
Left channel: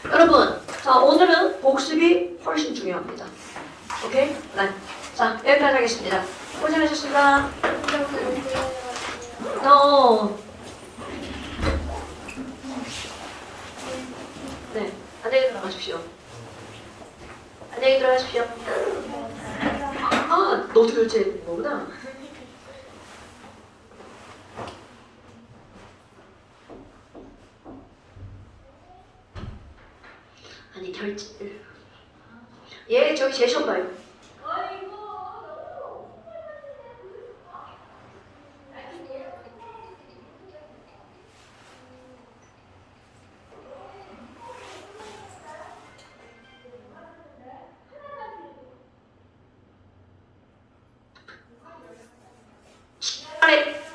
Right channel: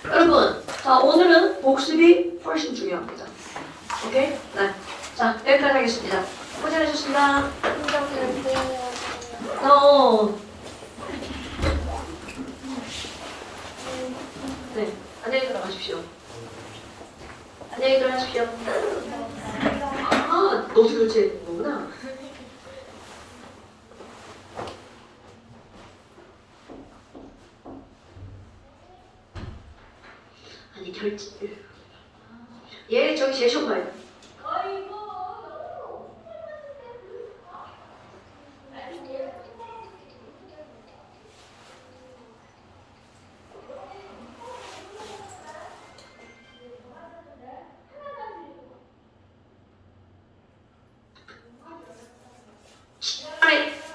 여러분, 자, 오늘은 복습이 훨씬 중요합니다. 오케이? 네. 자, 여기까지 하겠습니다. 고생하셨습니다. 네, 안녕히 들어가십시오. 안녕히 들어가십시오. 아, 너도 결제 거구나. 아니, 결제. 예, 저기 제 쇼봐요.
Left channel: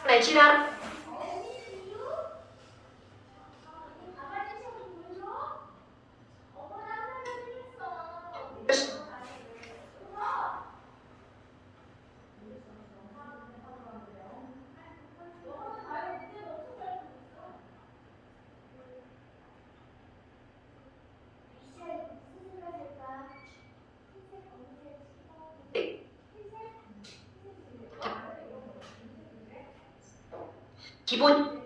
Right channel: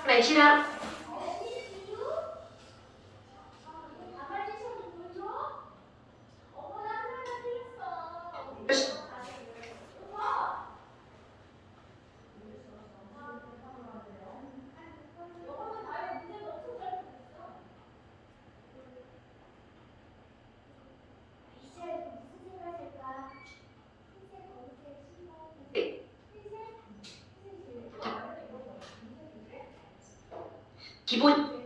네, 시간. 기본.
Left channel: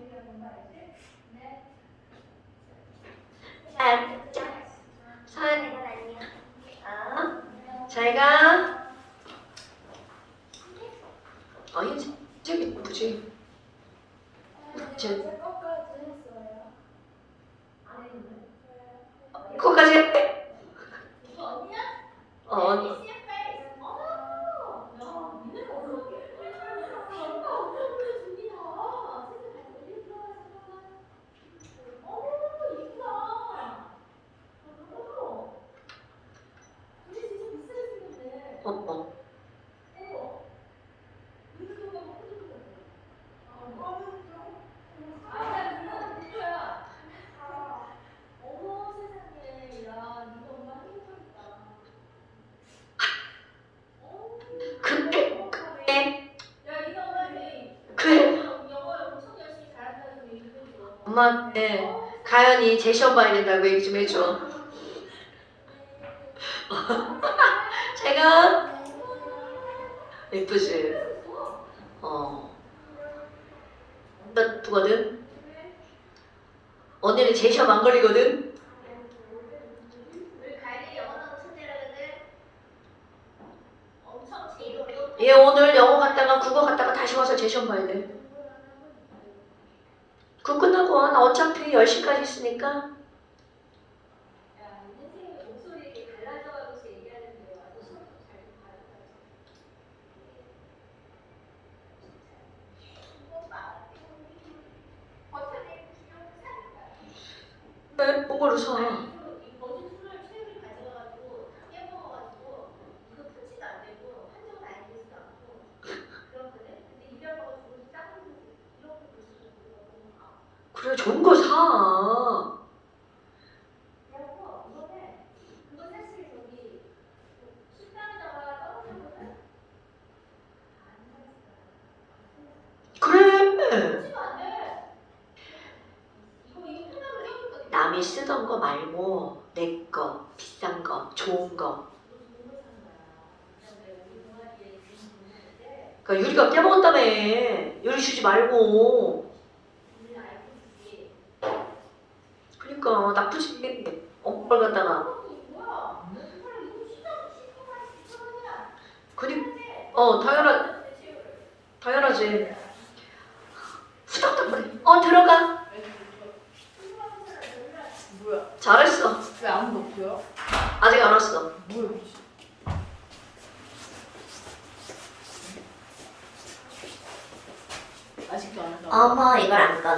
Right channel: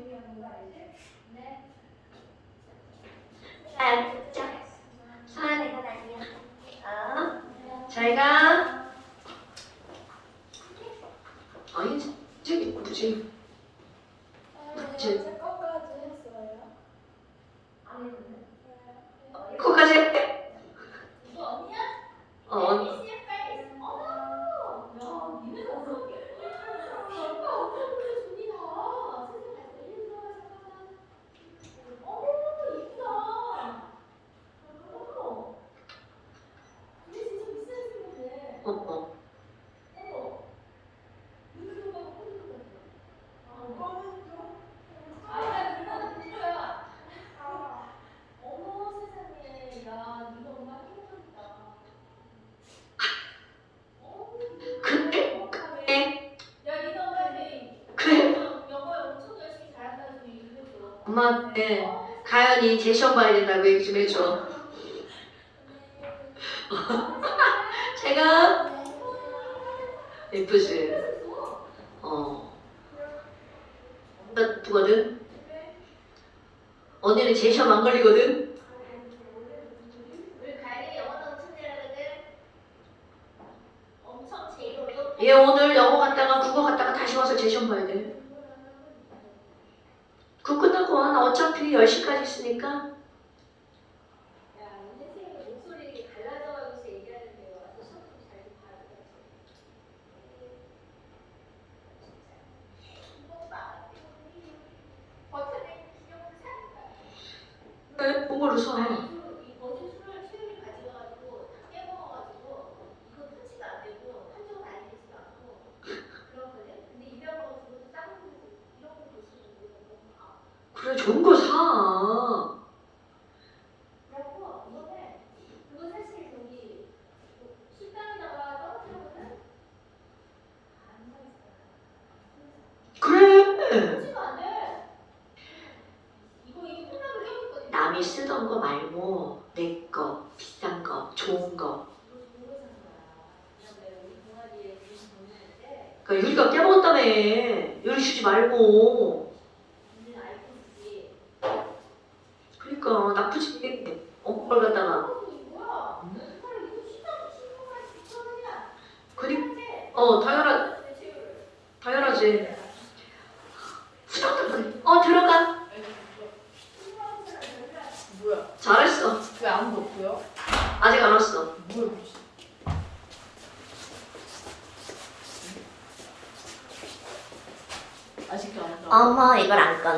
사안이가 아니야. 잘 가. 아니, 저기 뭐지? 거기까지 할게. 언니. 어. 그래? 그래? 엄마한테 가연이 제 시험 봐야 된다고 얘기 좀 해줘. 제가 예쁘지? 나쁘거든? 언니는 제 시험 안 걸리거든? 얘 오늘 영어 갔다가 국어 갔다가 다시 와서 제 시험 봐야 돼. 그거 끝나고 와. 나 어차피 10시까지 있으니까. 왜? 뭐를 사? 그래, 좋은 거 사. 그래. 남이 쓰던 거 말고 내 거, 비싼 거, 좋은 거. 그러니까 유리가 깨먹었다며. 유리 주지 말고. 그러니까 나쁘지. 걸 갖다가. 당연하지. 들어가. 뭐야? 잘했어. 왜 아무도 없어요? 아직 안 왔어. 뭐야? 아직도 안 왔다고? 어머, 이걸 안 꺼.